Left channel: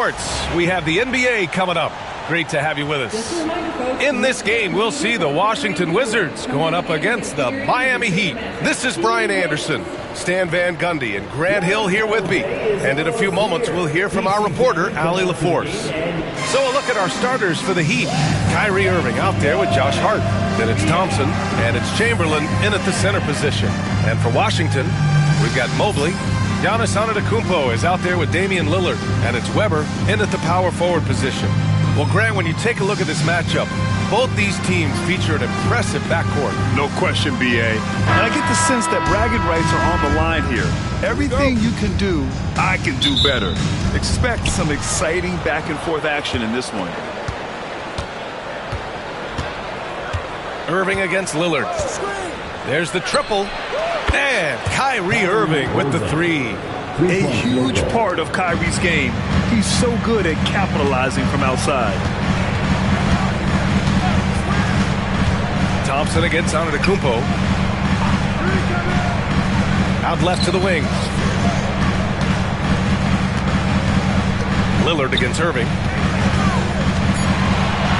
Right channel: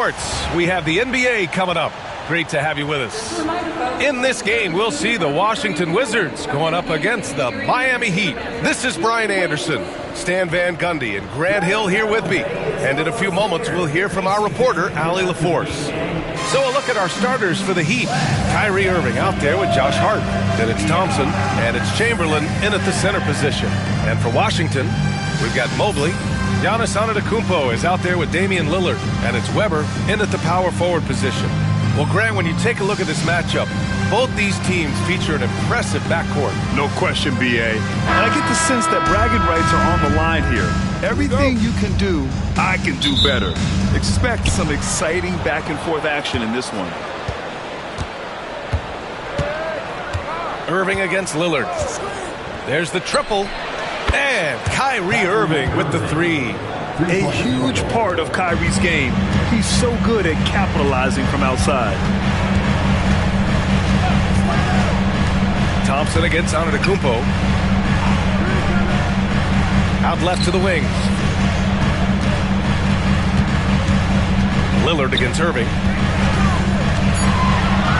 Sports, we have the NBA coming up. Great to have you with us. In this game, we'll see the Washington Wizards going up against the Miami Heat. This is Brian Anderson, Stan Van Gundy, and Grant Hill here with me. And in a few moments, we'll hear from our reporter, Allie LaForce. So a look at our starters for the Heat. Kyrie Irving out there with Josh Hart. Then it's Thompson, and it's Chamberlain in at the center position. And for Washington, we've got Mobley. Giannis Antetokounmpo is out there with Damian Lillard, and it's Weber in at the power forward position. Well, Grant, when you take a look at this matchup, both these teams feature an impressive backcourt. No question, B.A. And I get the sense that bragging rights are on the line here. Everything you can do, I can do better. Expect some exciting back-and-forth action in this one. Irving against Lillard. There's the triple. And Kyrie Irving with the three. A huge part of Kyrie's game. He's so good at capitalizing from outside. Thompson against Antetokounmpo. Out left to the wing. Lillard against Irving.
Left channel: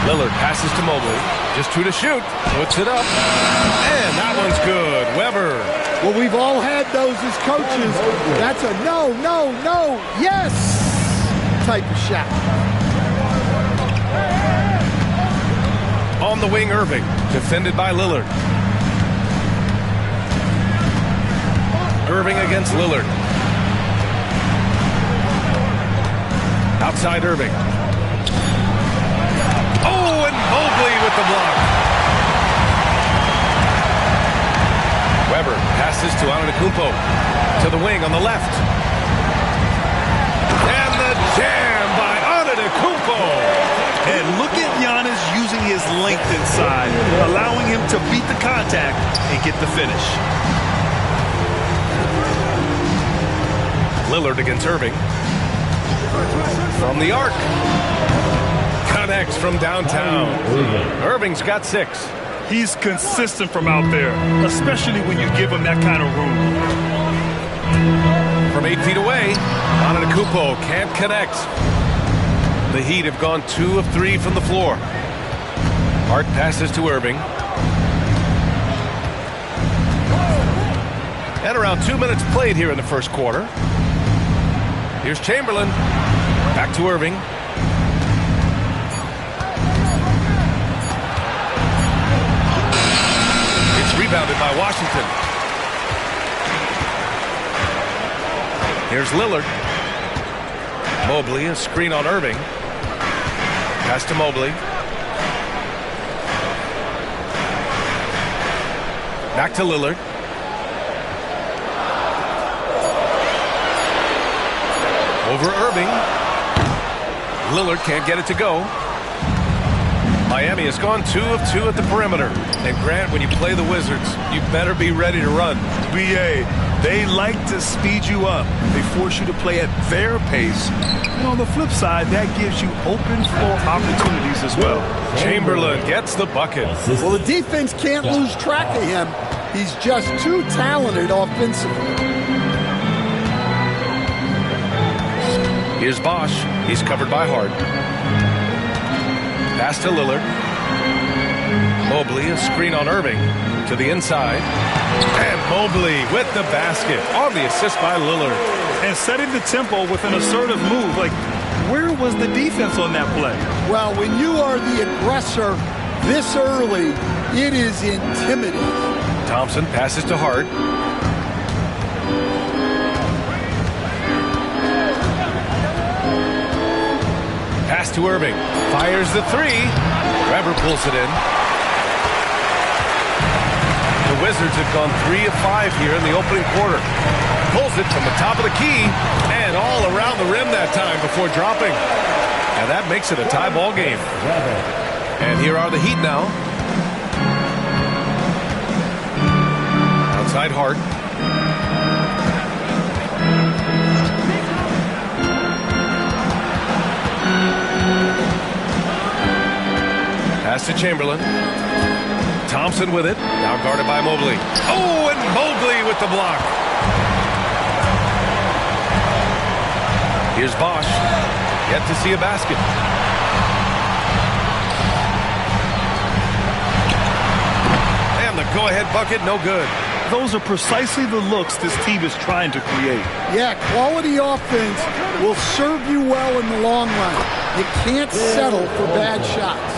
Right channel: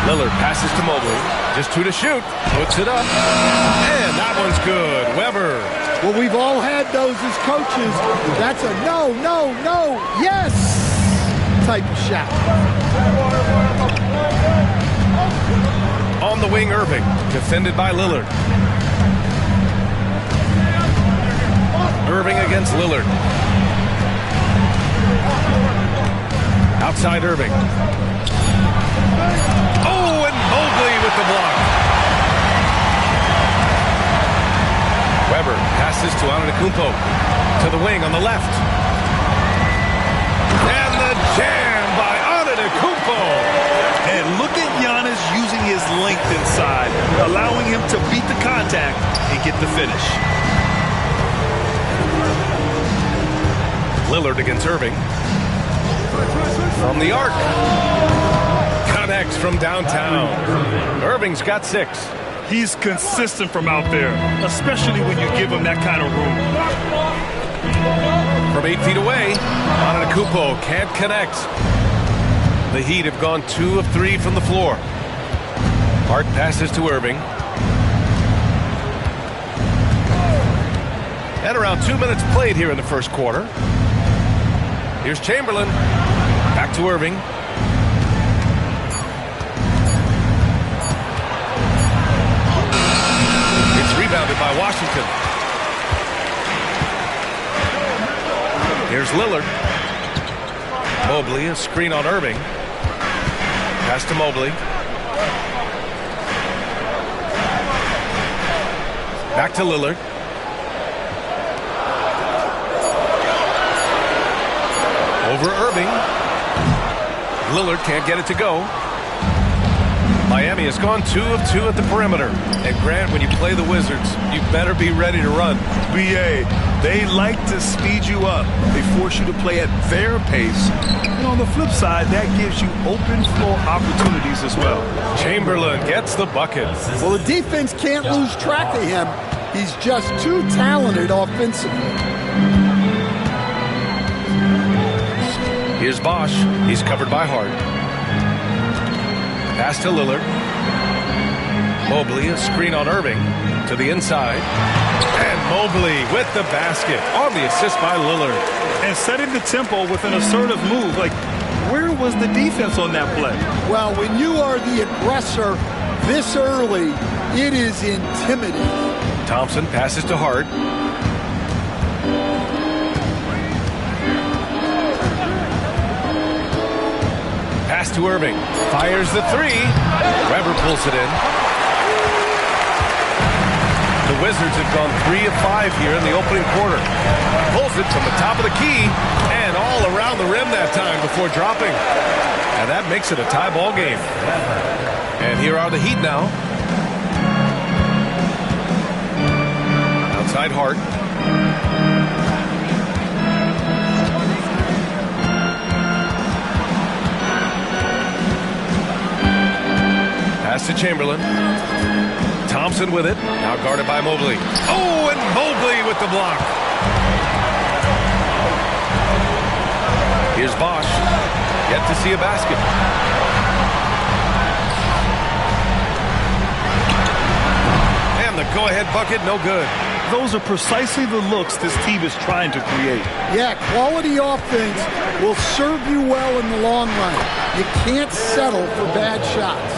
Lillard passes to Mobley. Just two to shoot. Puts it up. And that one's good. Weber. Well, we've all had those as coaches. That's a no, no, no, yes type of shot. On the wing, Irving. Defended by Lillard. Irving against Lillard. Outside Irving. Oh, and Mobley with the block. Weber passes to Antetokounmpo. To the wing on the left. And the jam by Antetokounmpo. And look at Giannis using his length inside, allowing him to beat the contact and get the finish. Lillard against Irving. From the arc. Connects from downtown. Irving's got 6. He's consistent from out there, especially when you give him that kind of room. From 8 feet away, Antetokounmpo can't connect. The Heat have gone 2 of 3 from the floor. Hart passes to Irving. And around 2 minutes played here in the first quarter. Here's Chamberlain. Back to Irving. Rebounded by Washington. Here's Lillard. Mobley, a screen on Irving. Pass to Mobley. Back to Lillard. Over Irving. Lillard can't get it to go. Miami has gone 2 of 2 at the perimeter. And Grant, when you play the Wizards, you better be ready to run. B.A., they like to speed you up. They force you to play at their pace. And on the flip side, that gives you open floor opportunities as well. Chamberlain gets the bucket. Well, the defense can't lose track of him. He's just too talented offensively. Here's Bosch. He's covered by Hart. Pass to Lillard. Mobley, a screen on Irving. To the inside. And Mobley with the basket on the assist by Lillard. And setting the tempo with an assertive move. Like, where was the defense on that play? Well, when you are the aggressor this early, it is intimidating. Thompson passes to Hart. Pass to Irving. Fires the three. Weber pulls it in. The Wizards have gone 3 of 5 here in the opening quarter. Pulls it from the top of the key and all around the rim that time before dropping. And that makes it a tie ball game. And here are the Heat now. Outside Hart. Pass to Chamberlain. Thompson with it. Now guarded by Mobley. Oh, and Mobley with the block. Here's Bosch. Yet to see a basket. And the go-ahead bucket, no good. Those are precisely the looks this team is trying to create. Yeah, quality offense will serve you well in the long run. You can't settle for bad shots.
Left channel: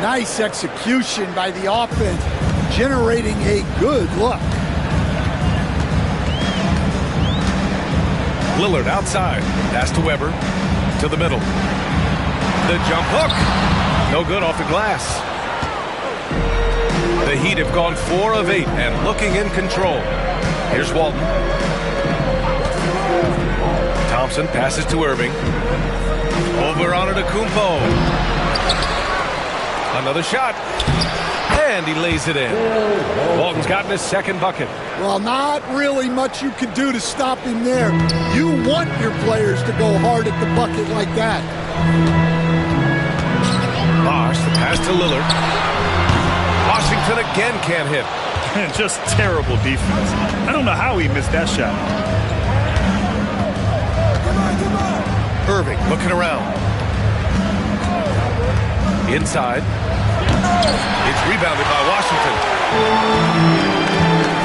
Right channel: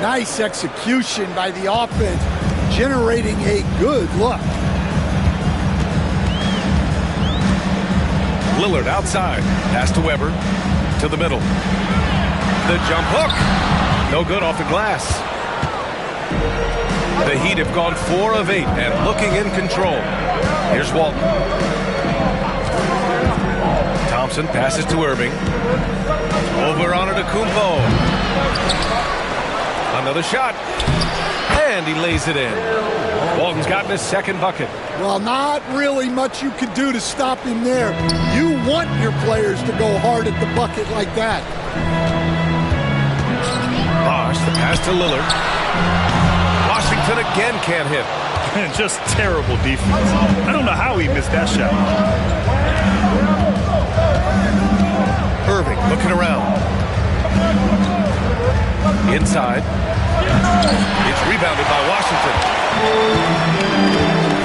Nice execution by the offense, generating a good look. Lillard outside. Pass to Weber. To the middle. The jump hook. No good off the glass. The Heat have gone 4 of 8 and looking in control. Here's Walton. Thompson passes to Irving. Over on Antetokounmpo. Another shot. And he lays it in. Walton's gotten his second bucket. Well, not really much you can do to stop him there. You want your players to go hard at the bucket like that. Bosh, the pass to Lillard. Washington again can't hit. Just terrible defense. I don't know how he missed that shot. Irving looking around. Inside. It's rebounded by Washington.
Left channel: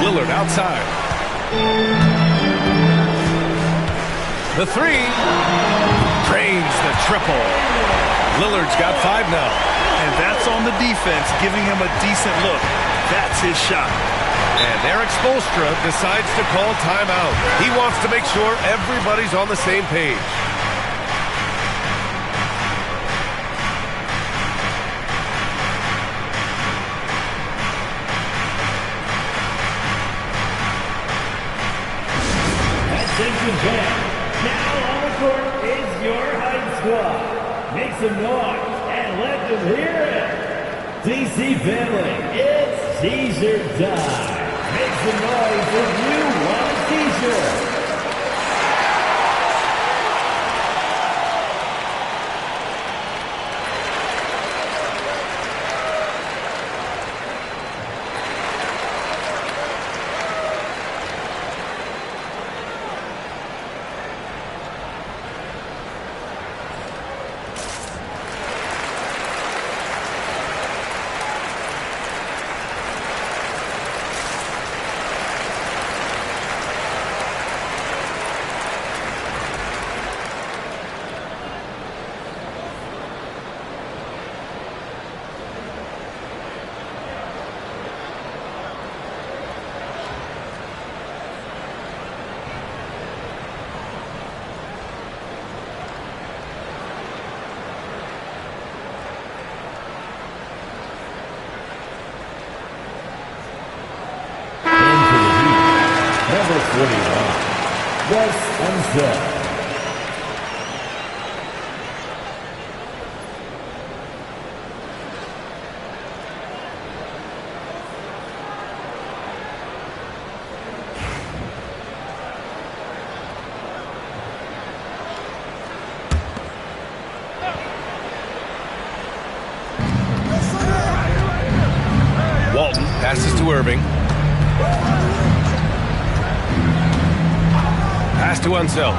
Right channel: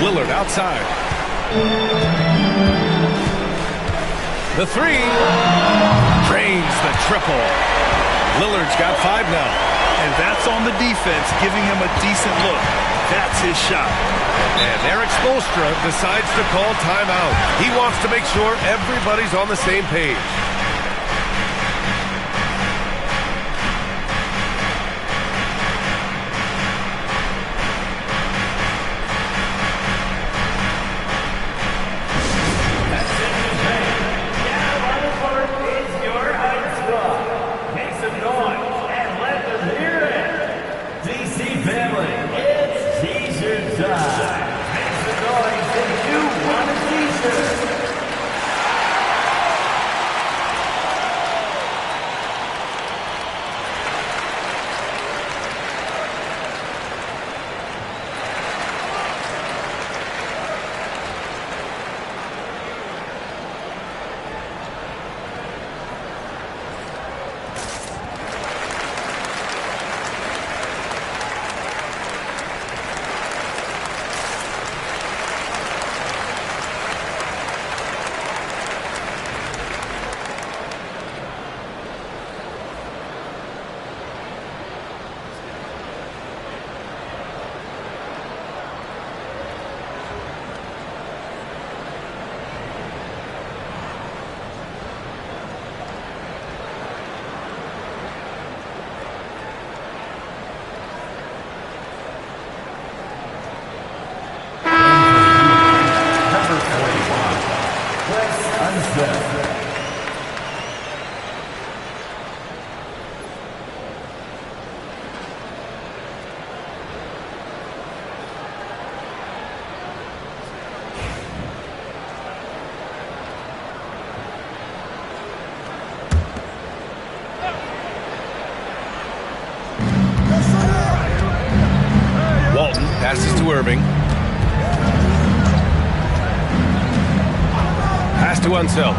Lillard outside. The three. Drains the triple. Lillard's got 5 now. And that's on the defense, giving him a decent look. That's his shot. And Eric Spoelstra decides to call timeout. He wants to make sure everybody's on the same page. Now on the court is your high squad. Make some noise and let them hear it. DC family, it's T-shirt time. Make some noise if you want a T-shirt. Number 41, Wes Unseld. Walton passes to Irving. Pass to Unseld.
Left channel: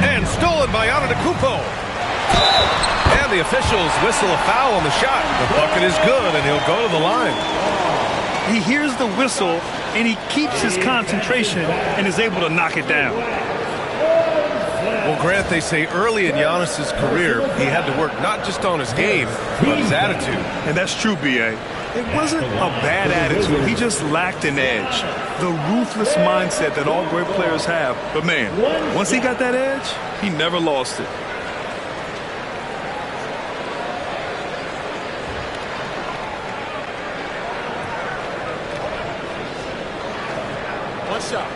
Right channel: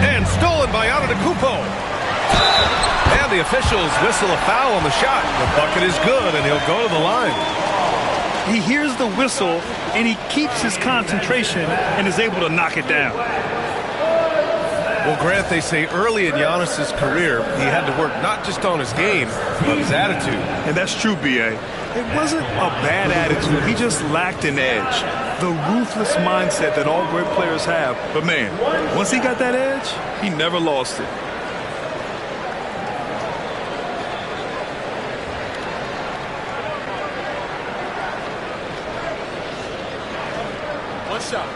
And stolen by Antetokounmpo. And the officials whistle a foul on the shot. The bucket is good, and he'll go to the line. He hears the whistle, and he keeps his concentration and is able to knock it down. Well, Grant, they say early in Giannis's career, he had to work not just on his game, but his attitude. And that's true, B.A. It wasn't a bad attitude. He just lacked an edge. The ruthless mindset that all great players have. But, man, once he got that edge, he never lost it. One shot.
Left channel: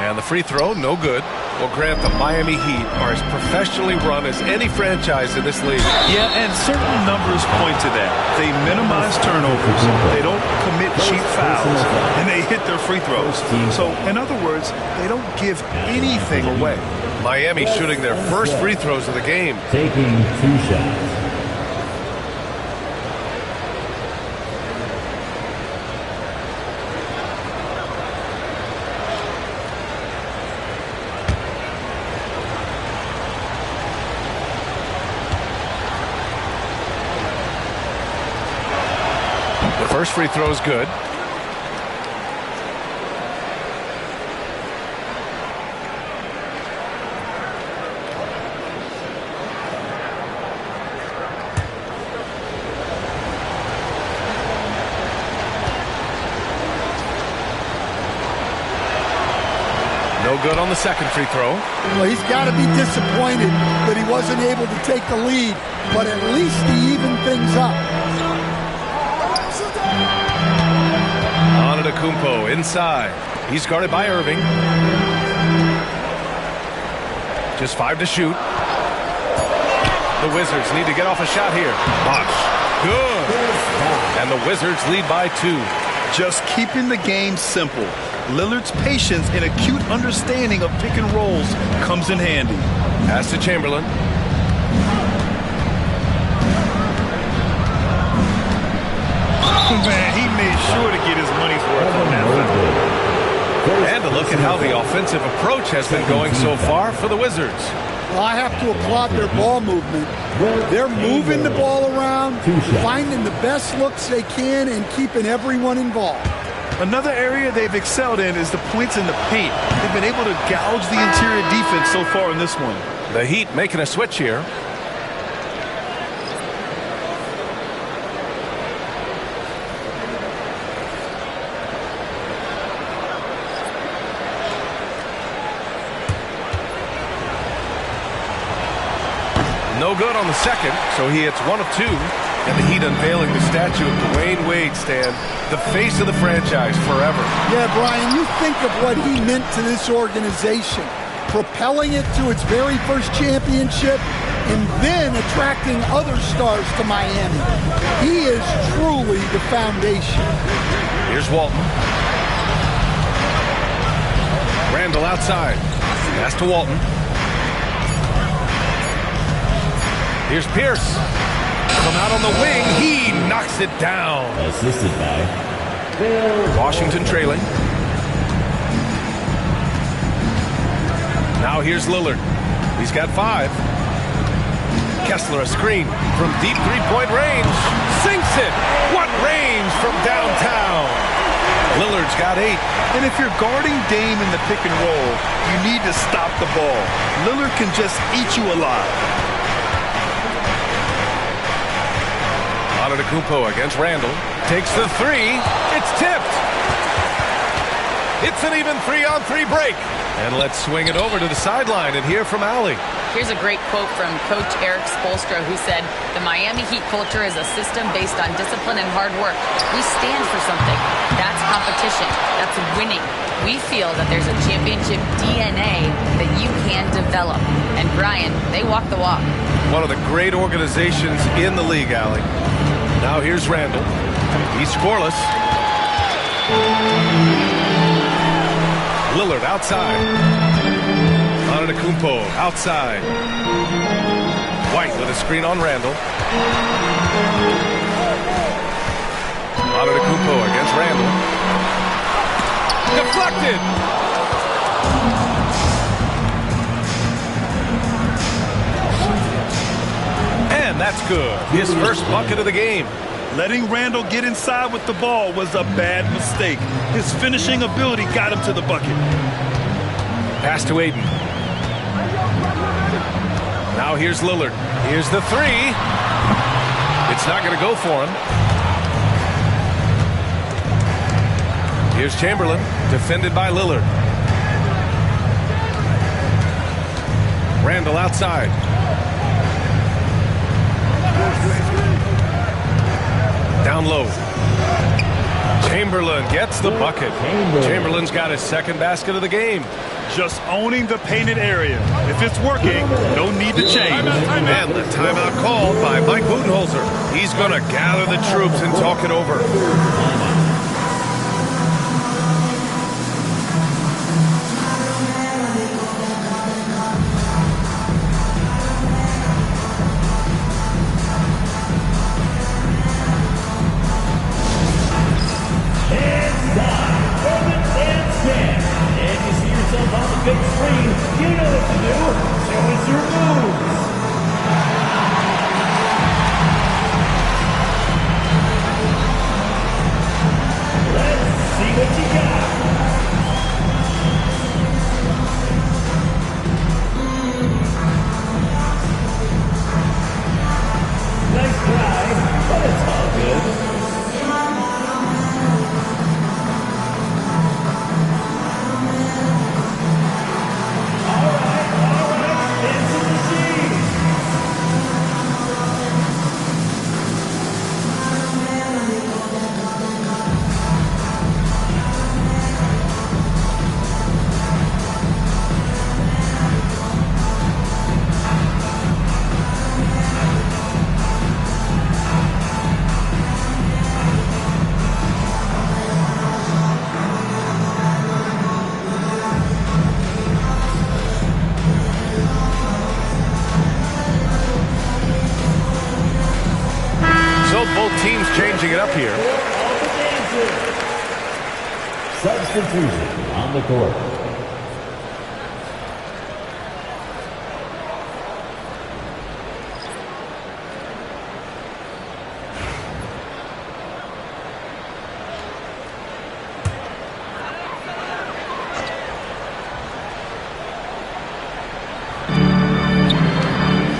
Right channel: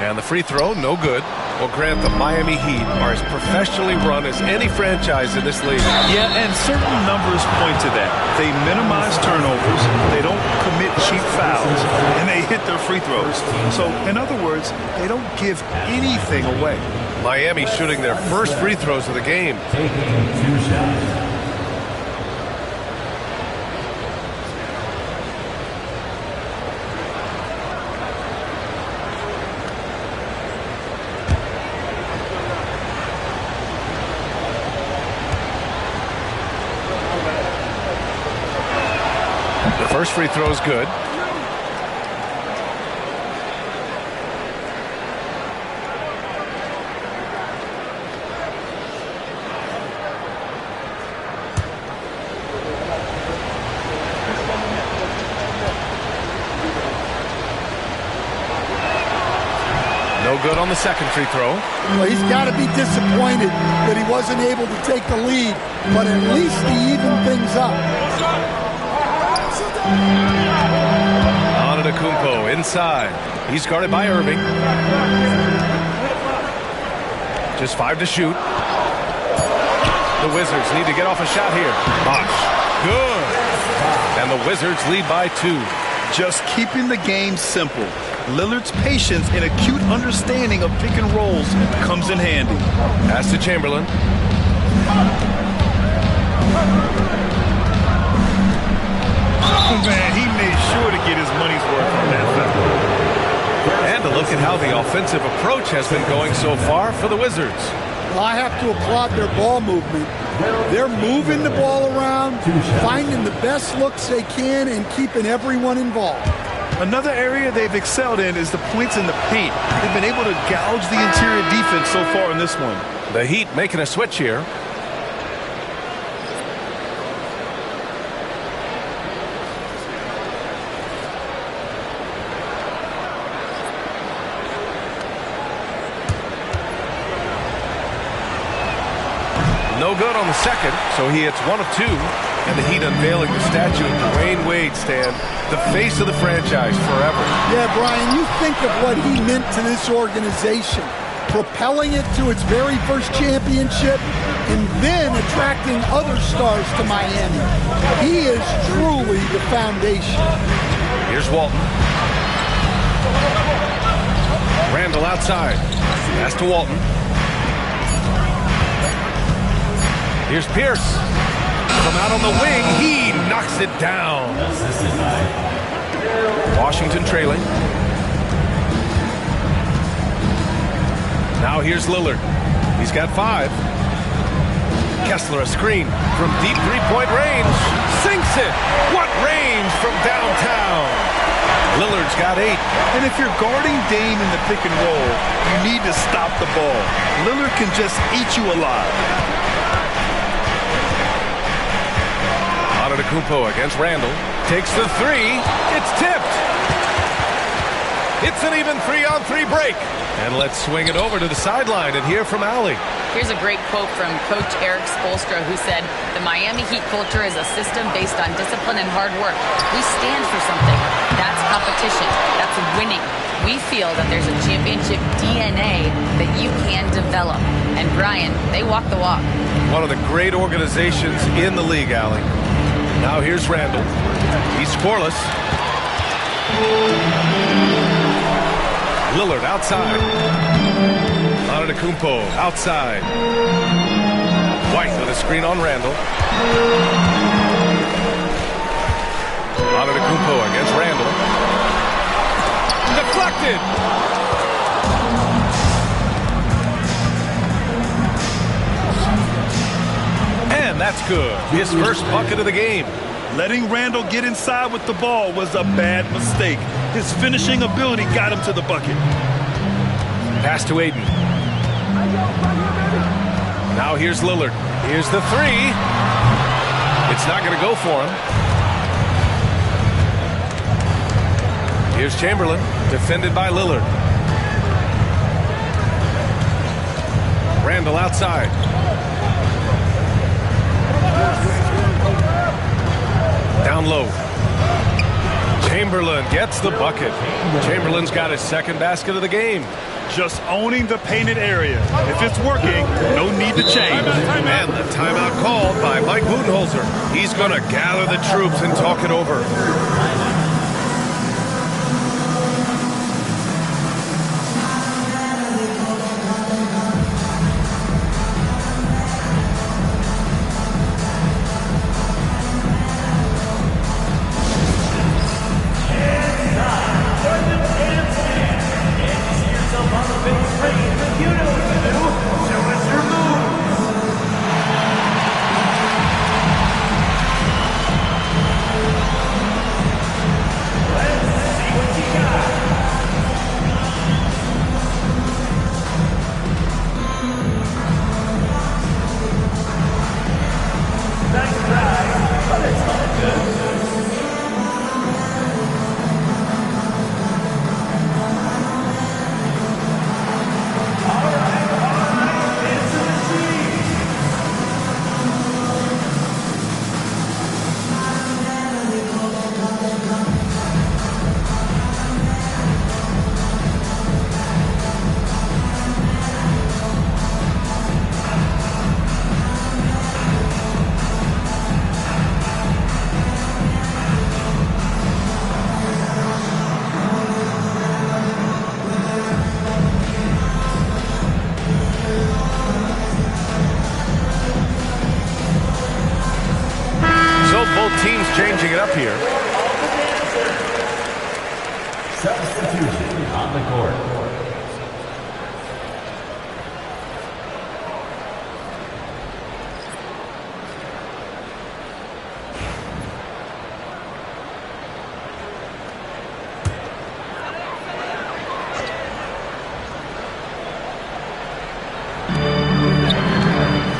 And the free throw, no good. Well, Grant, the Miami Heat are as professionally run as any franchise in this league. Yeah, and certain numbers point to that. They minimize turnovers, they don't commit cheap fouls, and they hit their free throws. So, in other words, they don't give anything away. Miami shooting their first free throws of the game. Taking 2 shots. The first free throw is good. No good on the second free throw. Well, he's got to be disappointed that he wasn't able to take the lead, but at least he evened things up. Antetokounmpo inside. He's guarded by Irving. Just 5 to shoot. The Wizards need to get off a shot here. Bosh. Good. And the Wizards lead by 2. Just keeping the game simple. Lillard's patience and acute understanding of pick and rolls comes in handy. Pass to Chamberlain. Man, he made sure to get his money's worth on that foul. And to look at how the offensive approach has been going so far for the Wizards. Well, I have to applaud their ball movement. They're moving the ball around, finding the best looks they can, and keeping everyone involved. Another area they've excelled in is the points in the paint. They've been able to gouge the interior defense so far in this one. The Heat making a switch here. No good on the second, so he hits 1 of 2. And the Heat unveiling the statue of Dwayne Wade, Stan, the face of the franchise forever. Yeah, Brian, you think of what he meant to this organization, propelling it to its very first championship and then attracting other stars to Miami. He is truly the foundation. Here's Walton. Randall outside. Pass to Walton. Here's Pierce. From out on the wing, he knocks it down. Assisted by Washington trailing. Now here's Lillard. He's got 5. Kessler a screen from deep three-point range. Sinks it. What range from downtown. Lillard's got 8. And if you're guarding Dame in the pick and roll, you need to stop the ball. Lillard can just eat you alive. Antetokounmpo against Randall. Takes the 3. It's tipped. It's an even 3-on-3 break. And let's swing it over to the sideline and hear from Allie. Here's a great quote from Coach Eric Spoelstra, who said, "The Miami Heat culture is a system based on discipline and hard work. We stand for something. That's competition. That's winning. We feel that there's a championship DNA that you can develop." And Brian, they walk the walk. One of the great organizations in the league, Allie. Now here's Randall. He's scoreless. Lillard outside. Antetokounmpo outside. White with a screen on Randall. Antetokounmpo against Randall. Deflected. And that's good. His first bucket of the game. Letting Randall get inside with the ball was a bad mistake. His finishing ability got him to the bucket. Pass to Aiden. Now here's Lillard. Here's the 3. It's not going to go for him. Here's Chamberlain, defended by Lillard. Randall outside. Down low. Chamberlain gets the bucket. Chamberlain's got his second basket of the game. Just owning the painted area. If it's working, no need to change. And the timeout called by Mike Budenholzer. He's going to gather the troops and talk it over. Both teams changing it up here. Substitution on the court.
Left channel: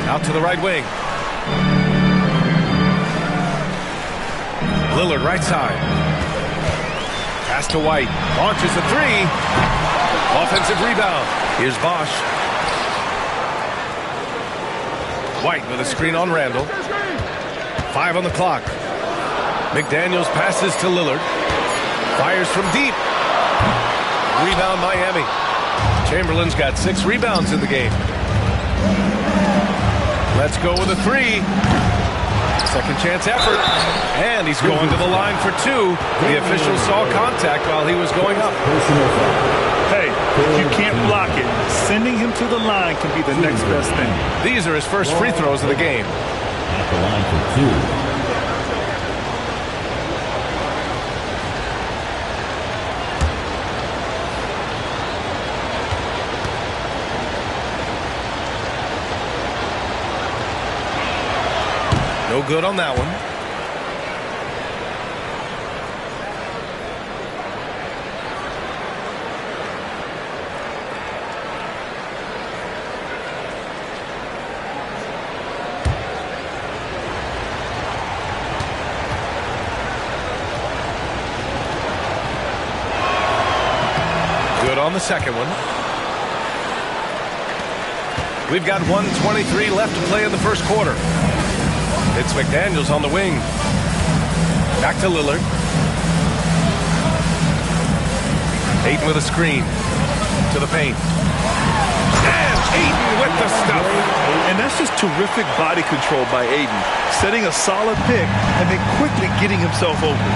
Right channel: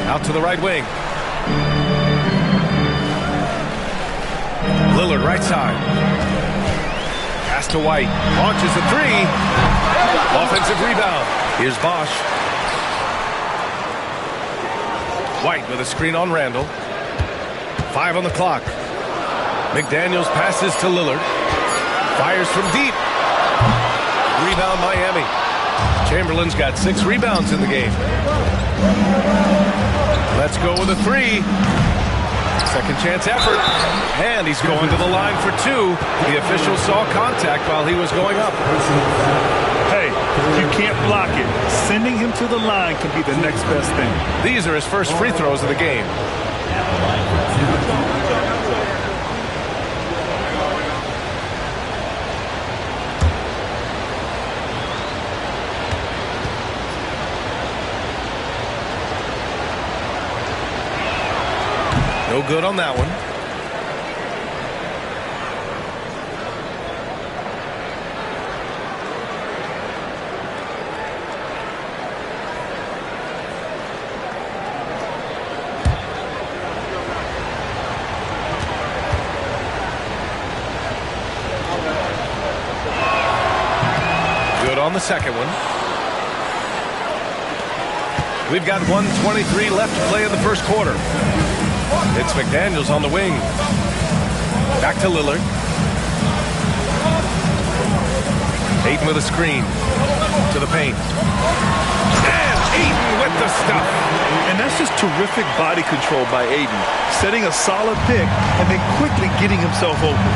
Out to the right wing. Lillard right side. Pass to White. Launches a three. Offensive rebound. Here's Bosch. White with a screen on Randall. 5 on the clock. McDaniels passes to Lillard. Fires from deep. Rebound Miami. Chamberlain's got 6 rebounds in the game. Let's go with a three. Second chance effort. And he's going to the line for 2. The official saw contact while he was going up. Hey, if you can't block it, sending him to the line can be the next best thing. These are his first free throws of the game. At the line for 2. No good on that one. Good on the second one. We've got 1:23 left to play in the first quarter. It's McDaniels on the wing. Back to Lillard. Ayton with a screen. To the paint. And Ayton with the stuff. And that's just terrific body control by Ayton. Setting a solid pick and then quickly getting himself open.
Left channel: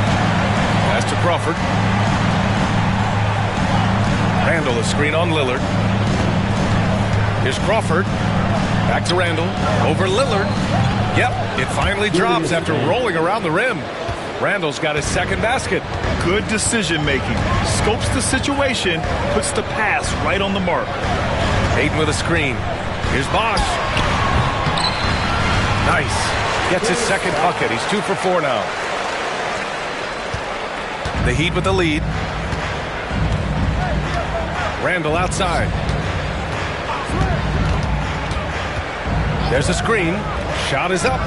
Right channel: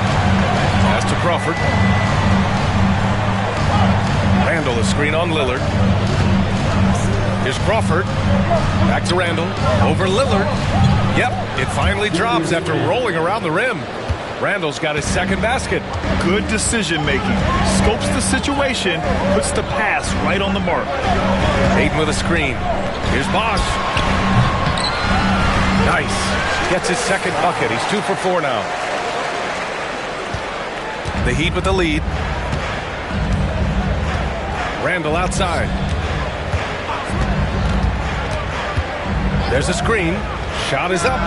Pass to Crawford. Randall, a screen on Lillard. Here's Crawford. Back to Randall. Over Lillard. Yep, it finally drops after rolling around the rim. Randall's got his second basket. Good decision making. Scopes the situation, puts the pass right on the mark. Ayton with a screen. Here's Bosch. Nice. Gets his second bucket. He's 2 for 4 now. The Heat with the lead. Randall outside. There's a screen. Shot is up.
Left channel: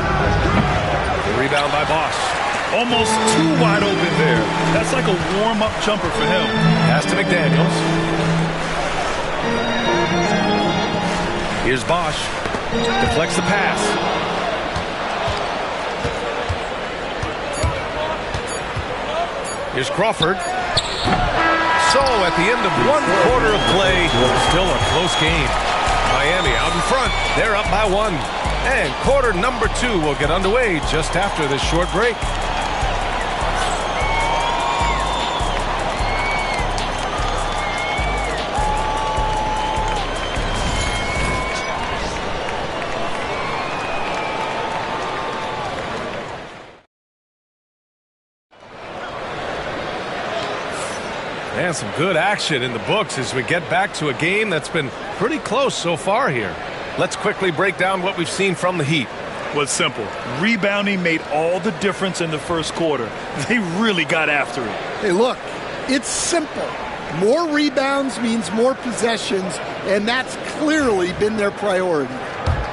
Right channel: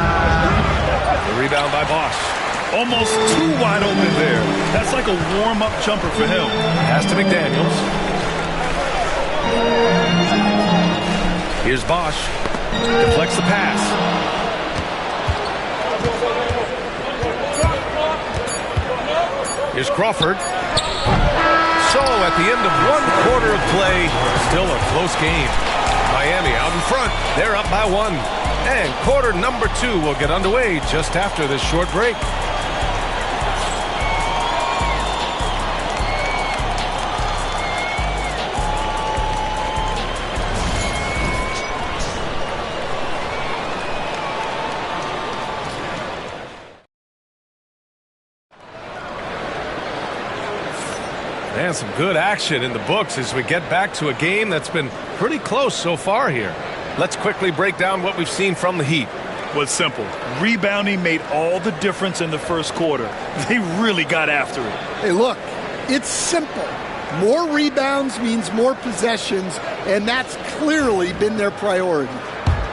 The rebound by Bosch. Almost too wide open there. That's like a warm-up jumper for him. Pass to McDaniels. Here's Bosch. Deflects the pass. Here's Crawford. So at the end of 1 quarter of play, still a close game. Miami out in front. They're up by 1. And quarter number 2 will get underway just after this short break. And some good action in the books as we get back to a game that's been pretty close so far here. Let's quickly break down what we've seen from the Heat. Well, it's simple. Rebounding made all the difference in the first quarter. They really got after it. Hey, look, it's simple. More rebounds means more possessions, and that's clearly been their priority.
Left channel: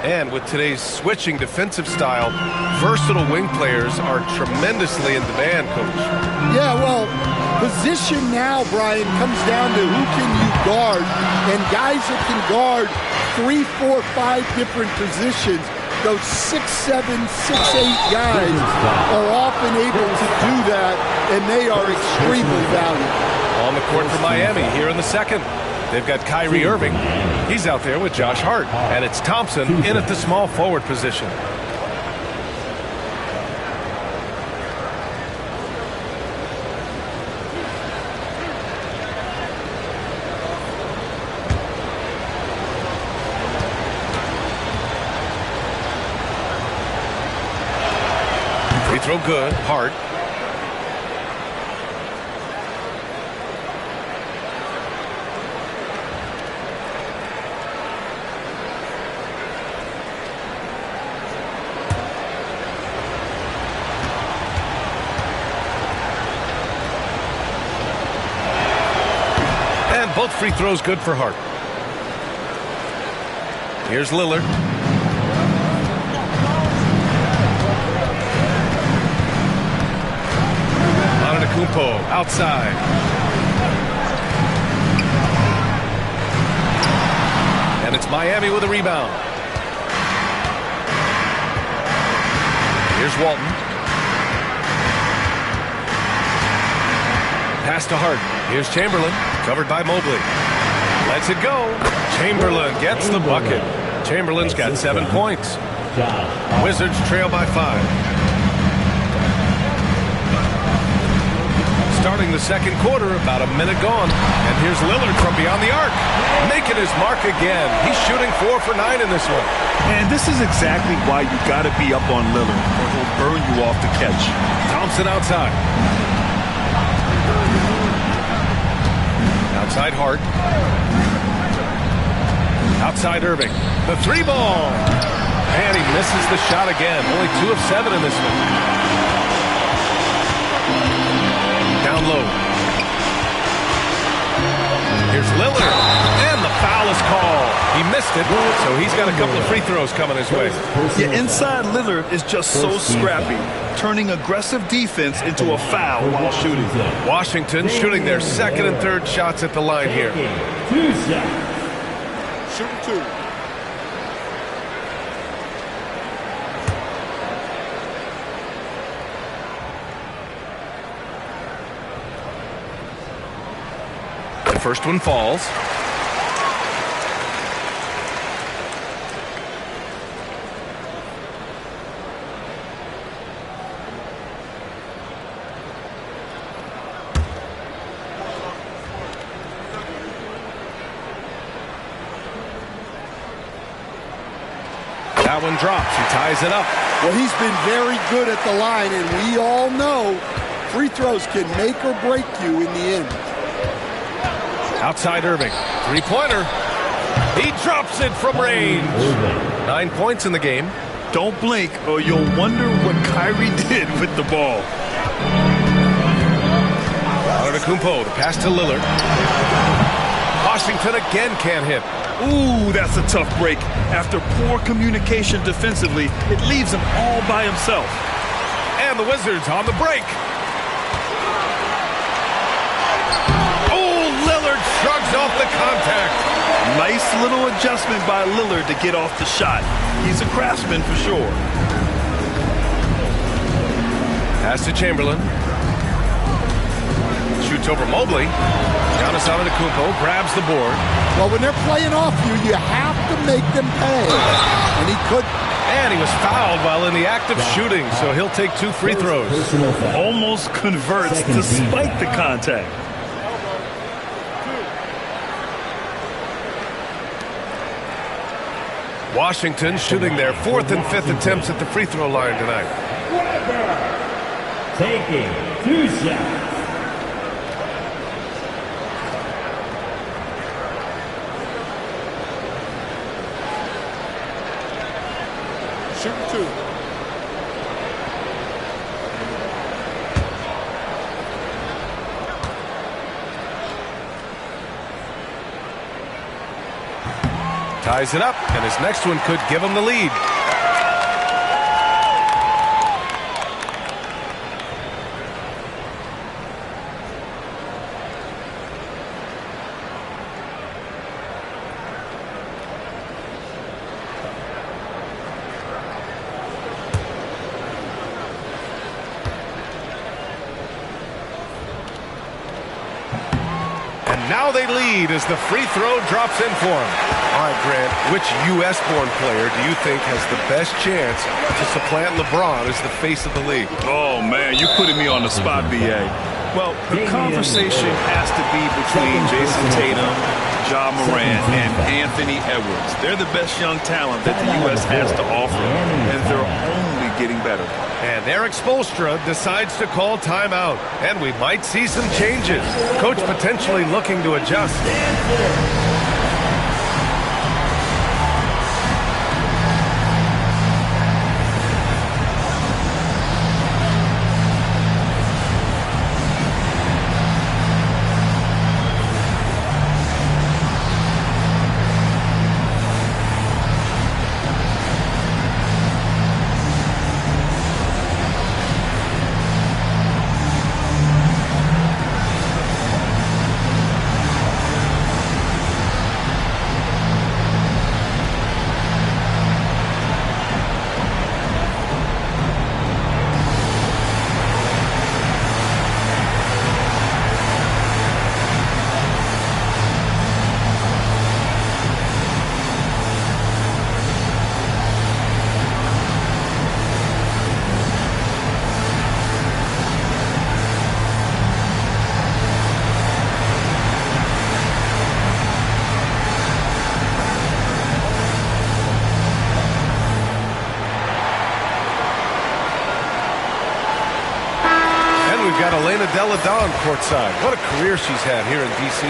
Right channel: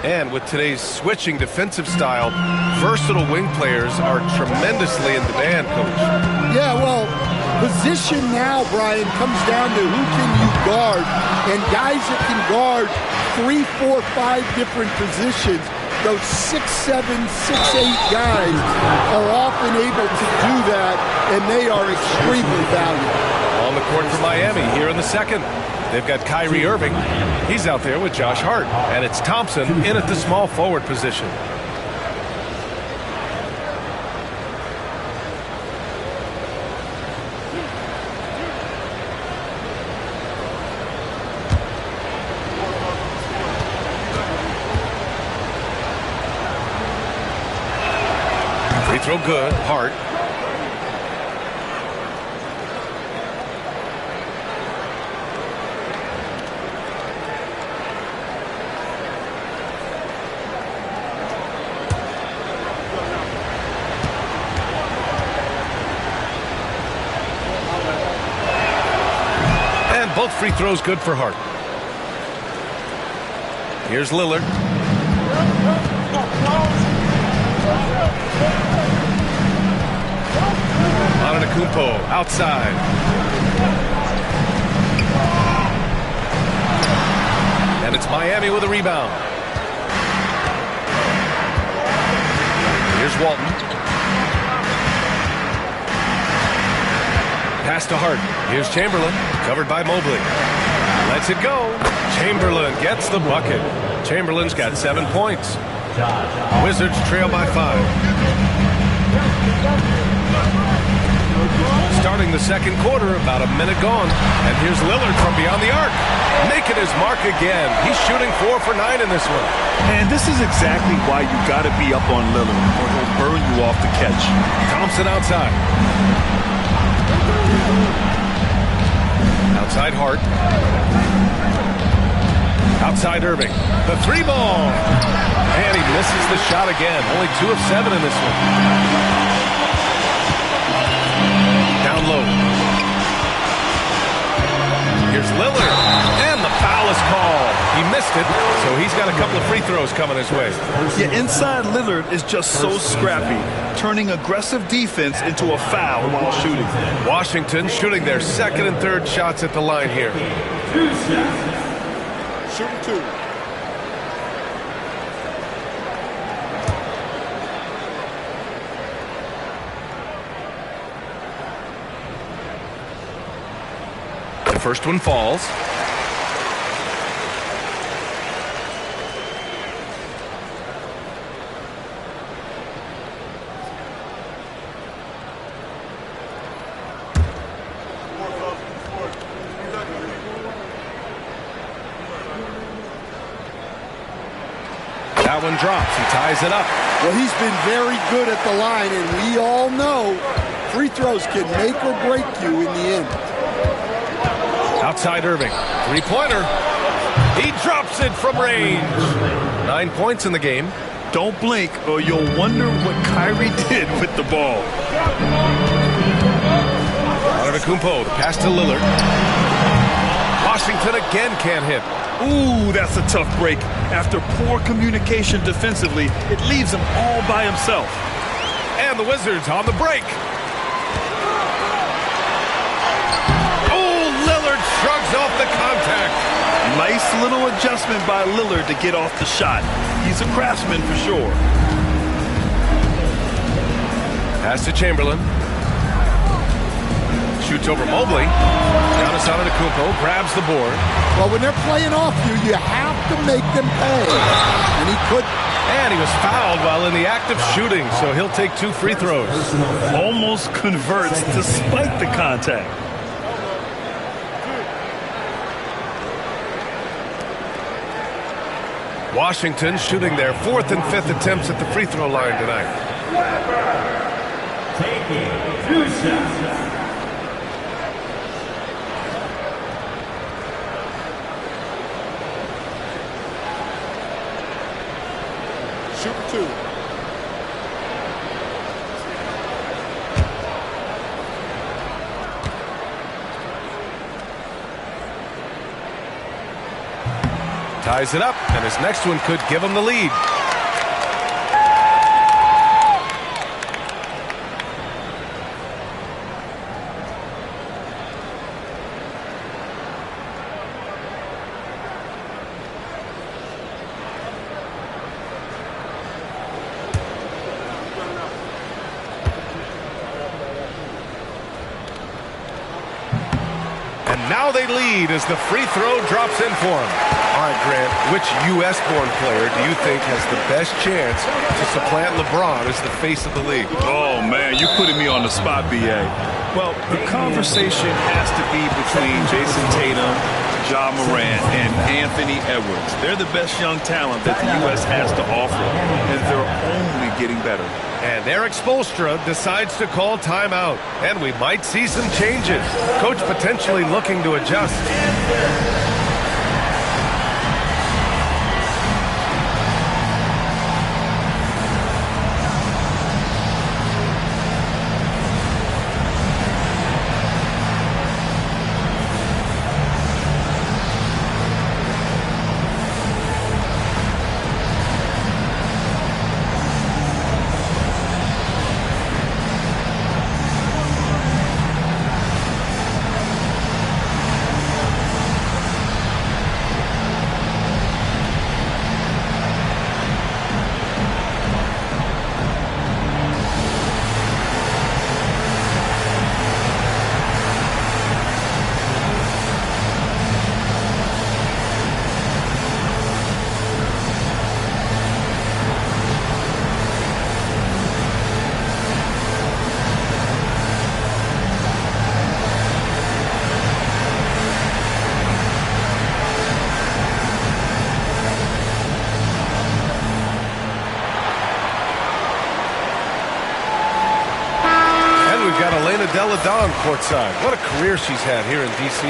And with today's switching defensive style, versatile wing players are tremendously in demand, Coach. Yeah, well, position now, Brian, comes down to who can you guard, and guys that can guard 3, 4, 5 different positions. Those 6'7", 6'8" guys are often able to do that, and they are extremely valuable. On the court for Miami here in the second. They've got Kyrie Irving. He's out there with Josh Hart. And it's Thompson in at the small forward position. Free throw good. Hart. Both free throws good for Hart. Here's Lillard. Antetokounmpo outside. And it's Miami with a rebound. Here's Walton. Pass to Hart. Here's Chamberlain. Covered by Mobley. Lets it go. Chamberlain gets the bucket. Chamberlain's got 7 points. Wizards trail by 5. Starting the second quarter, about a minute gone. And here's Lillard from beyond the arc. Making his mark again. He's shooting 4 for 9 in this one. And this is exactly why you got to be up on Lillard, or he'll burn you off the catch. Thompson outside. Outside Hart. Outside Irving. The 3 ball. And he misses the shot again. Only 2 of 7 in this one. Down low. Here's Lillard. And the foul is called. He missed it, so he's got a couple of free throws coming his way. Yeah, inside Lillard is just so scrappy, turning aggressive defense into a foul while shooting. Washington shooting their second and third shots at the line here. Shooting 2. The first one falls. That one drops. He ties it up. Well, he's been very good at the line, and we all know free throws can make or break you in the end. Outside Irving. 3-pointer. He drops it from range. 9 points in the game. Don't blink or you'll wonder what Kyrie did with the ball. Antetokounmpo, the pass to Lillard. Washington again can't hit. Ooh, that's a tough break. After poor communication defensively, it leaves him all by himself. And the Wizards on the break. Oh, Lillard shrugs off the contact. Nice little adjustment by Lillard to get off the shot. He's a craftsman for sure. Pass to Chamberlain. Shoots over Mobley. Giannis Antetokounmpo grabs the board. Well, when they're playing off you, you have to make them pay. And he could. And he was fouled while in the act of shooting, so he'll take 2 free throws. Almost converts despite the contact. Washington shooting their 4th and 5th attempts at the free throw line tonight. Taking 2 shots. Shooting 2. Ties it up, and his next one could give him the lead. And now they lead as the free throw drops in for him. All right, Grant, which U.S.-born player do you think has the best chance to supplant LeBron as the face of the league? Oh, man, you're putting me on the spot, B.A. Well, the conversation has to be between Jason Tatum, Ja Morant, and Anthony Edwards. They're the best young talent that the U.S. has to offer, and they're only getting better. And Eric Spoelstra decides to call timeout, and we might see some changes. Coach potentially looking to adjust. We've got Elena Delle Donne courtside. What a career she's had here in D.C.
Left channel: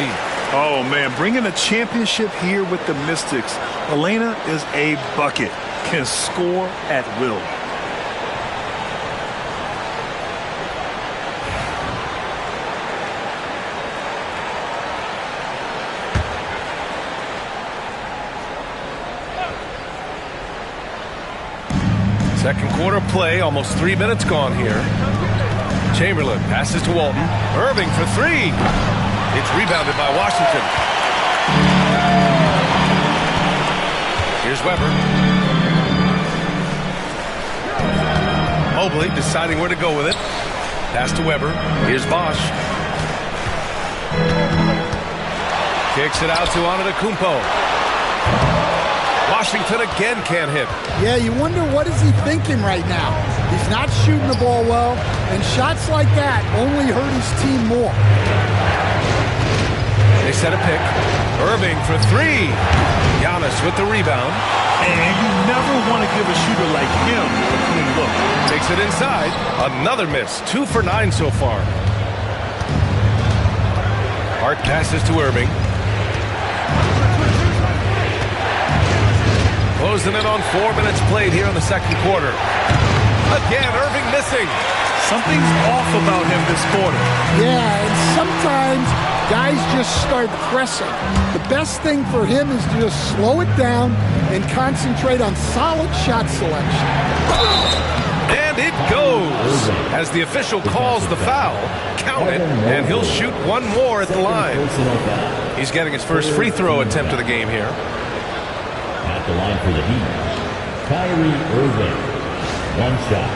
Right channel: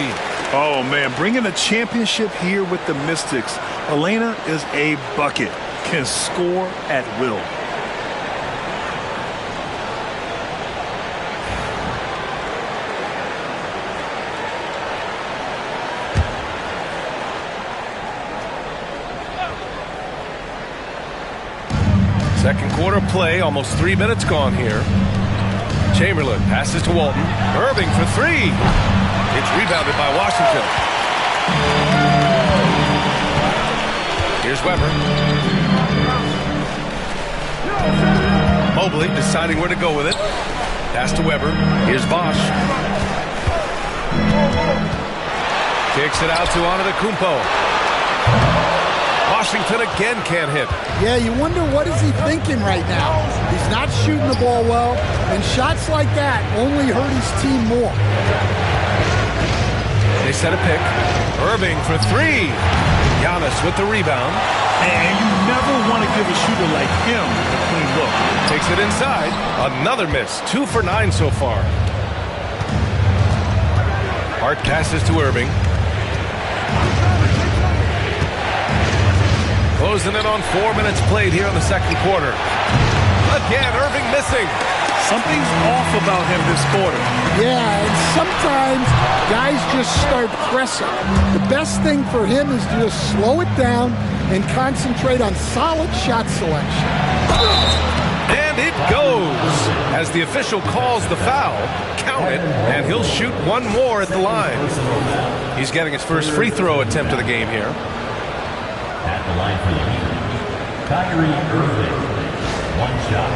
Oh, man, bringing a championship here with the Mystics. Elena is a bucket, can score at will. Second quarter play, almost 3 minutes gone here. Chamberlain passes to Walton. Irving for 3. It's rebounded by Washington. Here's Weber. Mobley deciding where to go with it. Pass to Weber. Here's Bosch. Kicks it out to Antetokounmpo. Washington again can't hit. Yeah, you wonder what is he thinking right now. He's not shooting the ball well, and shots like that only hurt his team more. They set a pick. Irving for 3. Giannis with the rebound. And you never want to give a shooter like him a clean look. Takes it inside. Another miss. 2 for 9 so far. Hart passes to Irving. Closing in on 4 minutes played here in the second quarter. Again, Irving missing. Something's off about him this quarter. Yeah, and sometimes guys just start pressing. The best thing for him is to just slow it down and concentrate on solid shot selection. And it goes. As the official calls the foul, count it, and he'll shoot one more at the line. He's getting his first free throw attempt of the game here. At the line for the Heat, Kyrie Irving. 1 shot.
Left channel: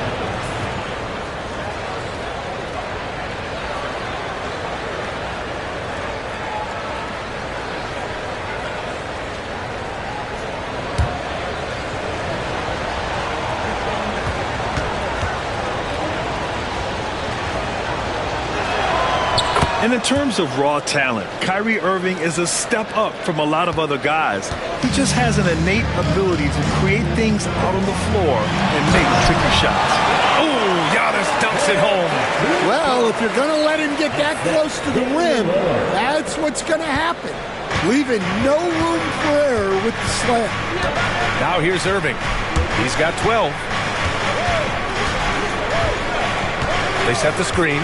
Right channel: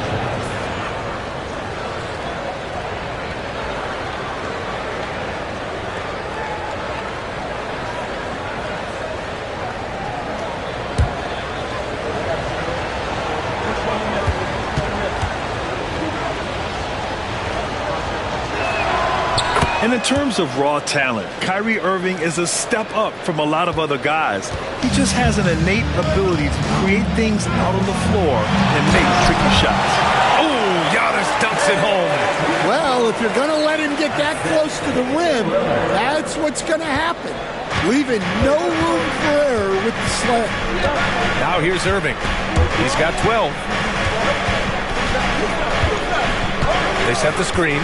And in terms of raw talent, Kyrie Irving is a step up from a lot of other guys. He just has an innate ability to create things out on the floor and make tricky shots. Oh, Giannis dunks it home. Well, if you're going to let him get that close to the rim, that's what's going to happen. Leaving no room for error with the slam. Now here's Irving. He's got 12. They set the screen.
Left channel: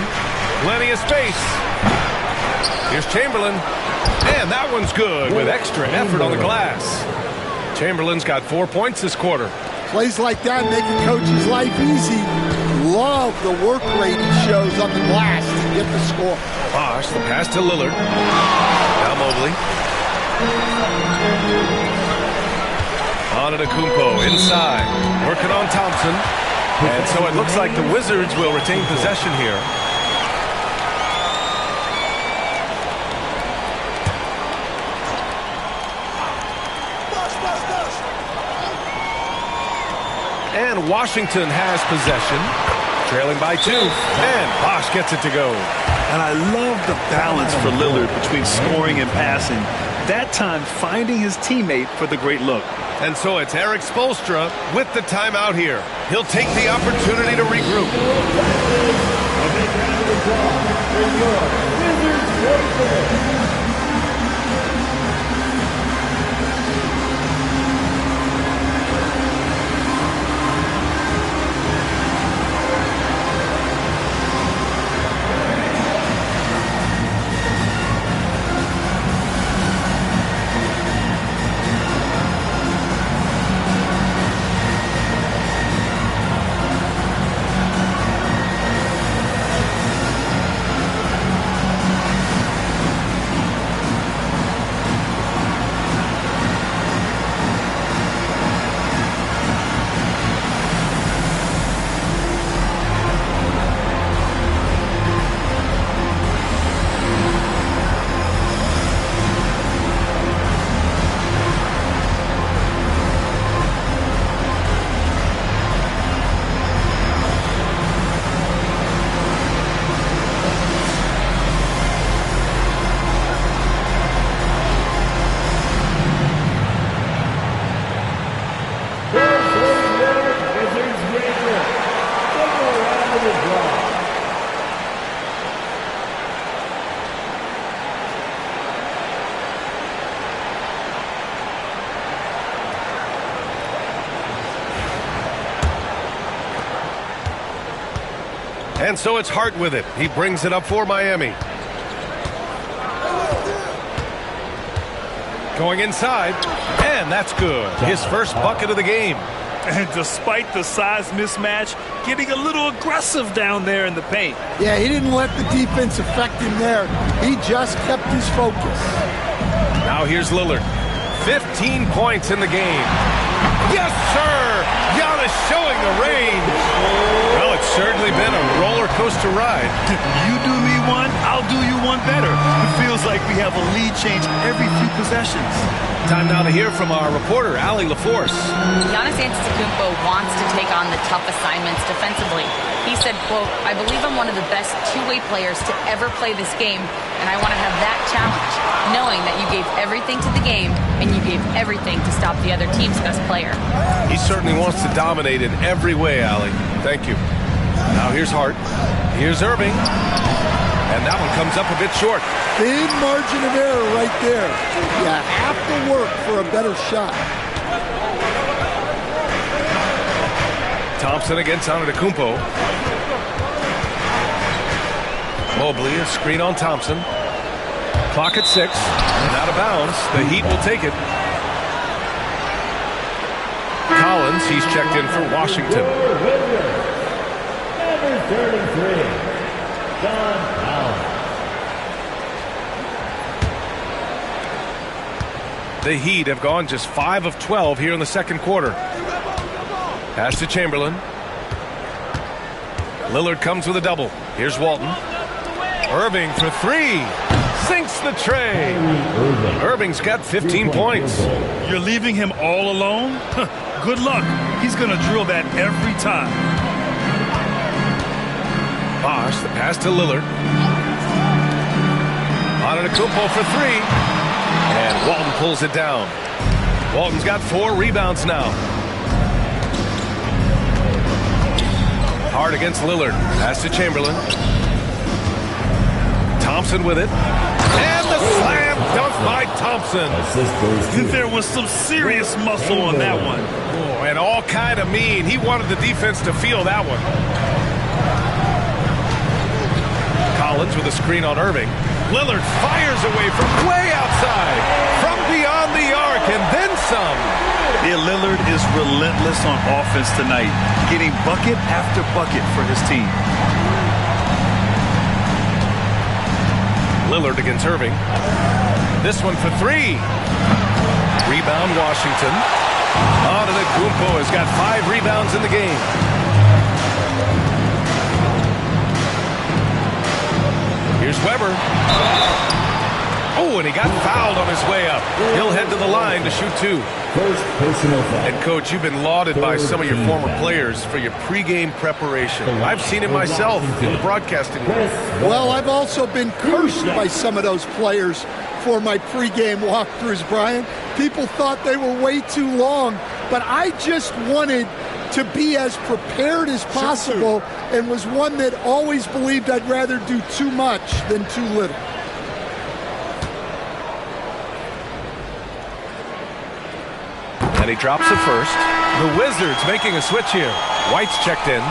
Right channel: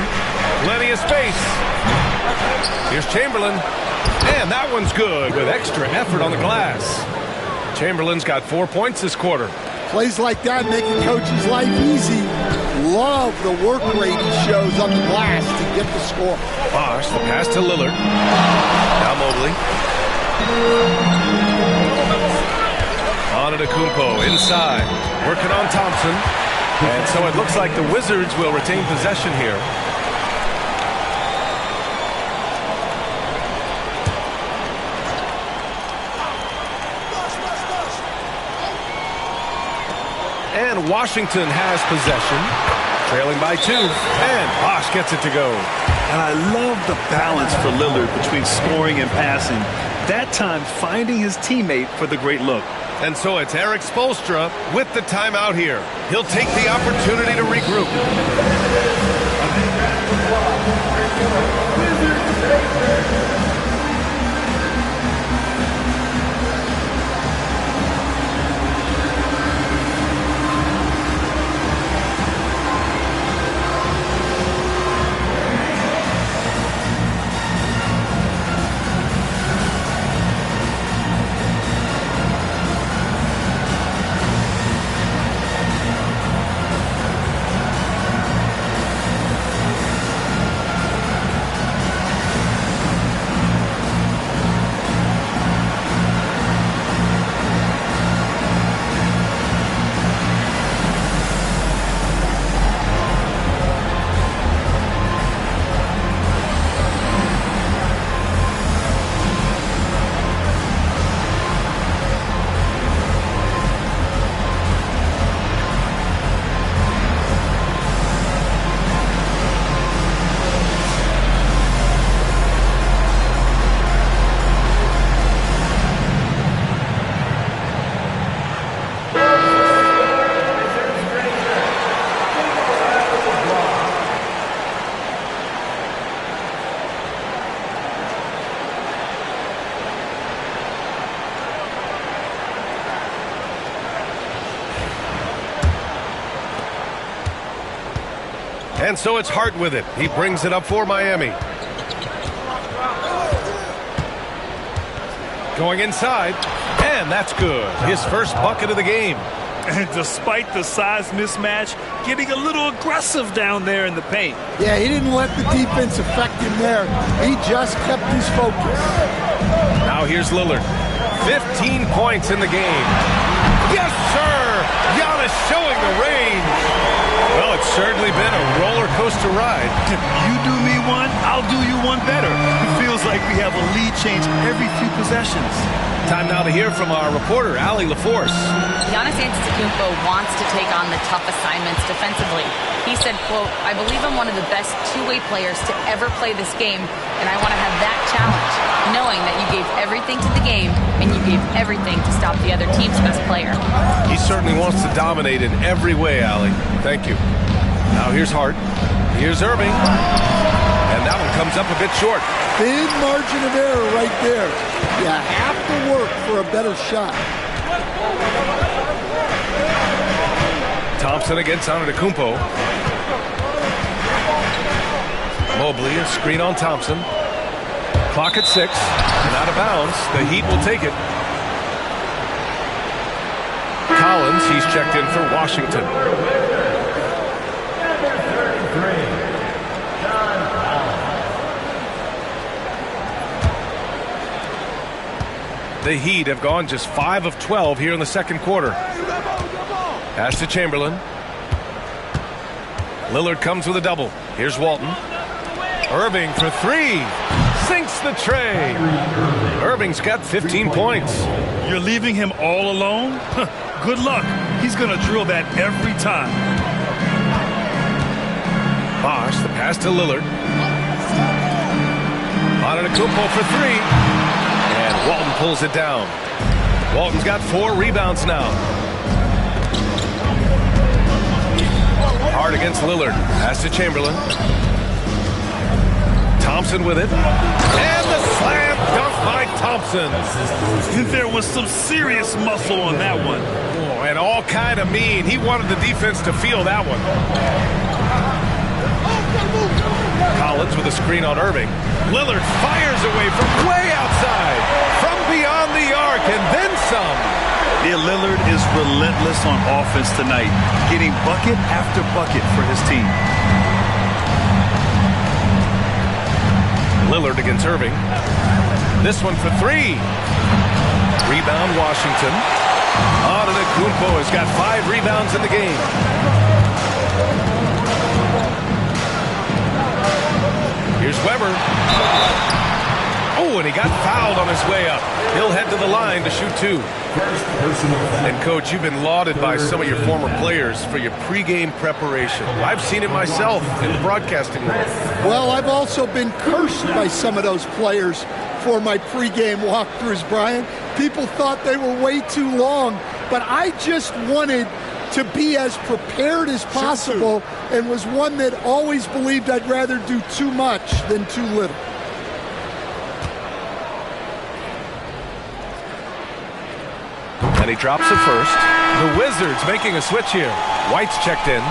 Plenty of space. Here's Chamberlain. And that one's good with extra effort on the glass. Chamberlain's got 4 points this quarter. Plays like that make a coach's life easy. Love the work rate he shows on the glass to get the score. Bosh, the pass to Lillard. Now Mobley. Antetokounmpo inside. Working on Thompson. And so it looks like the Wizards will retain possession here. And Washington has possession, trailing by 2, and Bosh gets it to go. And I love the balance for Lillard between scoring and passing. That time finding his teammate for the great look. And so it's Eric Spoelstra with the timeout here. He'll take the opportunity to regroup. And so it's Hart with it. He brings it up for Miami. Going inside, and that's good. His first bucket of the game. And despite the size mismatch, getting a little aggressive down there in the paint. Yeah, he didn't let the defense affect him there. He just kept his focus. Now here's Lillard. 15 points in the game. Yes, sir! Giannis showing the range. Well, it's certainly been a roller coaster ride. You do me one, I'll do you one better. It feels like we have a lead change every few possessions. Time now to hear from our reporter, Allie LaForce. Giannis Antetokounmpo wants to take on the tough assignments defensively. He said, quote, "I believe I'm one of the best two-way players to ever play this game, and I want to have that challenge, knowing that you gave everything to the game and you gave everything to stop the other team's best player." He certainly wants to dominate in every way, Allie. Thank you. Now here's Hart. Here's Irving. And that one comes up a bit short. Thin margin of error right there. You have to work for a better shot. Thompson against Antetokounmpo. Mobley, a screen on Thompson. Clock at 6, and out of bounds. The Heat will take it. Collins, he's checked in for Washington. Number 33, John Collins. The Heat have gone just 5 of 12 here in the second quarter. Pass to Chamberlain. Lillard comes with a double. Here's Walton. Irving for 3. Sinks the tray. Irving's got 15 points. You're leaving him all alone? Good luck. He's going to drill that every time. Bosh, the pass to Lillard. Antetokounmpo for three. And Walton pulls it down. Walton's got 4 rebounds now. Hard against Lillard. Pass to Chamberlain. Thompson with it. And the slam dunk by Thompson. There was some serious muscle on that one. Oh, and all kind of mean. He wanted the defense to feel that one. Collins with a screen on Irving. Lillard fires away from way outside. From beyond the arc and then some. Yeah, Lillard is relentless on offense tonight, getting bucket after bucket for his team. Lillard against Irving. This one for 3. Rebound Washington. Antetokounmpo has got 5 rebounds in the game. Here's Weber. Oh, and he got fouled on his way up. He'll head to the line to shoot 2. First personal foul. And, Coach, you've been lauded by some of your former players for your pregame preparation. I've seen it myself in the broadcasting world. Well, I've also been cursed by some of those players for my pregame walkthroughs, Brian. People thought they were way too long, but I just wanted to be as prepared as possible and was one that always believed I'd rather do too much than too little. And he drops it first. The Wizards making a switch here. White's checked in.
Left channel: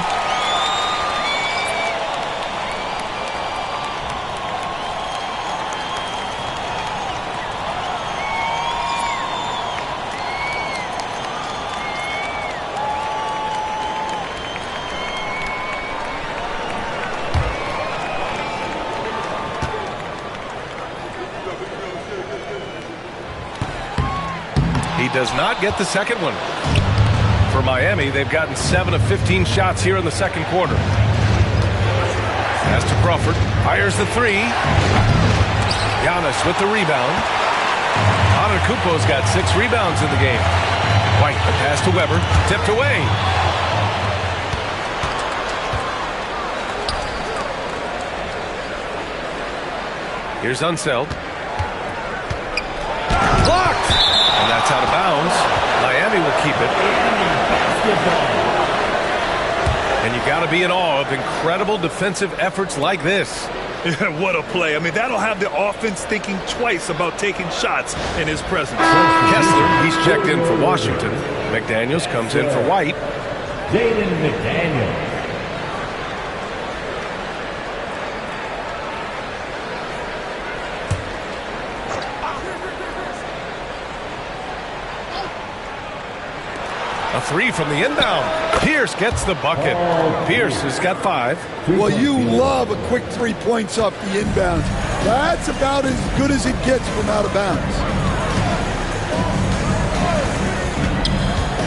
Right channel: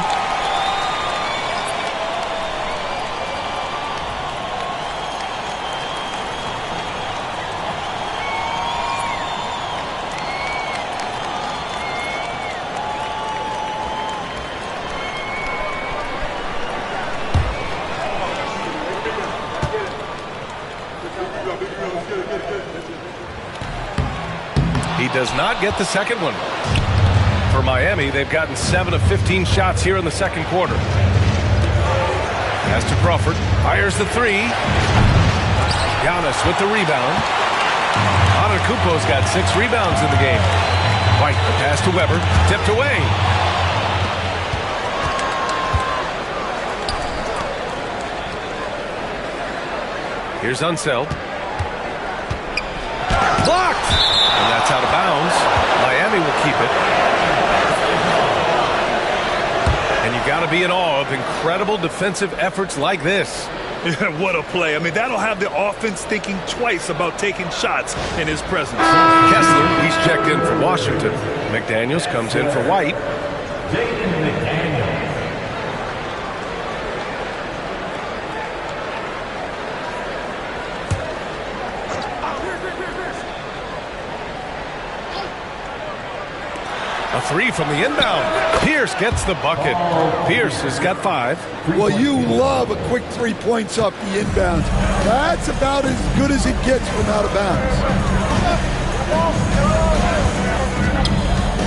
He does not get the second one. For Miami, they've gotten 7 of 15 shots here in the second quarter. Pass to Crawford. Fires the 3. Giannis with the rebound. Antetokounmpo's got 6 rebounds in the game. White, the pass to Weber. Tipped away. Here's Unseld. Blocked! And that's out of bounds. Miami will keep it. And you got to be in awe of incredible defensive efforts like this. What a play. I mean, that'll have the offense thinking twice about taking shots in his presence. Kessler, he's checked in for Washington. McDaniels comes in for White. Jaden McDaniels. A 3 from the inbound. Pierce gets the bucket. Pierce has got 5. Well, you love a quick 3 points off the inbounds. That's about as good as it gets from out of bounds.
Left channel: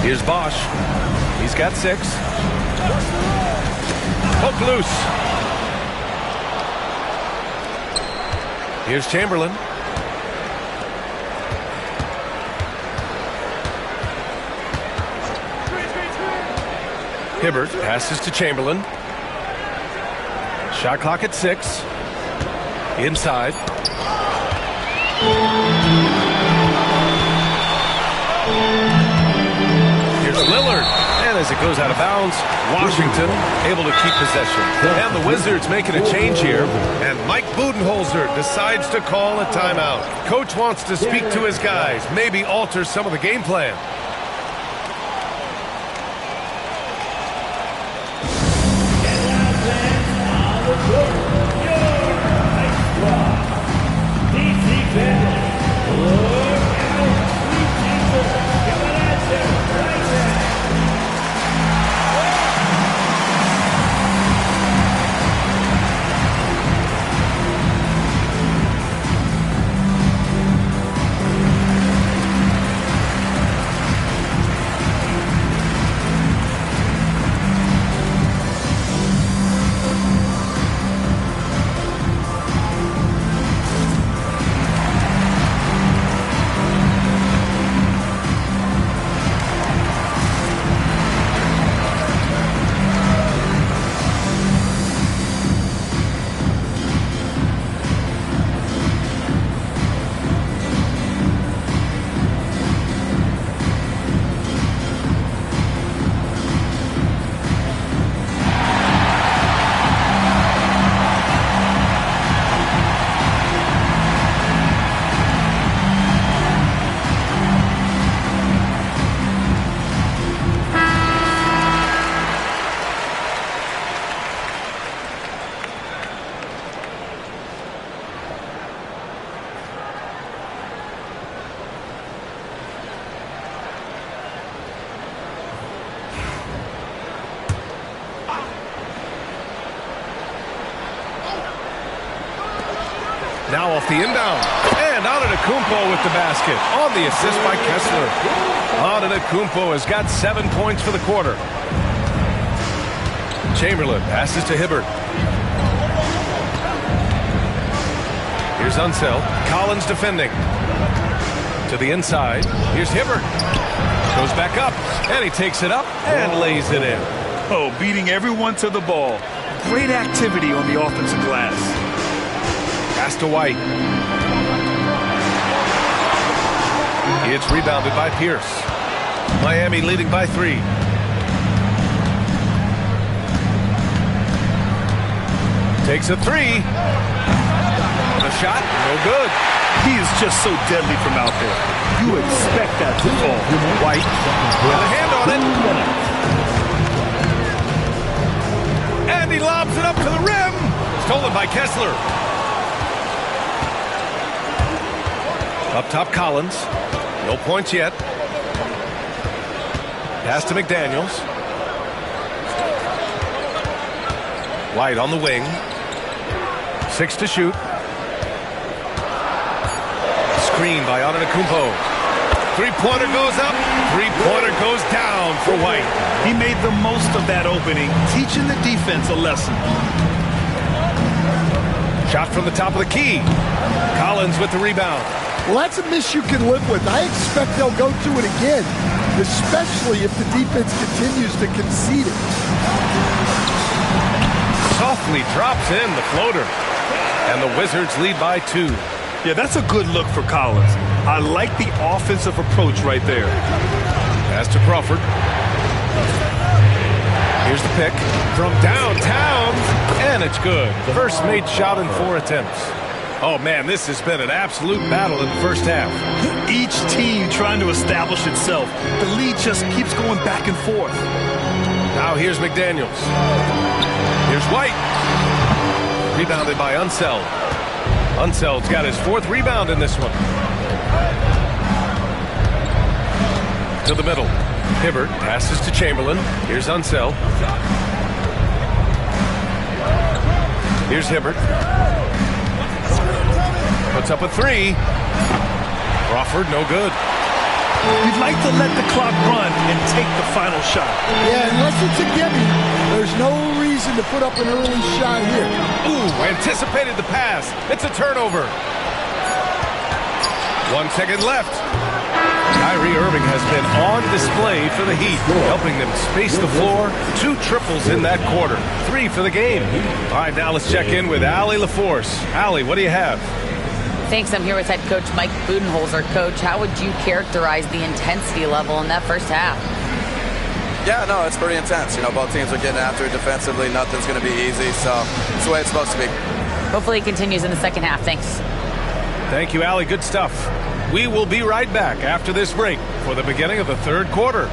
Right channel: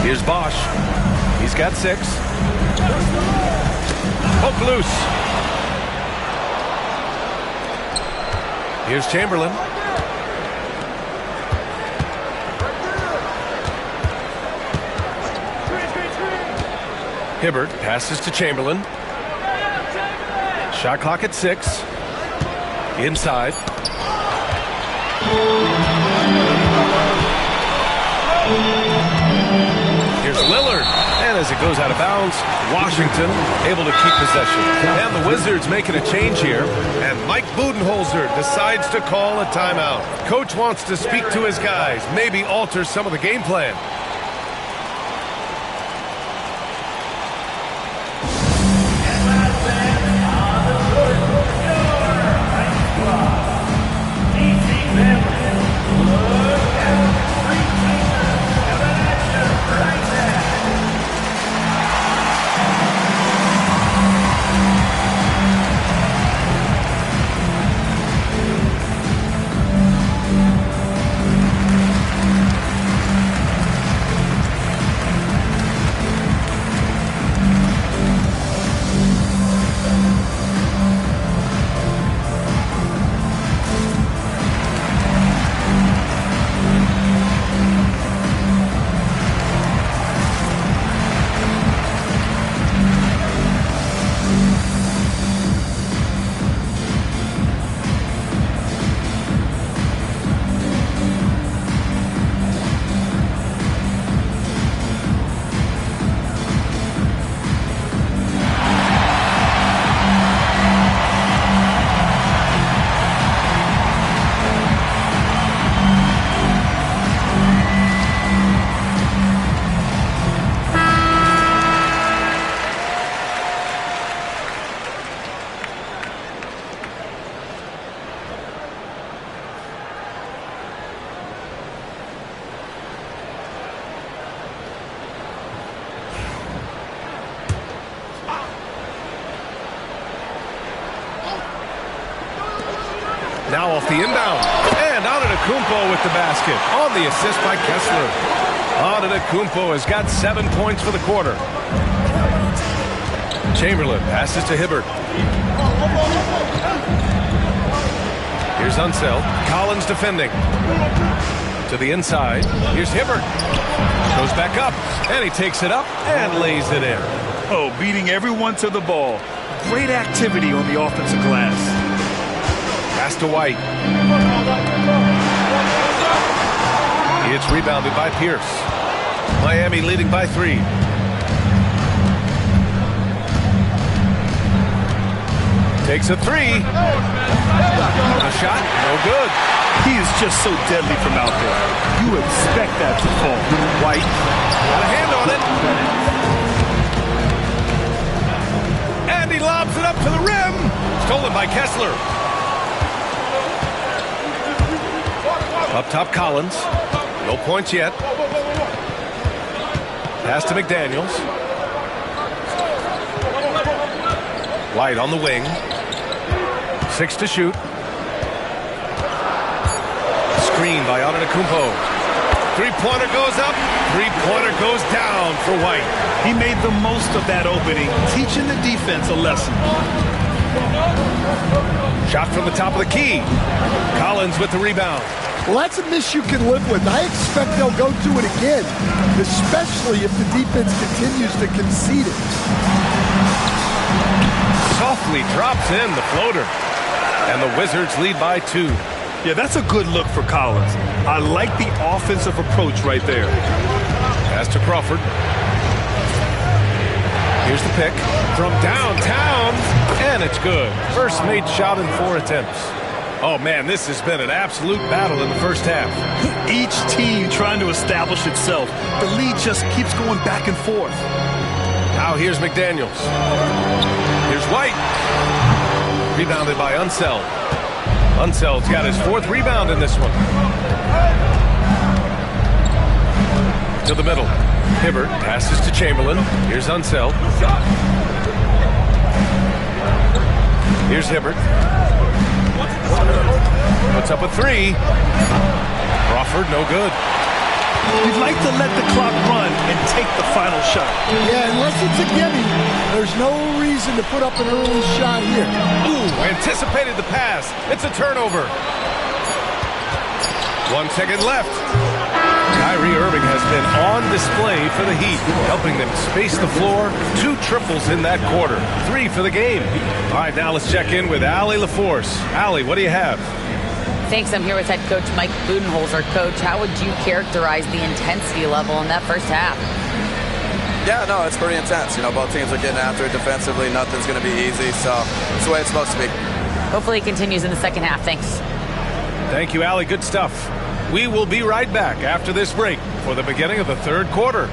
Here's Bosch. He's got 6. Poke loose. Here's Chamberlain. Hibbert passes to Chamberlain. Shot clock at 6. Inside. Here's Lillard. And as it goes out of bounds, Washington able to keep possession. And the Wizards making a change here. And Mike Budenholzer decides to call a timeout. Coach wants to speak to his guys, maybe alter some of the game plan. Now off the inbound. And Antetokounmpo with the basket on the assist by Kessler. Antetokounmpo has got 7 points for the quarter. Chamberlain passes to Hibbert. Here's Unseld. Collins defending. To the inside. Here's Hibbert. Goes back up. And he takes it up and lays it in. Oh, beating everyone to the ball. Great activity on the offensive glass. Pass to White. It's rebounded by Pierce. Miami leading by 3. Takes a 3. The shot, no good. He is just so deadly from out there. You expect that to fall. White got a hand on it. And he lobs it up to the rim. Stolen by Kessler. Up top, Collins. No points yet. Pass to McDaniels. White on the wing. 6 to shoot. Screen by Antetokounmpo. Three-pointer goes up. Three-pointer goes down for White. He made the most of that opening, teaching the defense a lesson. Shot from the top of the key. Collins with the rebound. Well, that's a miss you can live with. I expect they'll go to it again, especially if the defense continues to concede it. Softly drops in the floater. And the Wizards lead by 2. Yeah, that's a good look for Collins. I like the offensive approach right there. Pass to Crawford. Here's the pick from downtown, and it's good. First made shot in 4 attempts. Oh, man, this has been an absolute battle in the first half. Each team trying to establish itself. The lead just keeps going back and forth. Now here's McDaniels. Here's White. Rebounded by Unseld. Unseld's got his 4th rebound in this one. To the middle. Hibbert passes to Chamberlain. Here's Unseld. Here's Hibbert. Puts up a 3. Crawford, no good. You'd like to let the clock run and take the final shot. Yeah, unless it's a gimme, there's no reason to put up an early shot here. Ooh, anticipated the pass. It's a turnover. 1 second left. Kyrie Irving has been on display for the Heat, helping them space the floor. 2 triples in that quarter. 3 for the game. All right, now let's check in with Allie LaForce. Allie, what do you have? Thanks. I'm here with head coach Mike Budenholzer. Coach, how would you characterize the intensity level in that first half? Yeah, no, it's pretty intense. You know, both teams are getting after it defensively. Nothing's going to be easy, so it's the way it's supposed to be. Hopefully it continues in the second half. Thanks. Thank you, Allie. Good stuff. We will be right back after this break for the beginning of the third quarter.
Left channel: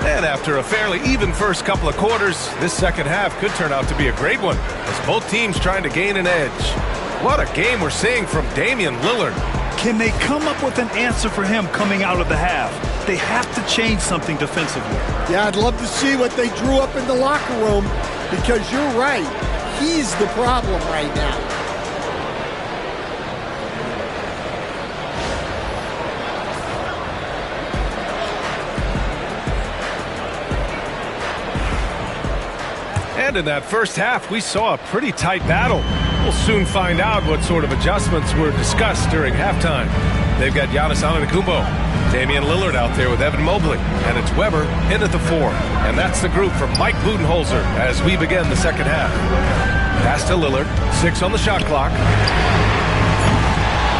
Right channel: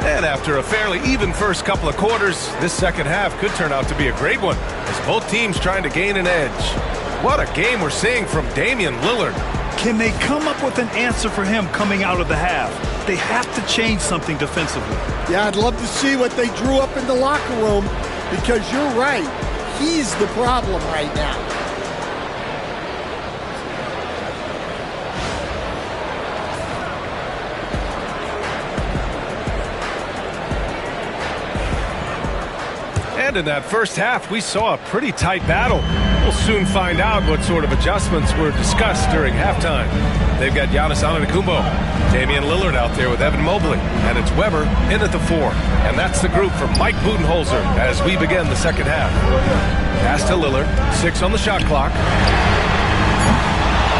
And after a fairly even first couple of quarters, this second half could turn out to be a great one as both teams trying to gain an edge. What a game we're seeing from Damian Lillard. Can they come up with an answer for him coming out of the half? They have to change something defensively. Yeah, I'd love to see what they drew up in the locker room because you're right. He's the problem right now. And in that first half, we saw a pretty tight battle. We'll soon find out what sort of adjustments were discussed during halftime. They've got Giannis Antetokounmpo, Damian Lillard out there with Evan Mobley, and it's Weber in at the 4. And that's the group for Mike Budenholzer as we begin the second half. Pass to Lillard, 6 on the shot clock.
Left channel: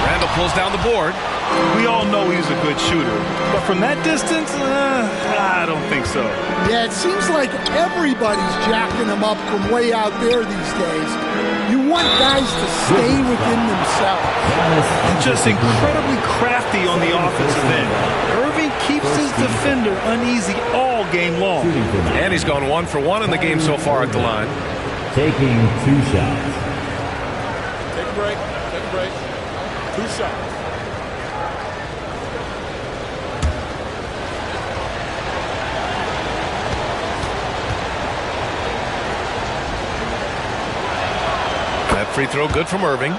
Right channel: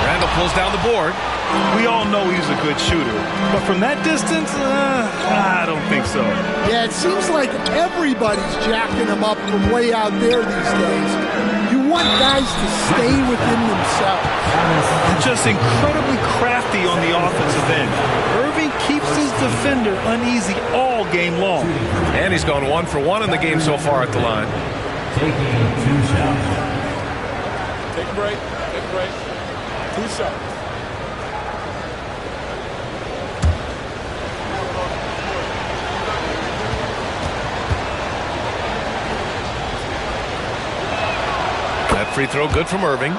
Randall pulls down the board. We all know he's a good shooter, but from that distance, I don't think so. Yeah, it seems like everybody's jacking him up from way out there these days. You want guys to stay within themselves. And just incredibly crafty on the offensive end. Irving keeps his defender uneasy all game long. And he's gone 1 for 1 in the game so far at the line. Taking 2 shots. Take a break. Take a break. 2 shots. That free throw good from Irving.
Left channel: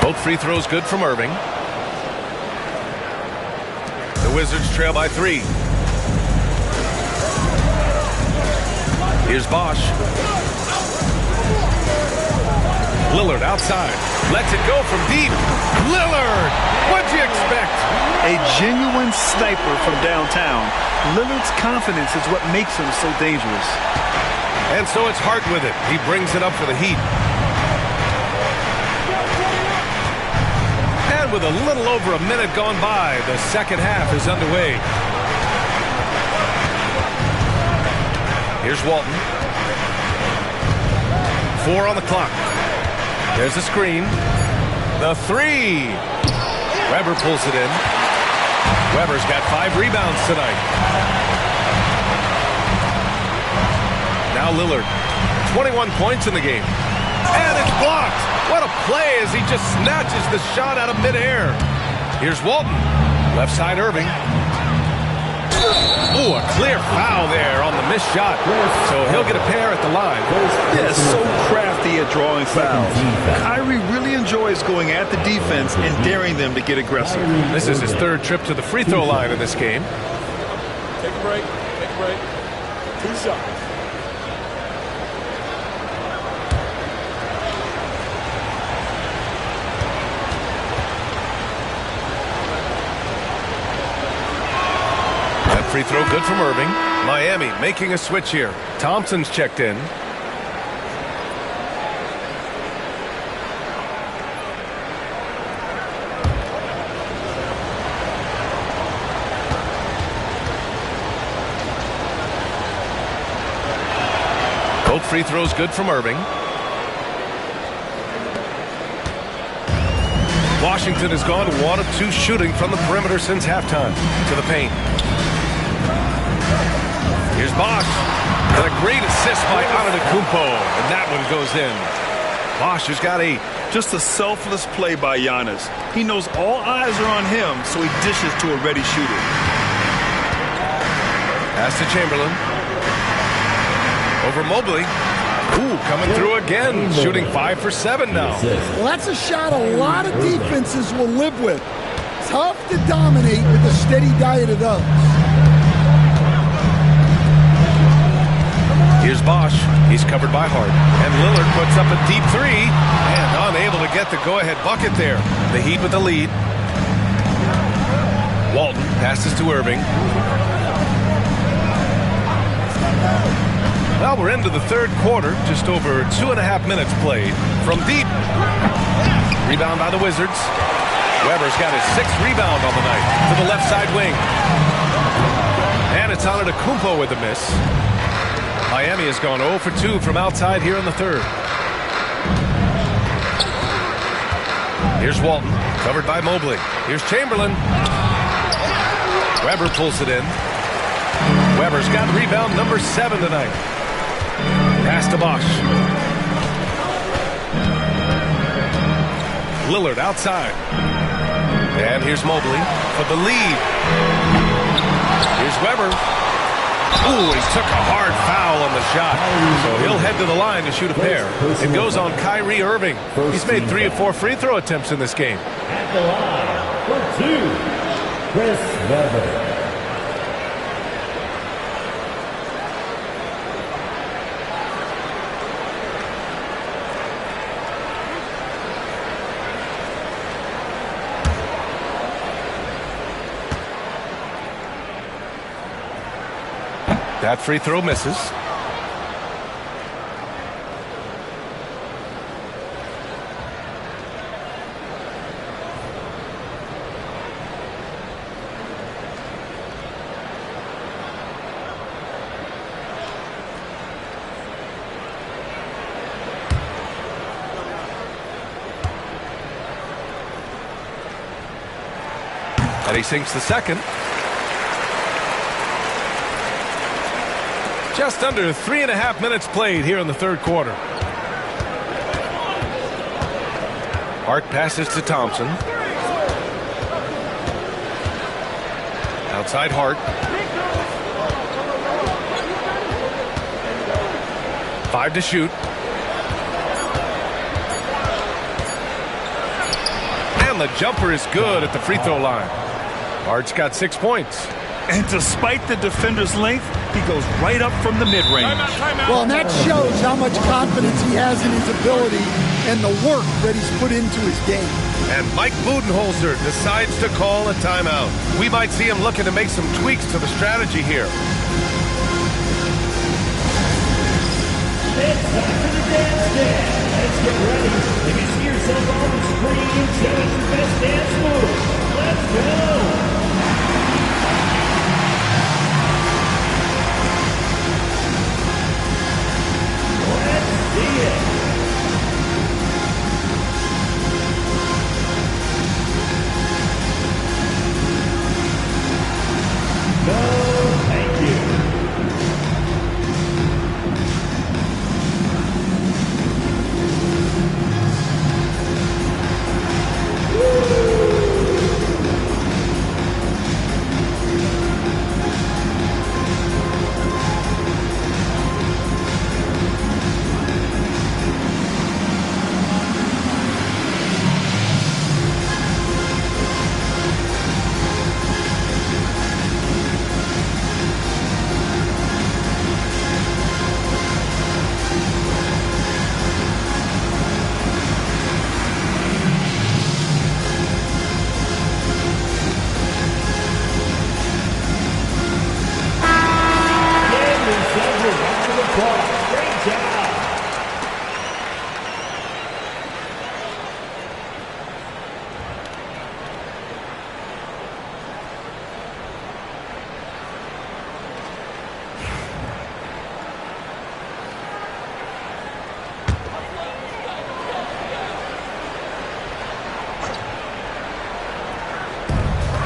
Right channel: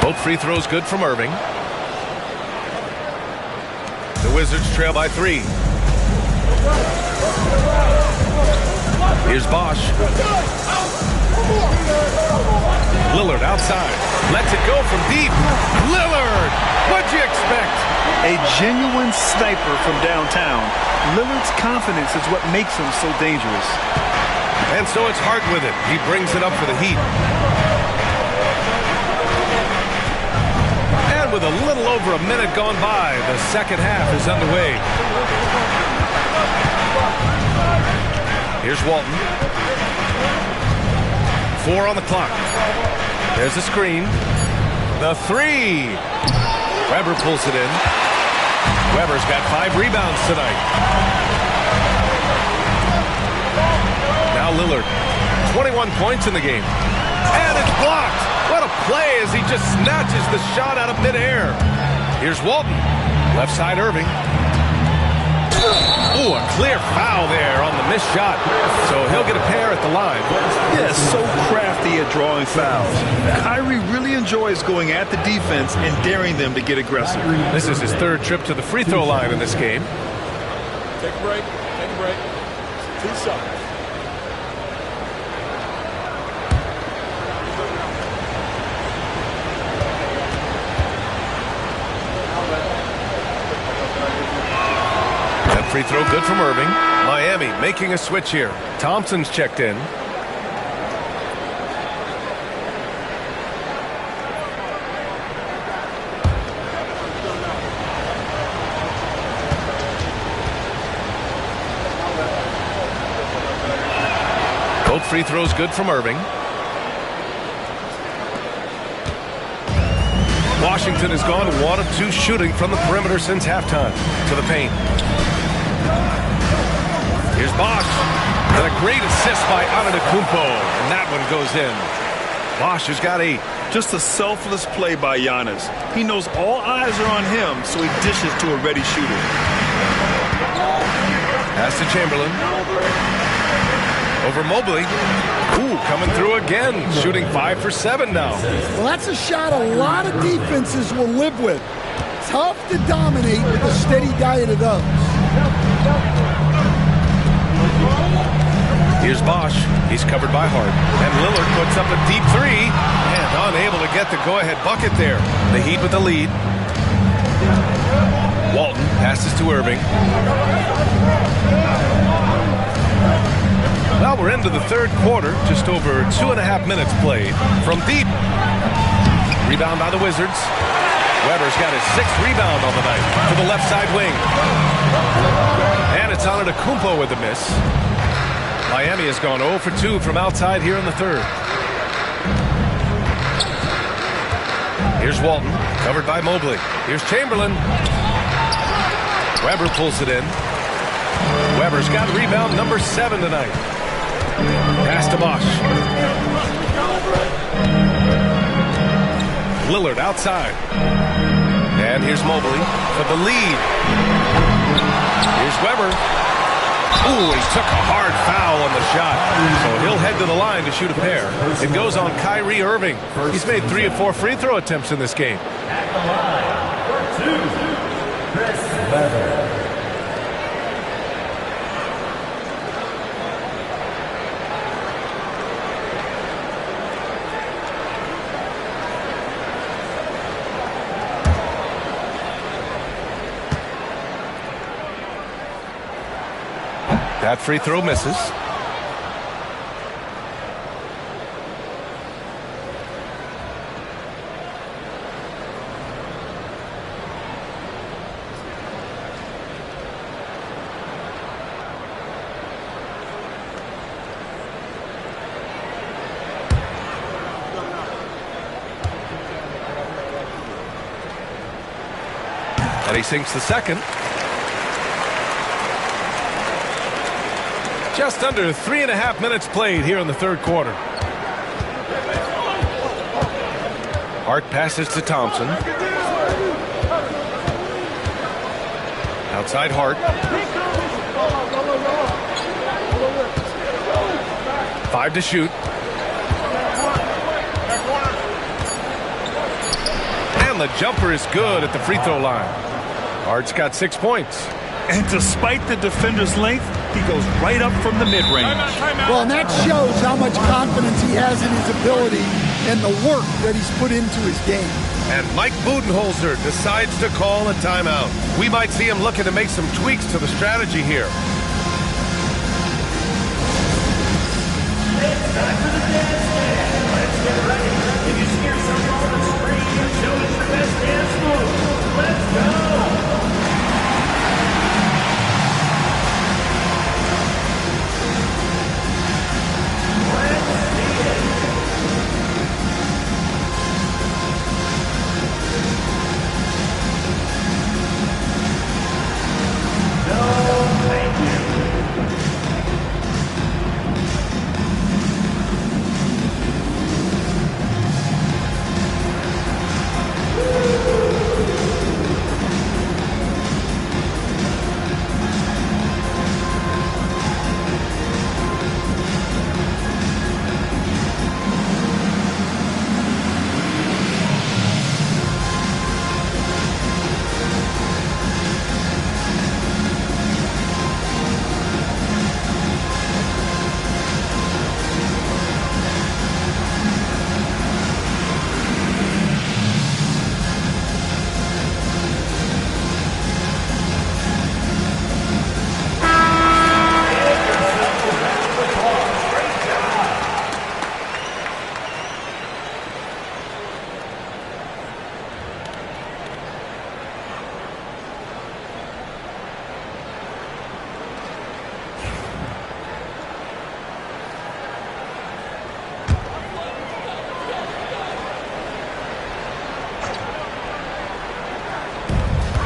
Both free throws good from Irving. The Wizards trail by 3. Here's Bosch. Lillard outside. Lets it go from deep. Lillard! What'd you expect? A genuine sniper from downtown. Lillard's confidence is what makes him so dangerous. And so it's Hart with it. He brings it up for the Heat. And with a little over a minute gone by, the second half is underway. Here's Walton. 4 on the clock. There's the screen. The 3. Weber pulls it in. Weber's got 5 rebounds tonight. Now Lillard. 21 points in the game. And it's blocked. What a play as he just snatches the shot out of midair. Here's Walton. Left side Irving. Ooh, a clear foul there on the missed shot. So he'll get a pair at the line. Yeah, so crafty at drawing fouls. Kyrie really enjoys going at the defense and daring them to get aggressive. This is his 3rd trip to the free throw line in this game. Take a break. Take a break. 2 shots. Free throw good from Irving. Miami making a switch here. Thompson's checked in. Both free throws good from Irving. Washington has gone 1 of 2 shooting from the perimeter since halftime. To the paint. Here's Bosch. And a great assist by Antetokounmpo. And that one goes in. Bosch has got 8. Just a selfless play by Giannis. He knows all eyes are on him, so he dishes to a ready shooter. Pass to Chamberlain. Over Mobley. Ooh, coming through again. Shooting 5 for 7 now. Well, that's a shot a lot of defenses will live with. Tough to dominate with a steady diet of those. Here's Bosch. He's covered by Hart. And Lillard puts up a deep 3. And unable to get the go-ahead bucket there. The Heat with the lead. Walton passes to Irving. Well, we're into the 3rd quarter. Just over 2.5 minutes played. From deep. Rebound by the Wizards. Weber's got his 6th rebound on the night to the left side wing. And it's Antetokounmpo with the miss. Miami has gone 0 for 2 from outside here in the 3rd. Here's Walton, covered by Mobley. Here's Chamberlain. Weber pulls it in. Weber's got rebound number 7 tonight. Pass to Bosch. Lillard outside. And here's Mobley for the lead. Here's Weber. Ooh, he took a hard foul on the shot. So he'll head to the line to shoot a pair. It goes on Kyrie Irving. He's made 3 of 4 free throw attempts in this game. At the line for 2, Chris Webber. That free throw misses. And he sinks the second. Just under 3.5 minutes played here in the third quarter. Hart passes to Thompson. Outside Hart. 5 to shoot. And the jumper is good at the free throw line. Hart's got 6 points. And despite the defender's length, he goes right up from the mid-range. Well, and that shows how much confidence he has in his ability and the work that he's put into his game. And Mike Budenholzer decides to call a timeout. We might see him looking to make some tweaks to the strategy here. It's time for the dance dance. Let's get ready. If you see yourself on the screen, show us your best dance move. Let's go.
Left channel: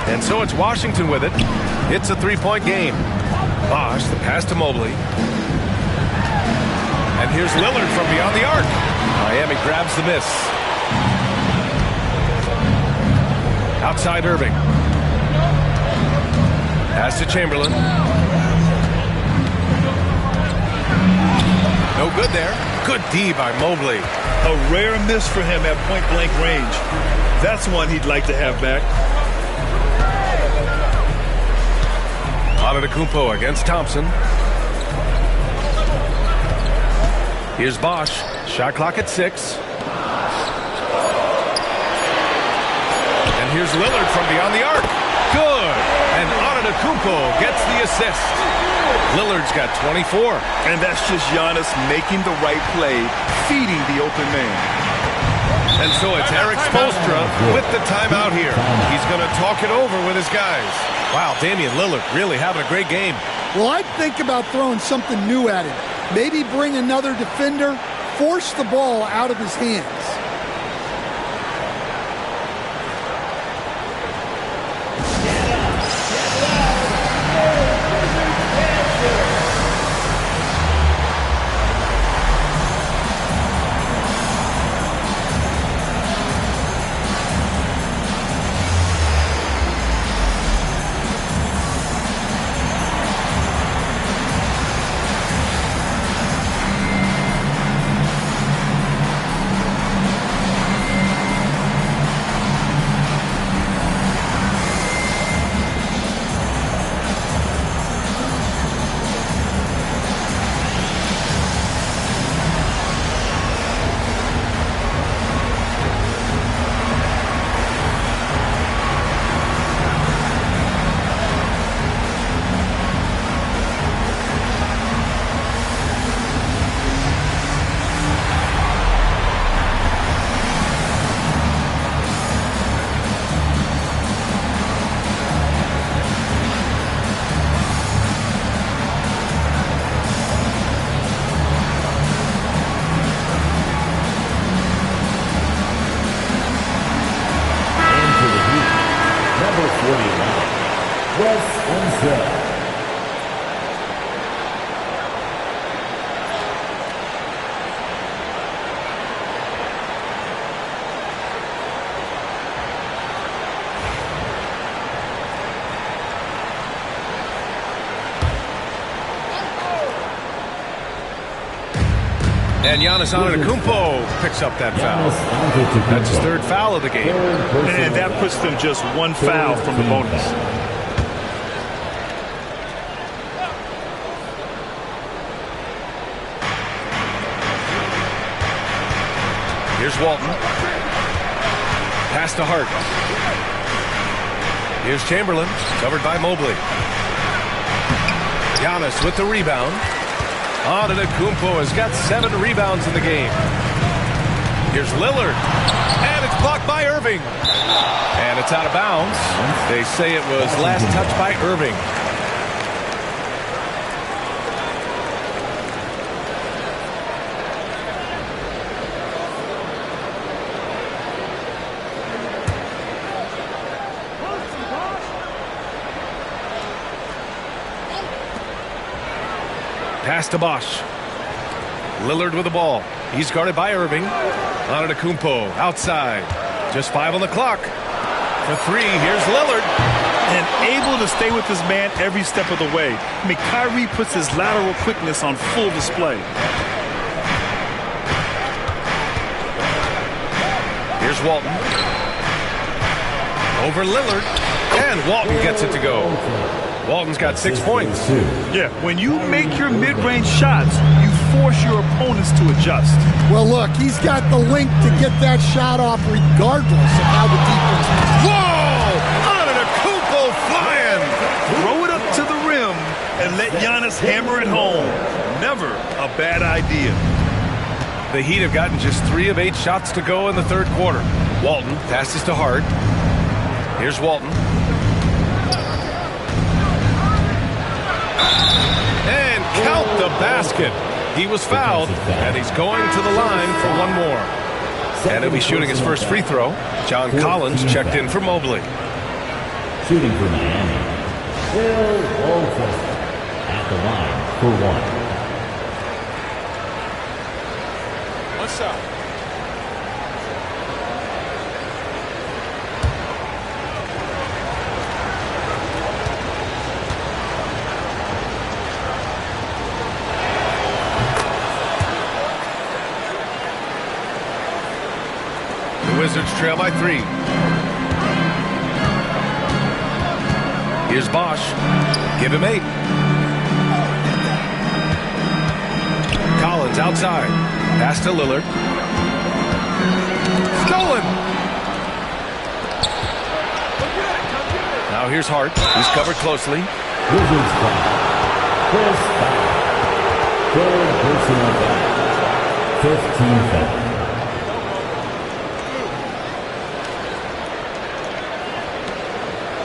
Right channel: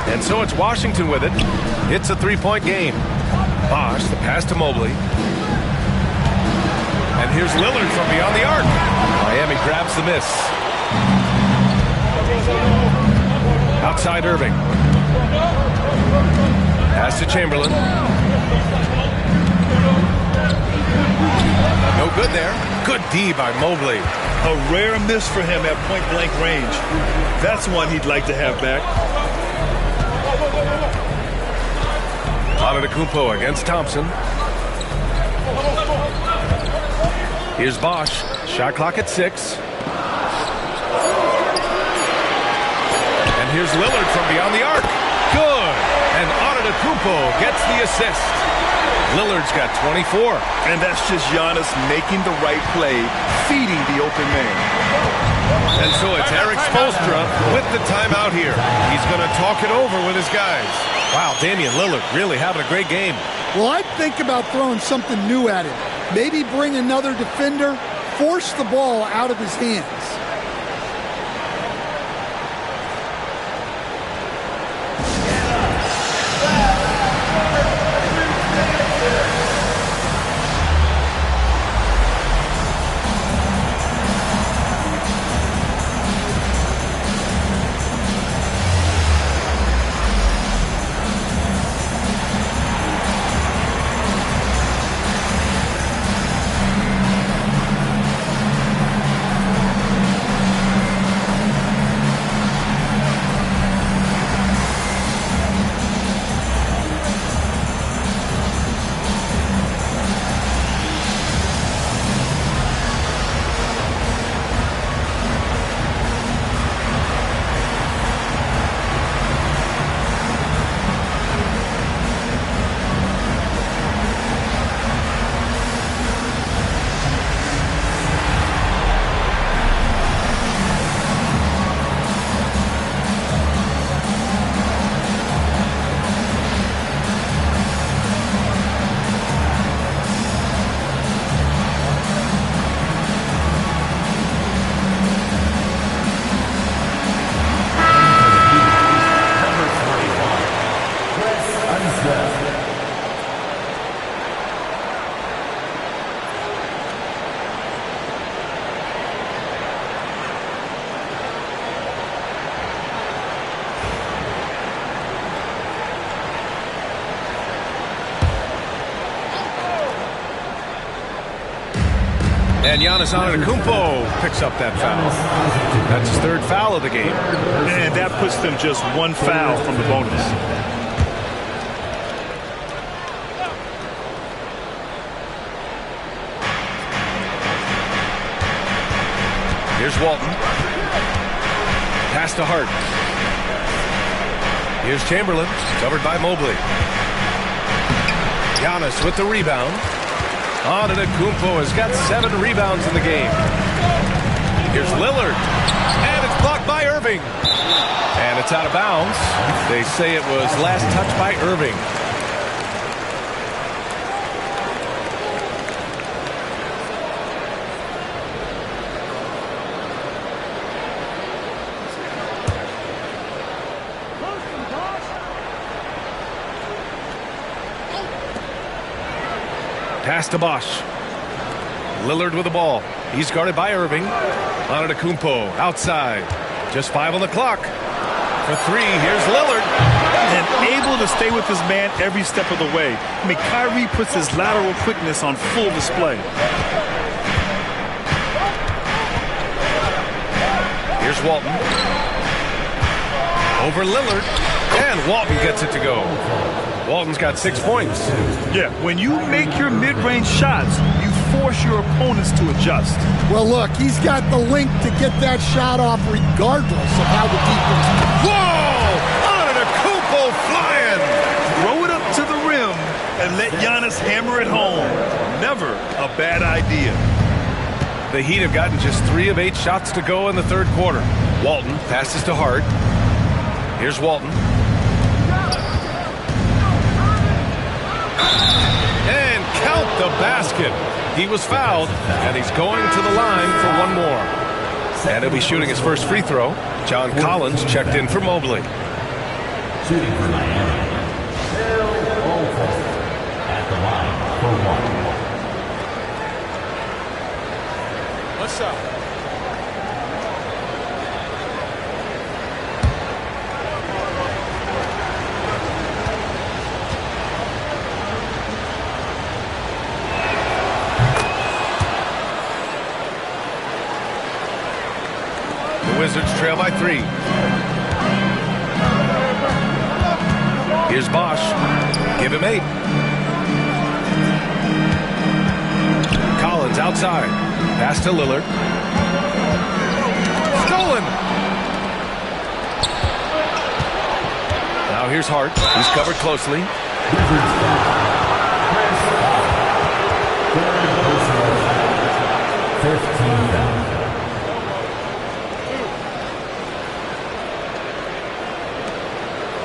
And so it's Washington with it. It's a 3-point game. Bosch, the pass to Mobley. And here's Lillard from beyond the arc. Miami grabs the miss. Outside Irving. Pass to Chamberlain. No good there. Good D by Mobley. A rare miss for him at point-blank range. That's one he'd like to have back. Antetokounmpo against Thompson. Here's Bosch. Shot clock at 6. And here's Lillard from beyond the arc. Good. And Antetokounmpo gets the assist. Lillard's got 24. And that's just Giannis making the right play, feeding the open man. And so it's Eric Spoelstra with the timeout here. He's going to talk it over with his guys. Wow, Damian Lillard really having a great game. Well, I'd think about throwing something new at him. Maybe bring another defender, force the ball out of his hands. set. And Giannis Antetokounmpo picks up that foul. That's his third foul of the game. And that puts them just one foul from the bonus. Here's Walton. Pass to Hart. Here's Chamberlain, covered by Mobley. Giannis with the rebound. Antetokounmpo has got 7 rebounds in the game. Here's Lillard. And it's blocked by Irving. And it's out of bounds. They say it was last touched by Irving. Pass to Bosch. Lillard with the ball. He's guarded by Irving. Antetokounmpo outside. Just 5 on the clock. For 3, here's Lillard. And able to stay with his man every step of the way. I mean, Kyrie puts his lateral quickness on full display. Here's Walton. Over Lillard. And Walton gets it to go. Walton's got 6 points. Yeah, when you make your mid-range shots, you force your opponents to adjust. Well, look, he's got the length to get that shot off regardless of how the defense moves. Whoa! Antetokounmpo flying! Throw it up to the rim and let Giannis hammer it home. Never a bad idea. The Heat have gotten just 3 of 8 shots to go in the third quarter. Walton passes to Hart. Here's Walton. And count the basket. He was fouled, and he's going to the line for 1 more. And he'll be shooting his first free throw. John Collins checked in for Mobley. Shooting for Miami, Unwelcome at the line for 1. One shot. The Wizards trail by 3. Here's Bosch. Give him 8. Collins outside. Pass to Lillard. Stolen. Now here's Hart. He's covered closely. Wizards foul. Chris foul. Third personal foul. 15 foul.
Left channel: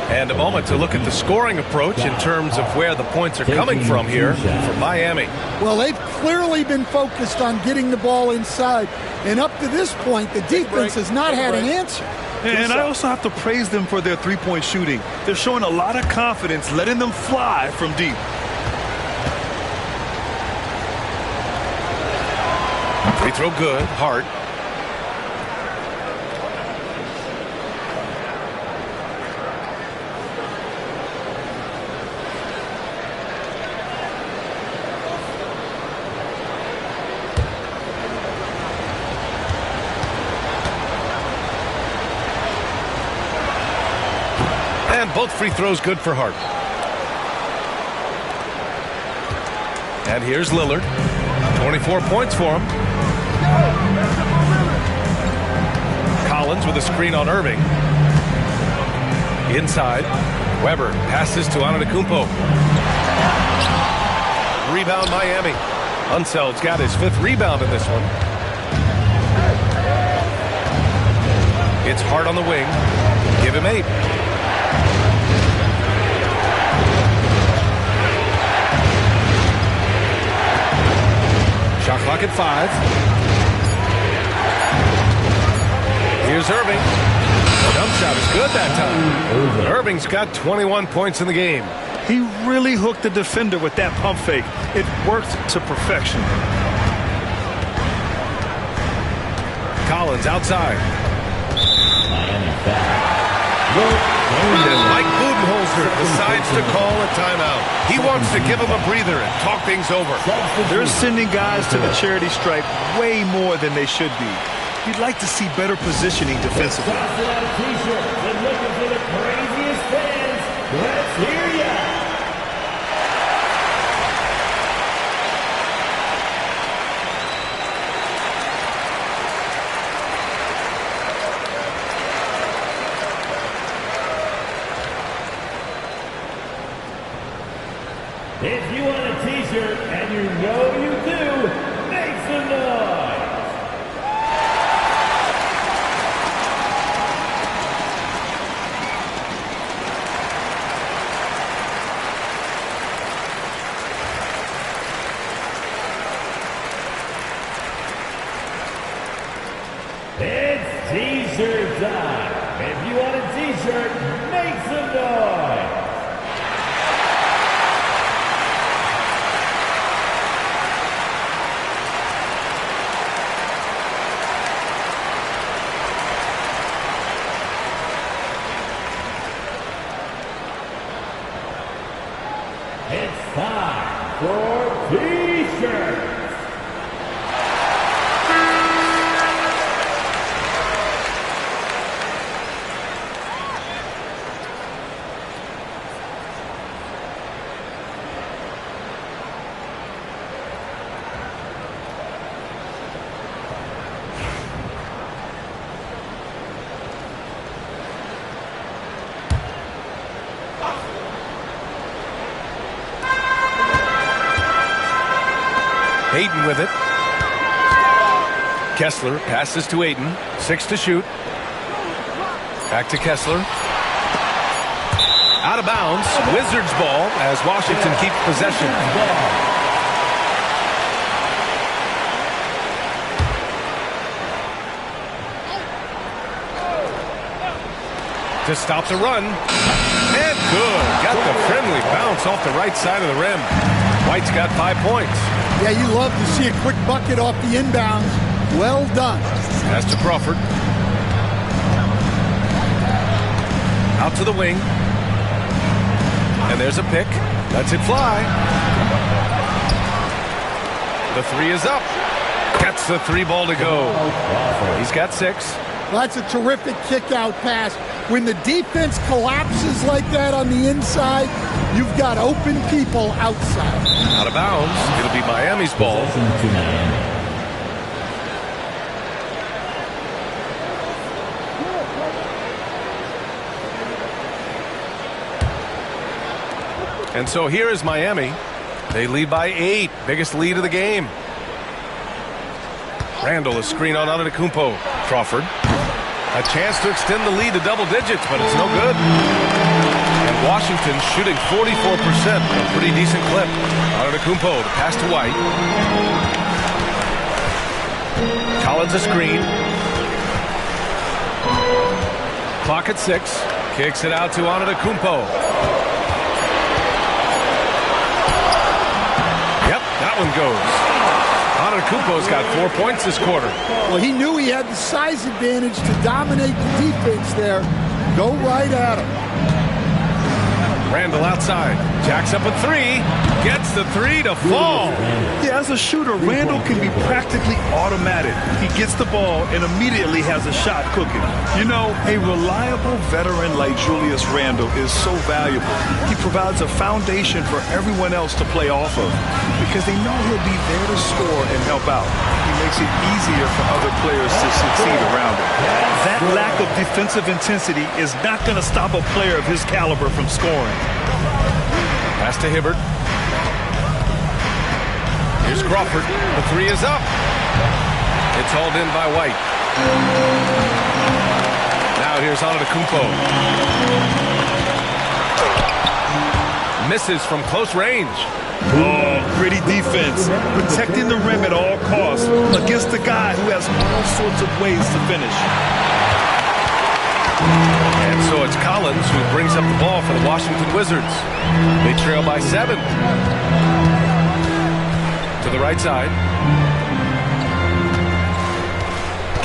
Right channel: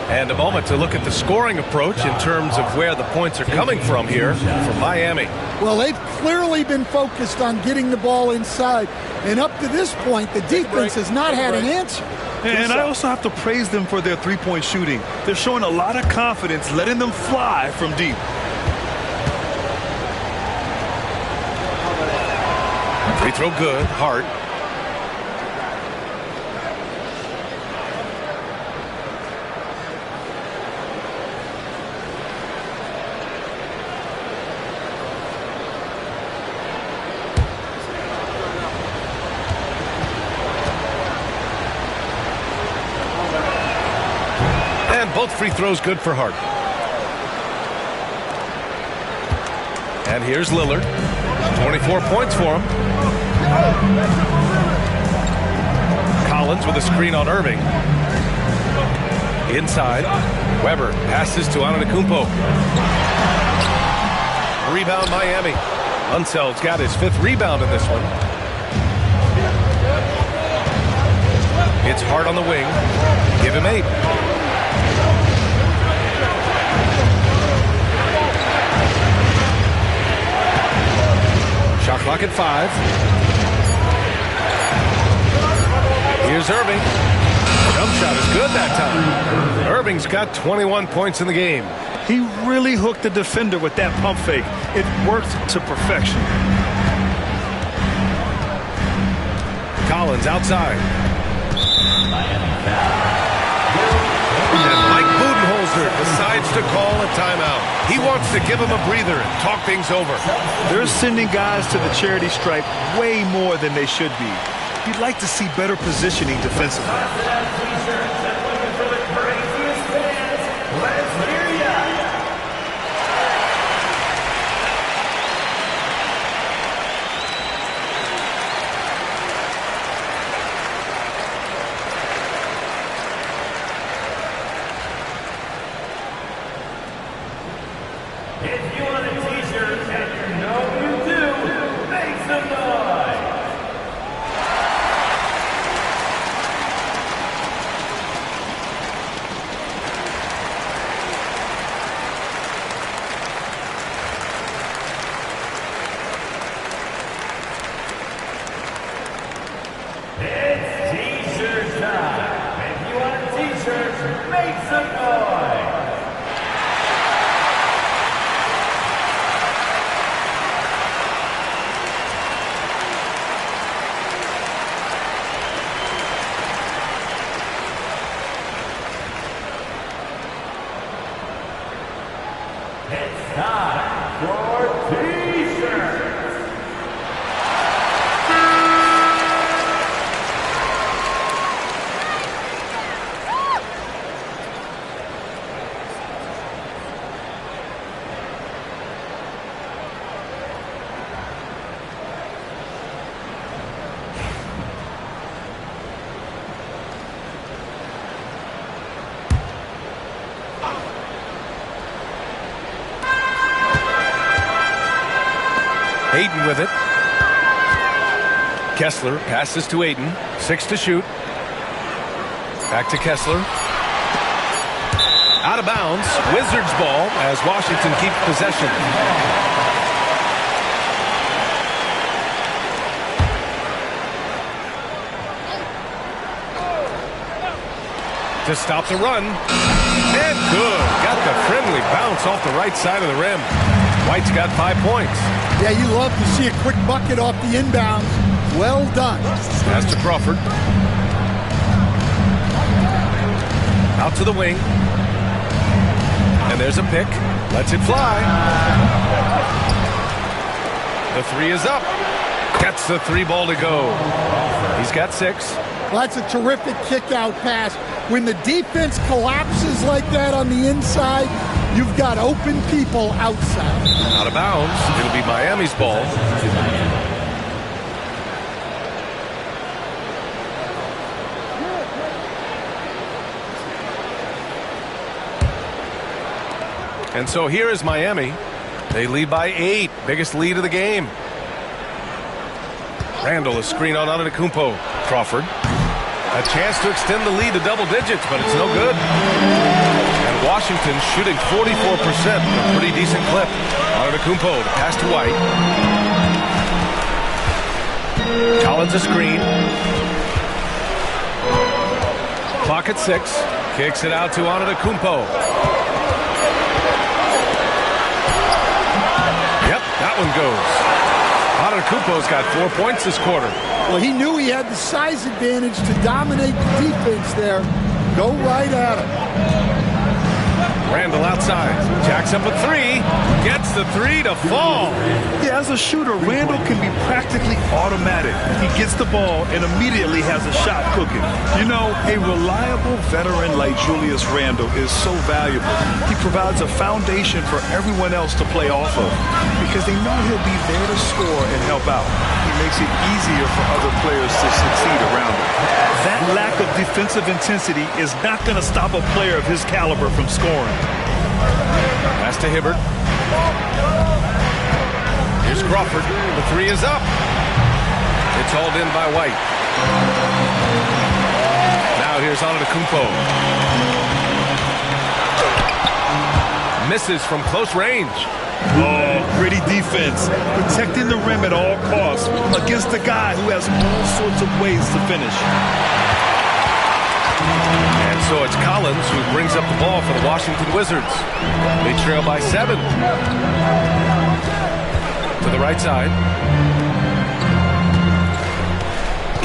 And a moment to look at the scoring approach in terms of where the points are coming from here for Miami. Well, they've clearly been focused on getting the ball inside. And up to this point, the defense has not had an answer. And I also have to praise them for their three-point shooting. They're showing a lot of confidence, letting them fly from deep. Free throw good. Hart. And both free throws good for Hart. And here's Lillard. 24 points for him. Collins with a screen on Irving. Inside. Weber passes to Antetokounmpo. Rebound Miami. Unseld's got his 5th rebound in this one. It's Hart on the wing. Give him 8. Shot clock at 5. Here's Irving. Jump shot is good that time. Irving's got 21 points in the game. He really hooked the defender with that pump fake. It worked to perfection. Collins outside. And Mike Budenholzer decides to call a timeout. He wants to give him a breather and talk things over. They're sending guys to the charity stripe way more than they should be. You'd like to see better positioning defensively. Let's hear ya! If you want a t-shirt, and you know you do, make some noise! It's t-shirt time. If you want a t-shirt, make some noise. It's time for t-shirts. Ayton with it. Kessler passes to Ayton. 6 to shoot. Back to Kessler. Out of bounds. Wizards ball as Washington keeps possession. To stop the run. And good. Got the friendly bounce off the right side of the rim. White's got 5 points. Yeah, you love to see a quick bucket off the inbounds. Well done. Pass to Crawford. Out to the wing. And there's a pick. Lets it fly. The three is up. Gets the 3 ball to go. He's got 6. Well, that's a terrific kick-out pass. When the defense collapses like that on the inside, you've got open people outside. Out of bounds. It'll be Miami's ball. And so here is Miami. They lead by 8. Biggest lead of the game. Randall, a screen on Antetokounmpo. Crawford. A chance to extend the lead to double digits, but it's no good. And Washington shooting 44%, a pretty decent clip. Antetokounmpo, the pass to White. Collins a screen. Clock at 6. Kicks it out to Antetokounmpo. Yep, that one goes. Antetokounmpo's got 4 points this quarter. Well, he knew he had the size advantage to dominate the defense there. Go right at him. Randall outside. Jacks up a 3. Gets the 3 to fall. Yeah, as a shooter, Randall can be practically automatic. He gets the ball and immediately has a shot cooking. You know, a reliable veteran like Julius Randall is so valuable. He provides a foundation for everyone else to play off of because they know he'll be there to score and help out. He makes it easier for other players to succeed around him. That lack of defensive intensity is not going to stop a player of his caliber from scoring. Pass to Hibbert. Here's Crawford. The 3 is up. It's hauled in by White. Now here's Antetokounmpo. Misses from close range. Oh, gritty defense. Protecting the rim at all costs against a guy who has all sorts of ways to finish. And And so it's Collins who brings up the ball for the Washington Wizards. They trail by 7. To the right side.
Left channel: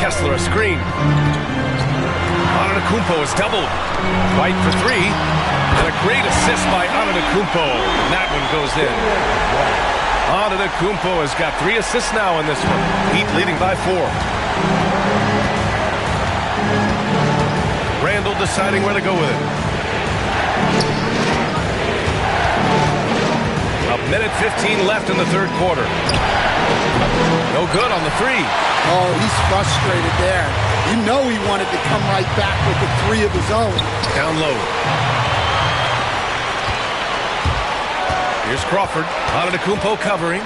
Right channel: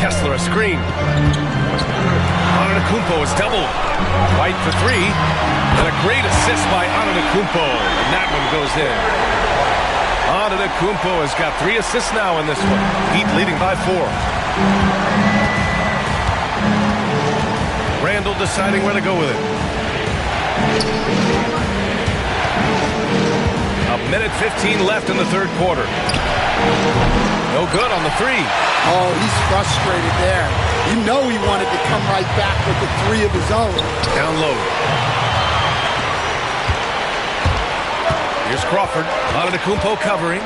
Kessler a screen. Antetokounmpo is doubled. White for 3. And a great assist by Antetokounmpo. And that one goes in. Antetokounmpo has got 3 assists now in this one. Heat leading by 4. Randall deciding where to go with it. A minute 15 left in the third quarter. No good on the 3. Oh, he's frustrated there. You know he wanted to come right back with the 3 of his own. Down low. Here's Crawford. Antetokounmpo covering.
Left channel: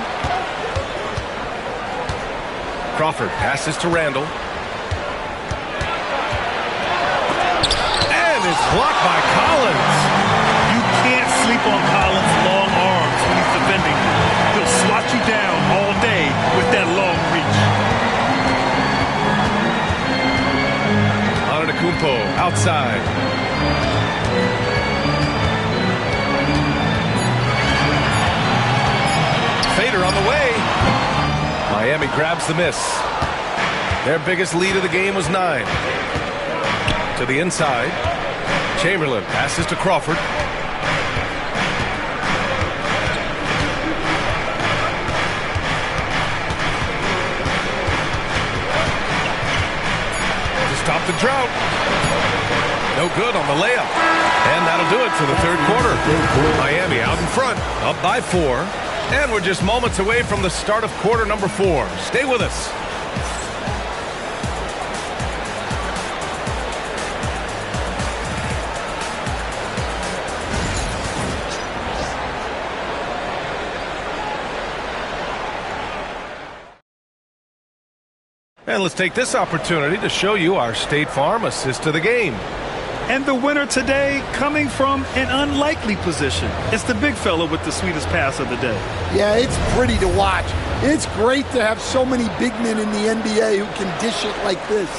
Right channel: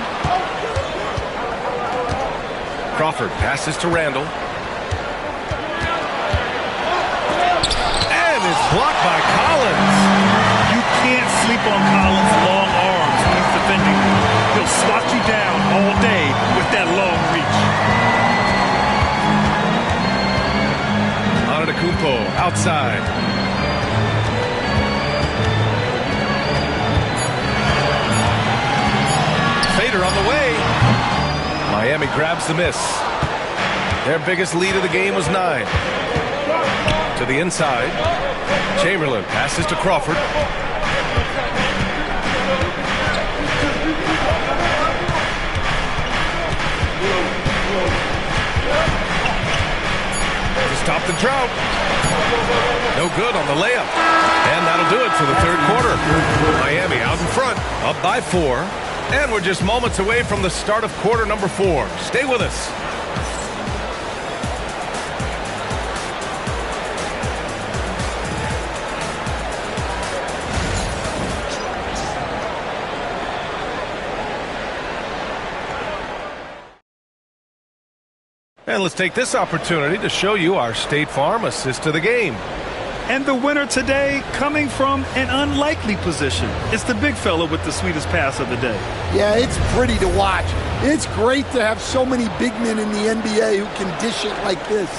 Crawford passes to Randall. And it's blocked by Collins. You can't sleep on Collins' long arms when he's defending you. He'll swat you down all day with that long reach. Antetokounmpo outside. Fader on the way. Miami grabs the miss. Their biggest lead of the game was 9. To the inside. Chamberlain passes to Crawford. To stop the drought. No good on the layup. And that'll do it for the third quarter. Miami out in front, up by 4. And we're just moments away from the start of quarter number 4. Stay with us. And let's take this opportunity to show you our State Farm assist to the game. And the winner today coming from an unlikely position. It's the big fella with the sweetest pass of the day. Yeah, it's pretty to watch. It's great to have so many big men in the NBA who can dish it like this.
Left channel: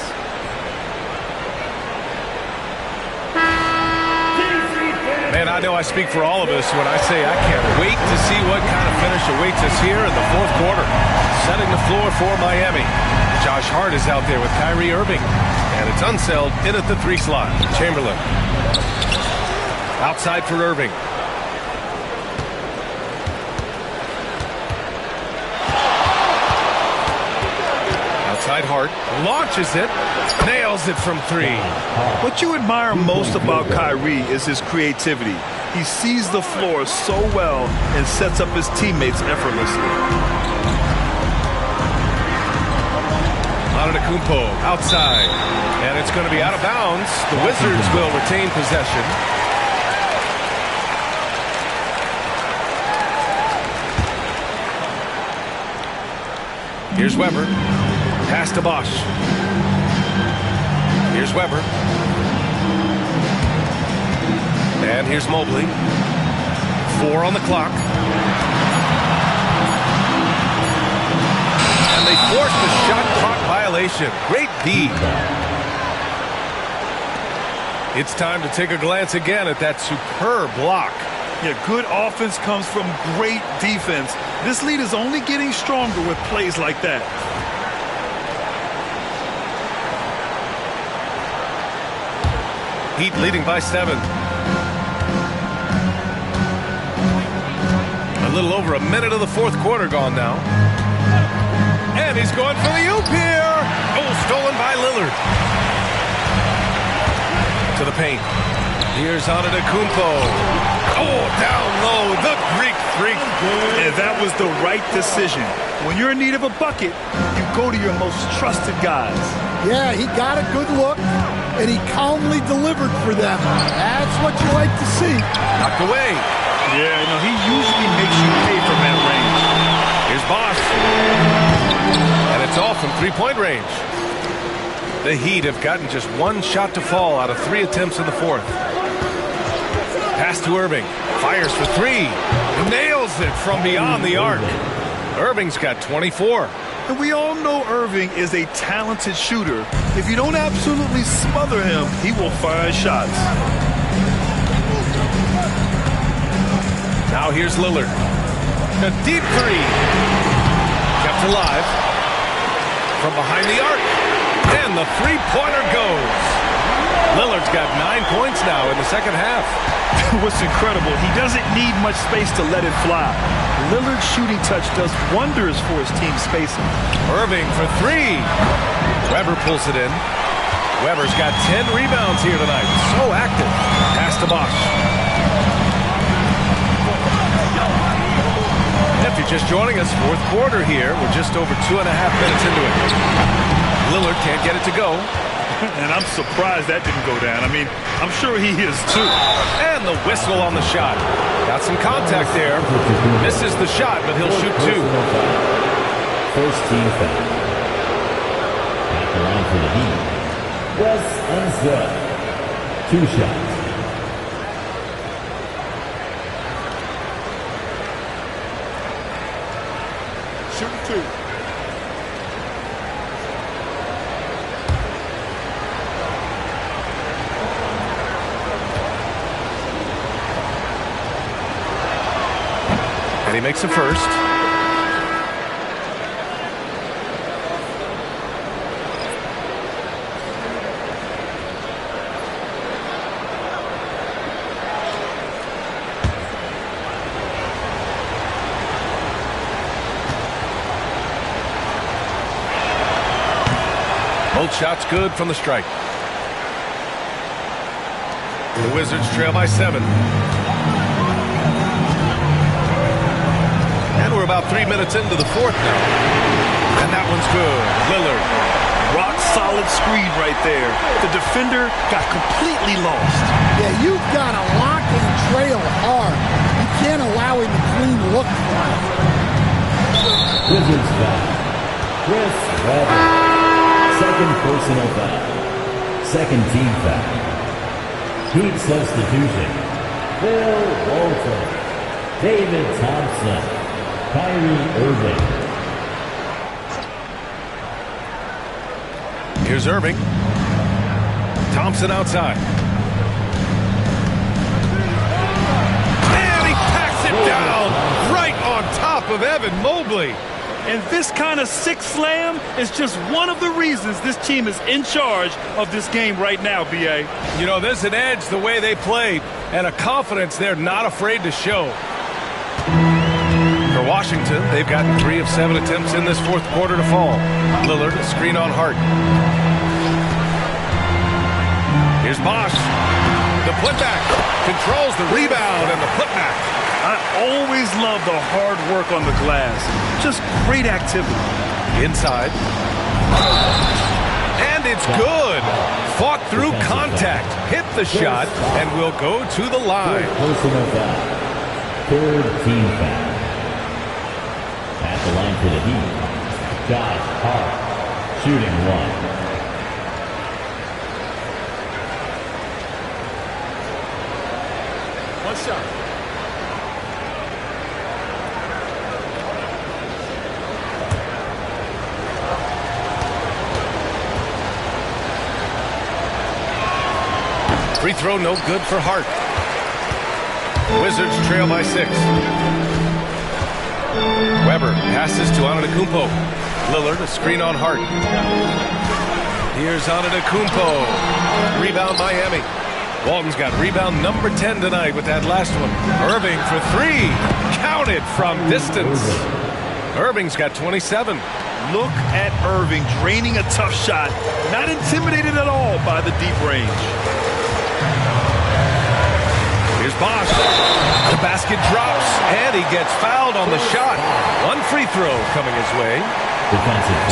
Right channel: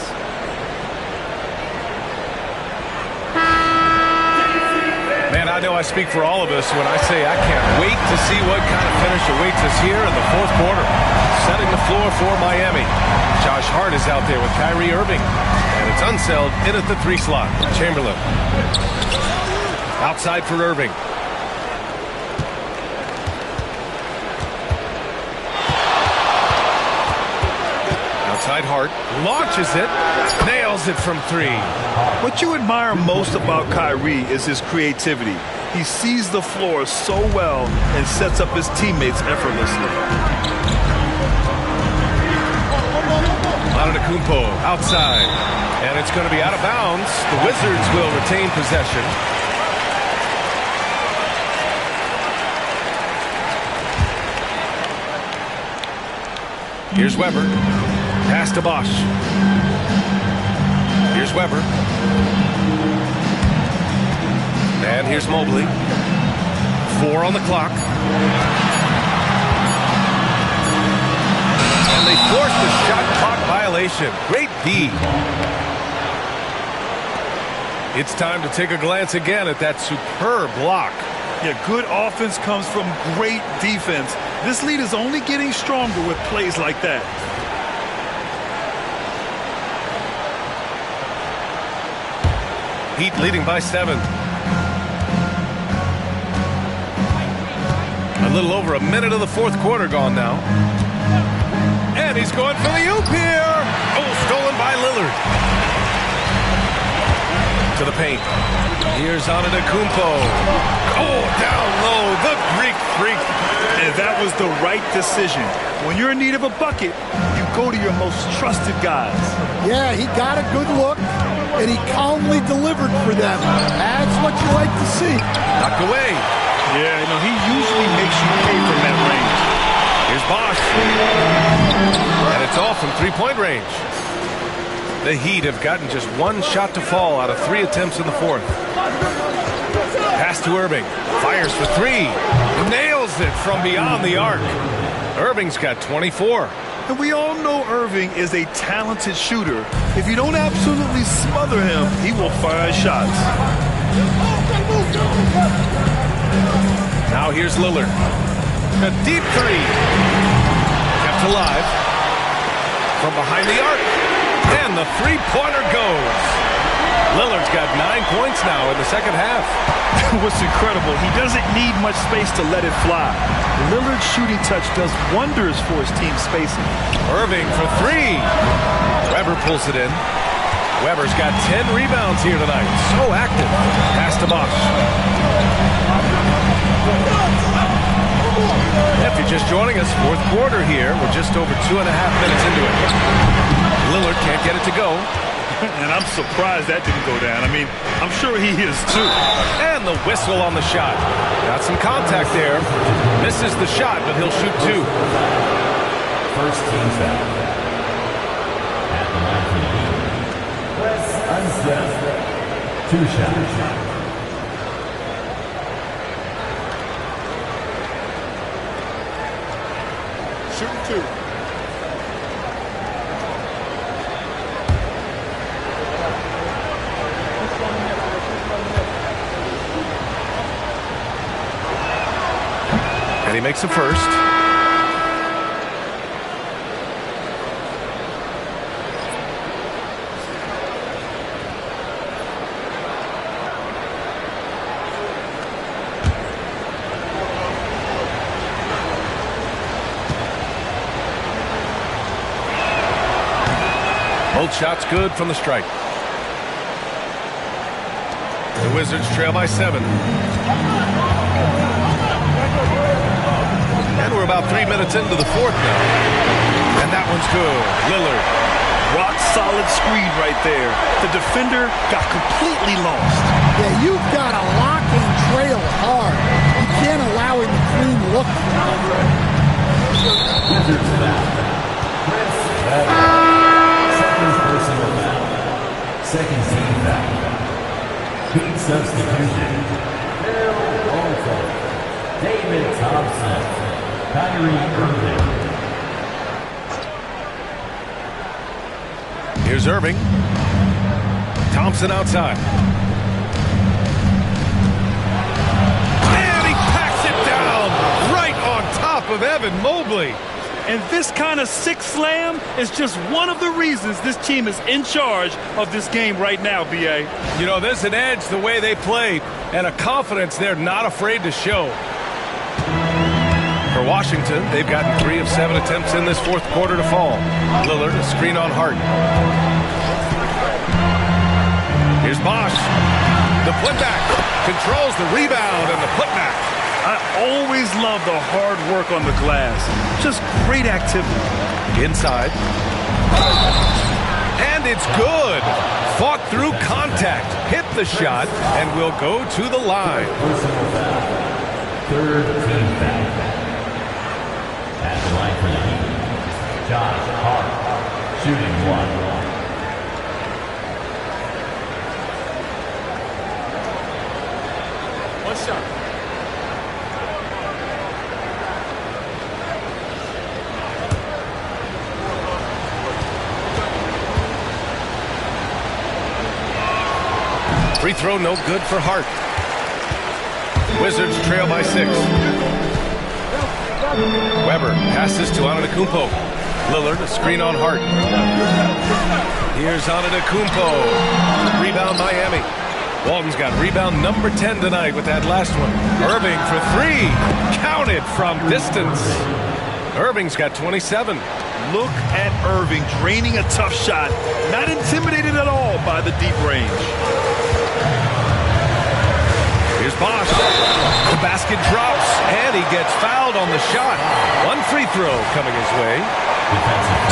Man, I know I speak for all of us when I say I can't wait to see what kind of finish awaits us here in the fourth quarter. Setting the floor for Miami. Josh Hart is out there with Kyrie Irving. And it's Unseld in at the 3 slot. Chamberlain. Outside for Irving. Outside Hart. Launches it. Nails it from 3. What you admire most about Kyrie is his creativity. He sees the floor so well and sets up his teammates effortlessly. Antetokounmpo outside. And it's going to be out of bounds. The Wizards will retain possession. Here's Weber. Pass to Bosch. Here's Weber. And here's Mobley. 4 on the clock. And they force the shot clock violation. Great D. It's time to take a glance again at that superb block. Yeah, good offense comes from great defense. This lead is only getting stronger with plays like that. Heat leading by 7. A little over a minute of the fourth quarter gone now. And he's going for the oop here. Oh, stolen by Lillard. To the paint. Here's Antetokounmpo. Oh, down low, the Greek freak. And that was the right decision. When you're in need of a bucket, you go to your most trusted guys. Yeah, he got a good look, and he calmly delivered for them. That's what you like to see. Knocked away. Yeah, you know, he usually makes you pay from that range. Here's Bosch. And it's off from three-point range. The Heat have gotten just 1 shot to fall out of 3 attempts in the fourth. Pass to Irving. Fires for 3. Nails it from beyond the arc. Irving's got 24. And we all know Irving is a talented shooter. If you don't absolutely smother him, he will find shots. Now here's Lillard. A deep three. Kept alive. From behind the arc. And the three-pointer goes. Lillard's got 9 points now in the second half. What's incredible, he doesn't need much space to let it fly. Lillard's shooting touch does wonders for his team spacing. Irving for three. Weber pulls it in. Weber's got 10 rebounds here tonight. So active. Pass to Bosch. If you're just joining us, fourth quarter here. We're just over 2.5 minutes into it. Lillard can't get it to go. And I'm surprised that didn't go down. I mean, I'm sure he is too. And the whistle on the shot. Got some contact there. Misses the shot, but he'll shoot two. First team foul. At the line for the Heat, Wes Unseld. 2 shots. Shooting 2. And he makes the first. Both shots good from the strike. The Wizards trail by 7. And we're about 3 minutes into the fourth now. And that one's good. Lillard. Rock solid screen right there. The defender got completely lost. Yeah, you've got to lock and trail hard. You can't allow him to clean look from it. Wizards foul. Chris Webber. Second personal foul. Second team foul. Heat substitution. Bill Walton. David Thompson. Kyrie Irving. Here's Irving. Thompson outside. And he packs it down right on top of Evan Mobley. And this kind of sick slam is just one of the reasons this team is in charge of this game right now, B.A. You know, there's an edge the way they play and a confidence they're not afraid to show. For Washington, they've gotten 3 of 7 attempts in this fourth quarter to fall. Lillard, a screen on Hart. Here's Bosch. The putback. Controls the rebound and the putback. I always love the hard work on the glass. Just great activity. Inside. And it's good. Fought through contact. Hit the shot and will go to the line. Personal foul. Third team foul. At the line for the Heat, Josh Hart, shooting 1. One shot. Free throw no good for Hart. Wizards trail by 6. Weber passes to Antetokounmpo. Lillard, a screen on Hart. Here's Antetokounmpo. Rebound Miami. Walton's got rebound number 10 tonight with that last one. Irving for 3. Counted from distance. Irving's got 27. Look at Irving draining a tough shot. Not intimidated at all by the deep range. Here's Bosch. The basket drops, and he gets fouled on the shot. 1 free throw coming his way.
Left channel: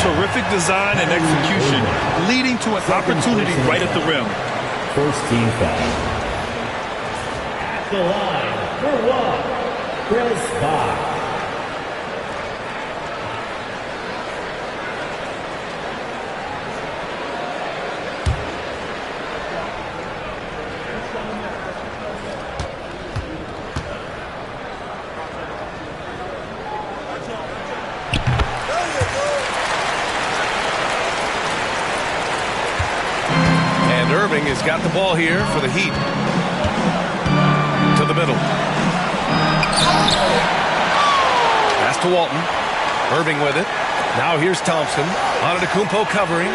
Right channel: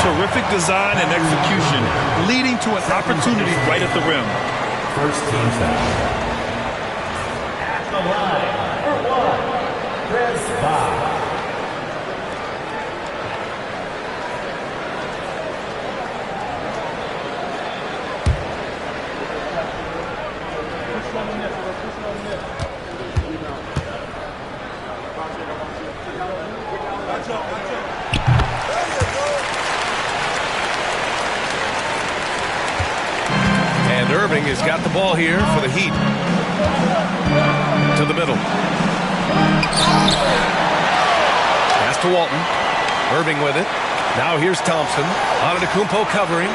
Terrific design and execution, leading to an opportunity right at the rim. First team foul. At the line for 1, Chris Bosch. And Irving has got the ball here for the Heat. To the middle. Pass to Walton. Irving with it. Now here's Thompson. Antetokounmpo covering.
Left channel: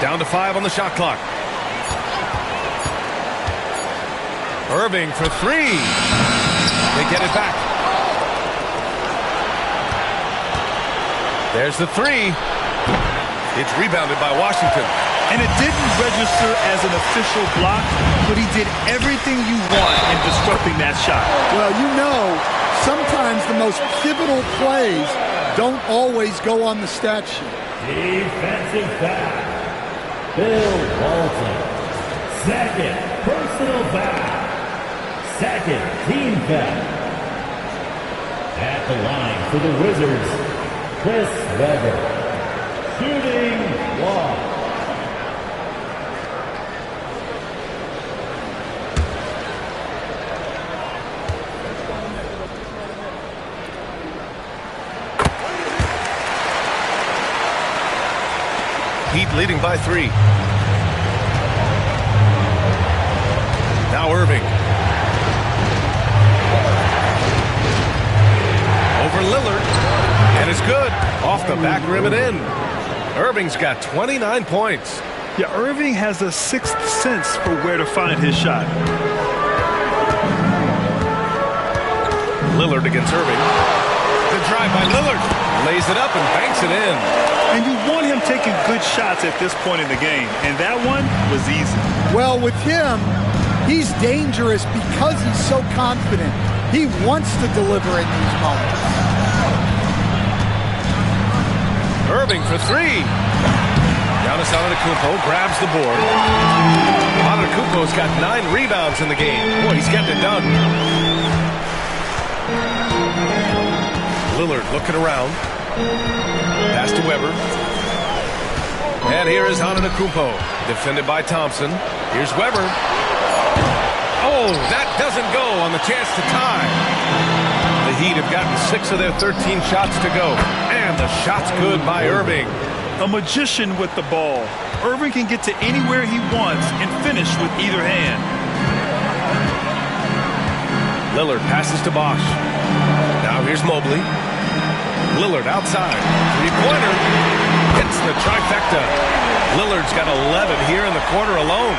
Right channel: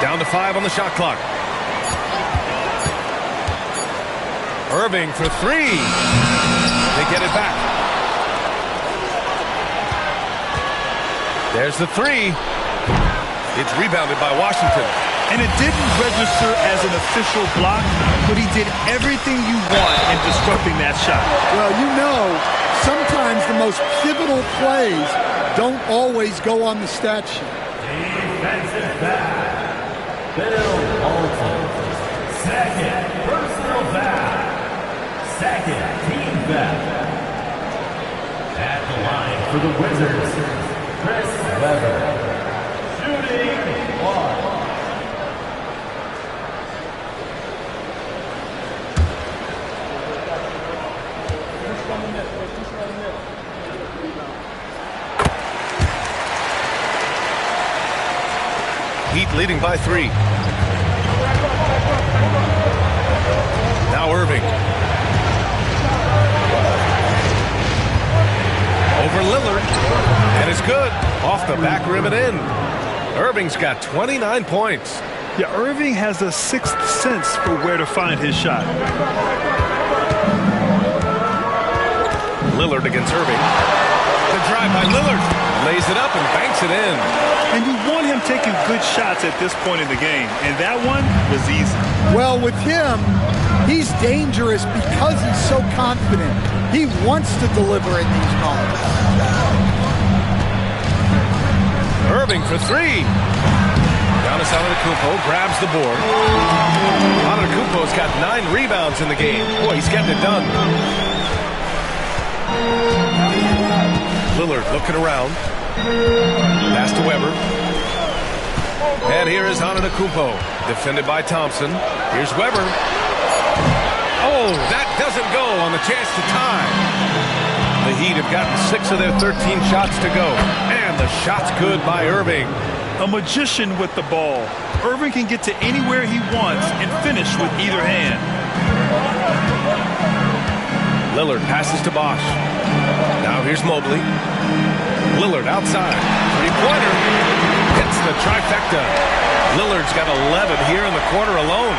Down to 5 on the shot clock. Irving for 3. They get it back. There's the 3. It's rebounded by Washington. And it didn't register as an official block, but he did everything you want in disrupting that shot. Well, you know, sometimes the most pivotal plays don't always go on the stat sheet. Defensive foul. Bill Walton. Second personal foul. Second team foul. At the line for the Wizards, Chris Webber. Shooting 1. Heat leading by 3. Now Irving. Over Lillard. And it's good. Off the back rim and in. Irving's got 29 points. Yeah, Irving has a sixth sense for where to find his shot. Lillard against Irving. The drive by Lillard. Lays it up and banks it in. And you want him taking good shots at this point in the game. And that one was easy. Well, with him, he's dangerous because he's so confident. He wants to deliver in these moments. Irving for 3. Giannis Antetokounmpo grabs the board. Antetokounmpo's got 9 rebounds in the game. Boy, he's getting it done. Lillard looking around. Pass to Webber. And here is Antetokounmpo. Defended by Thompson. Here's Webber. Oh, that doesn't go on the chance to tie. The Heat have gotten 6 of their 13 shots to go. And the shot's good by Irving. A magician with the ball. Irving can get to anywhere he wants and finish with either hand. Lillard passes to Bosch. Now here's Mobley. Lillard outside. Three-pointer. Hits the trifecta. Lillard's got 11 here in the quarter alone.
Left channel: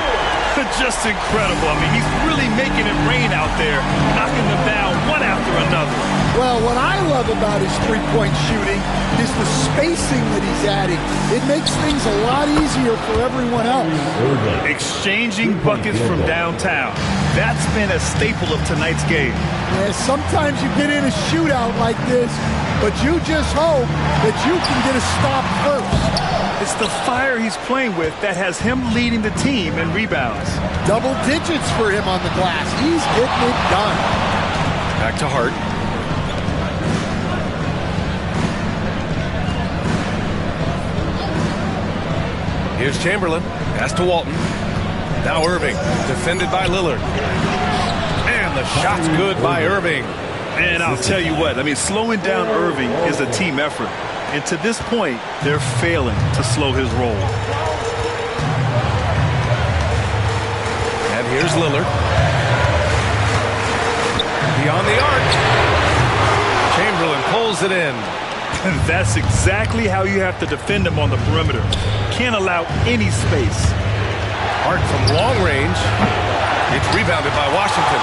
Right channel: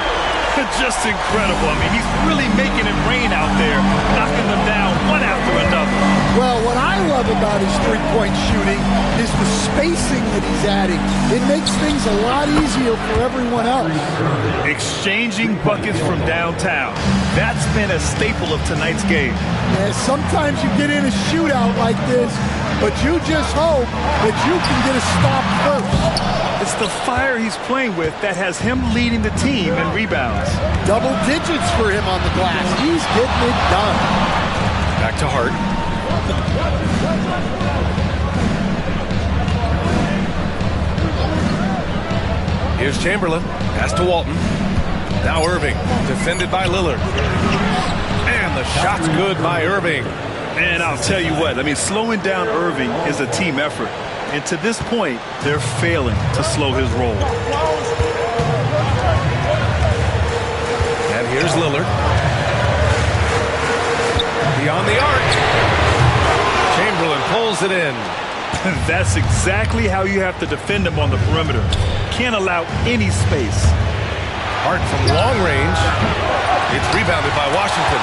Just incredible. I mean, he's really making it rain out there, knocking them down one after another. Well, what I love about his three-point shooting is the spacing that he's adding. It makes things a lot easier for everyone else. Exchanging buckets from downtown. That's been a staple of tonight's game. Yeah, sometimes you get in a shootout like this, but you just hope that you can get a stop first. It's the fire he's playing with that has him leading the team in rebounds. Double digits for him on the glass. He's getting it done. Back to Hart. Here's Chamberlain. Pass to Walton. Now Irving. Defended by Lillard. And the shot's good by Irving. And I'll tell you what, I mean, slowing down Irving is a team effort. And to this point, they're failing to slow his roll. And here's Lillard. Beyond the arc. Chamberlain pulls it in. That's exactly how you have to defend him on the perimeter. Can't allow any space. Hart from long range. It's rebounded by Washington.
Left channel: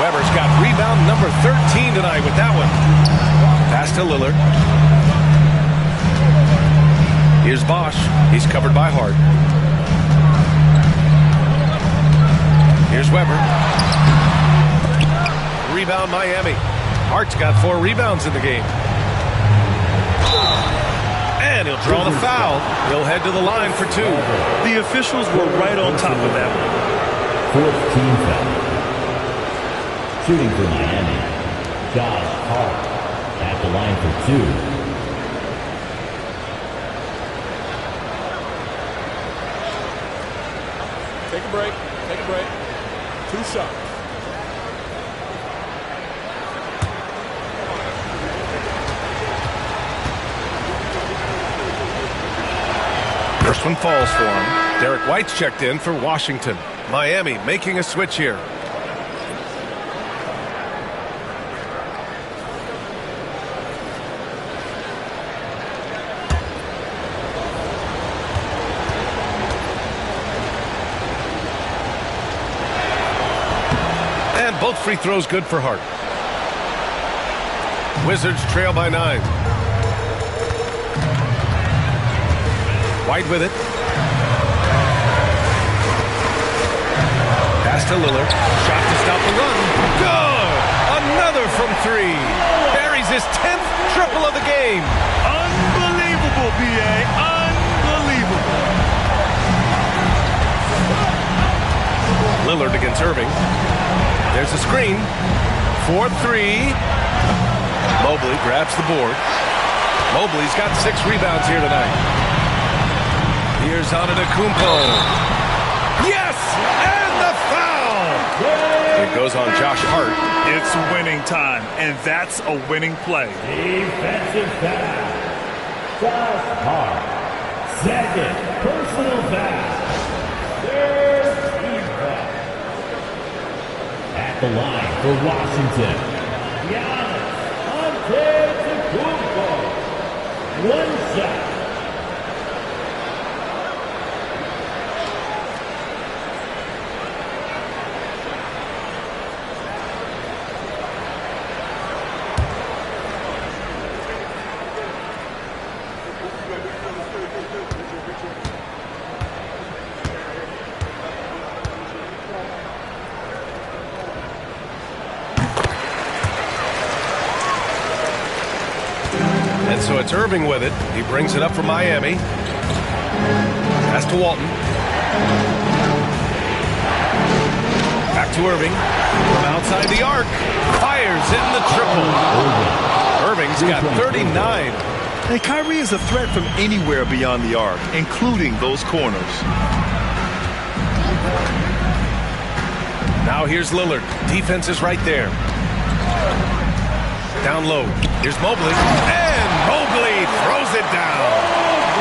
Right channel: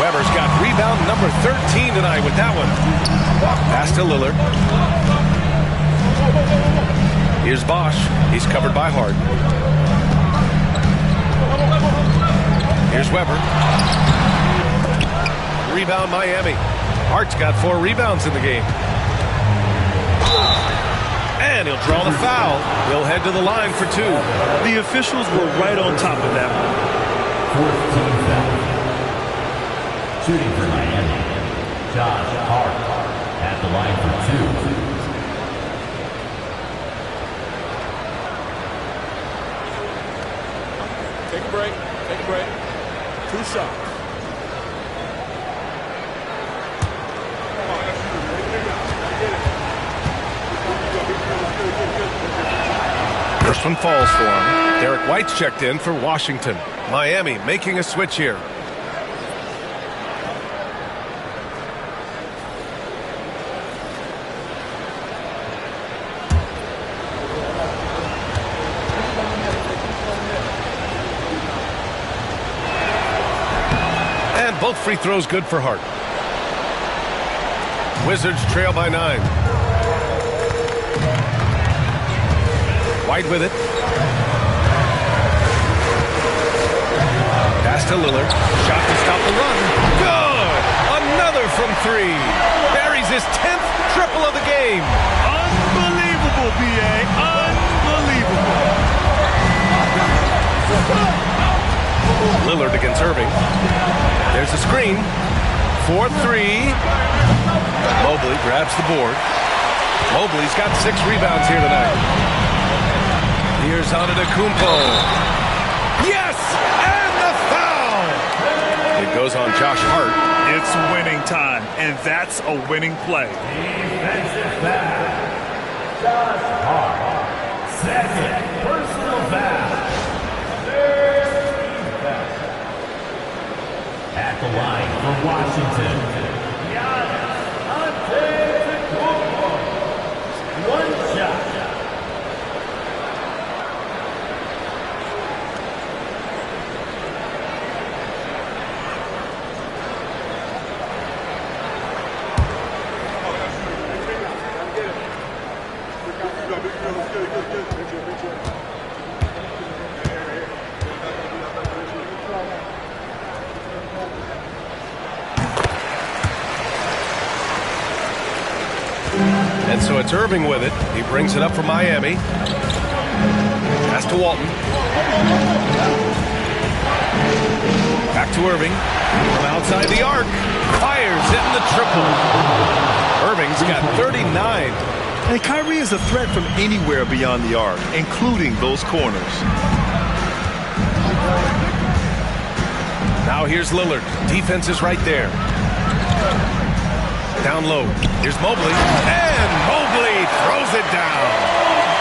Webber's got rebound number 13 tonight with that one. Pass to Lillard. Here's Bosch. He's covered by Hart. Here's Webber. Rebound Miami. Hart's got 4 rebounds in the game. And he'll draw the foul. He'll head to the line for 2. The officials were right on top of that one. 4th team foul. Shooting for Miami, Josh Hart at the line for 2. Take a break. Take a break. 2 shots. First one falls for him. Derek White's checked in for Washington. Miami making a switch here. And both free throws good for Hart. Wizards trail by 9. White with it. Pass to Lillard. Shot to stop the run. Good! Another from 3. Buries his 10th triple of the game. Unbelievable, B.A. Unbelievable. Lillard against Irving. There's a screen. 4-3. Mobley grabs the board. Mobley's got 6 rebounds here tonight. Here's Antetokounmpo. Yes! And the foul! It goes on Josh Hart. It's winning time, and that's a winning play. Defensive foul. Josh Hart. Second personal foul. Third team foul. At the line for Washington, Giannis Antetokounmpo. One shot. And so it's Irving with it. He brings it up for Miami. Pass to Walton. Back to Irving. From outside the arc. Fires in the triple. Irving's got 39. And Kyrie is a threat from anywhere beyond the arc, including those corners. Now here's Lillard. Defense is right there. Down low. Here's Mobley. And Mobley throws it down.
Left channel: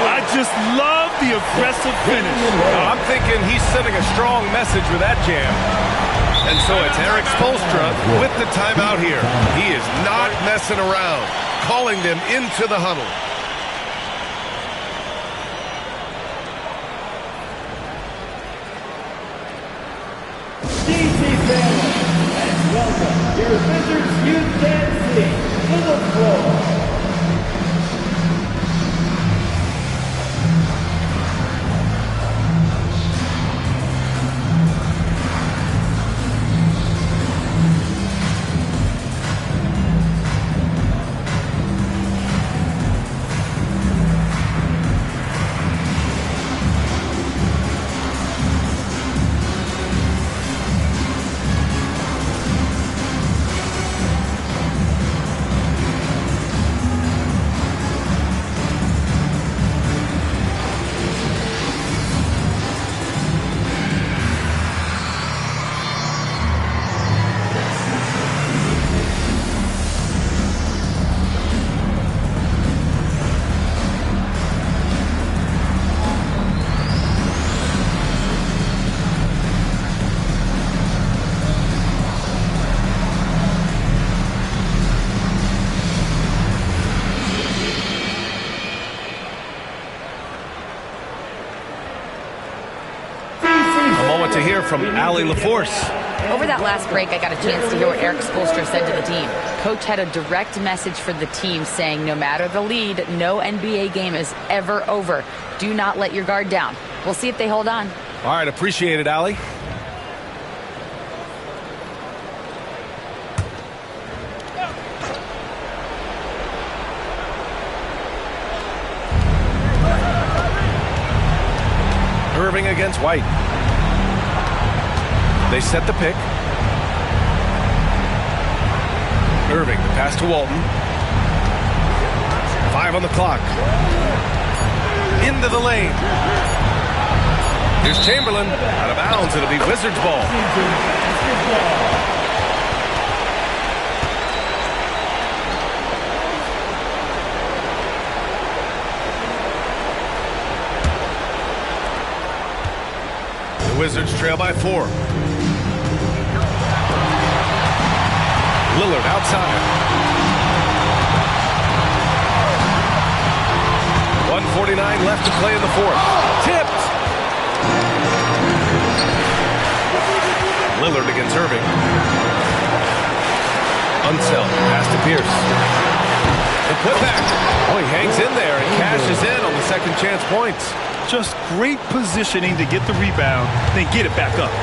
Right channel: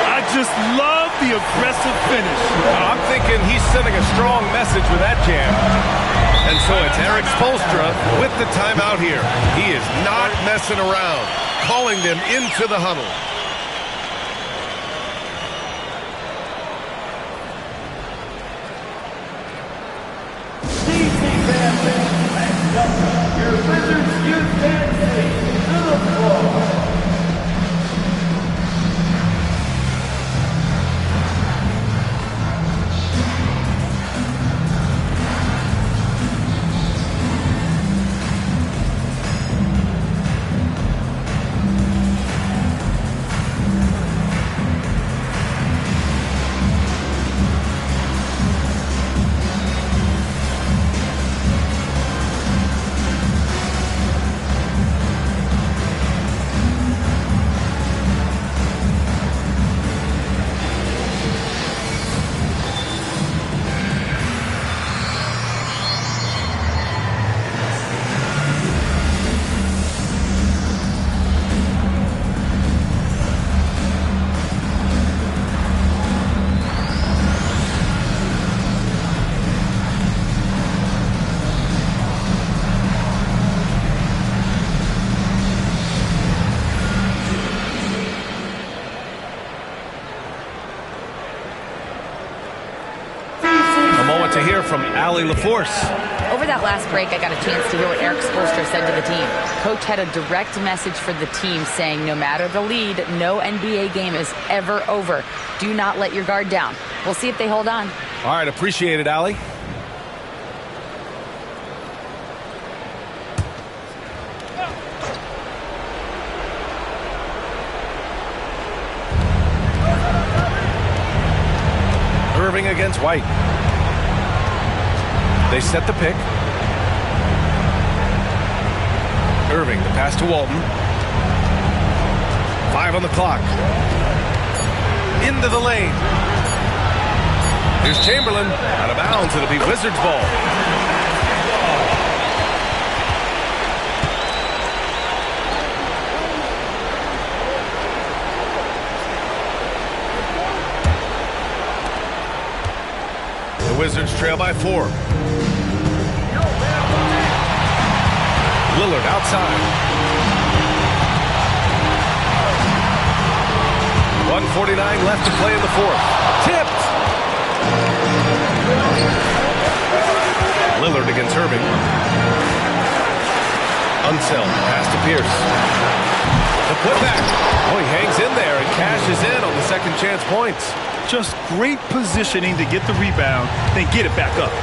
I just love the aggressive finish. Now, I'm thinking he's sending a strong message with that jam. And so it's Eric Spoelstra with the timeout here. He is not messing around, calling them into the huddle. Welcome your Wizards youth dance team to the floor. To hear from Allie LaForce. Over that last break, I got a chance to hear what Eric Spoelstra said to the team. Coach had a direct message for the team saying no matter the lead, no NBA game is ever over. Do not let your guard down. We'll see if they hold on. All right, appreciate it, Allie. Irving against White. They set the pick. Irving, the pass to Walton. 5 on the clock. Into the lane. Here's Chamberlain. Out of bounds. It'll be Wizards ball. Wizards trail by 4. Lillard outside. 1:49 left to play in the fourth. Tipped. Lillard against Irving. Unseld. Pass to Pierce. The putback. Oh, he hangs in there and cashes in on the second chance points. Just great positioning to get the rebound, then get it back up.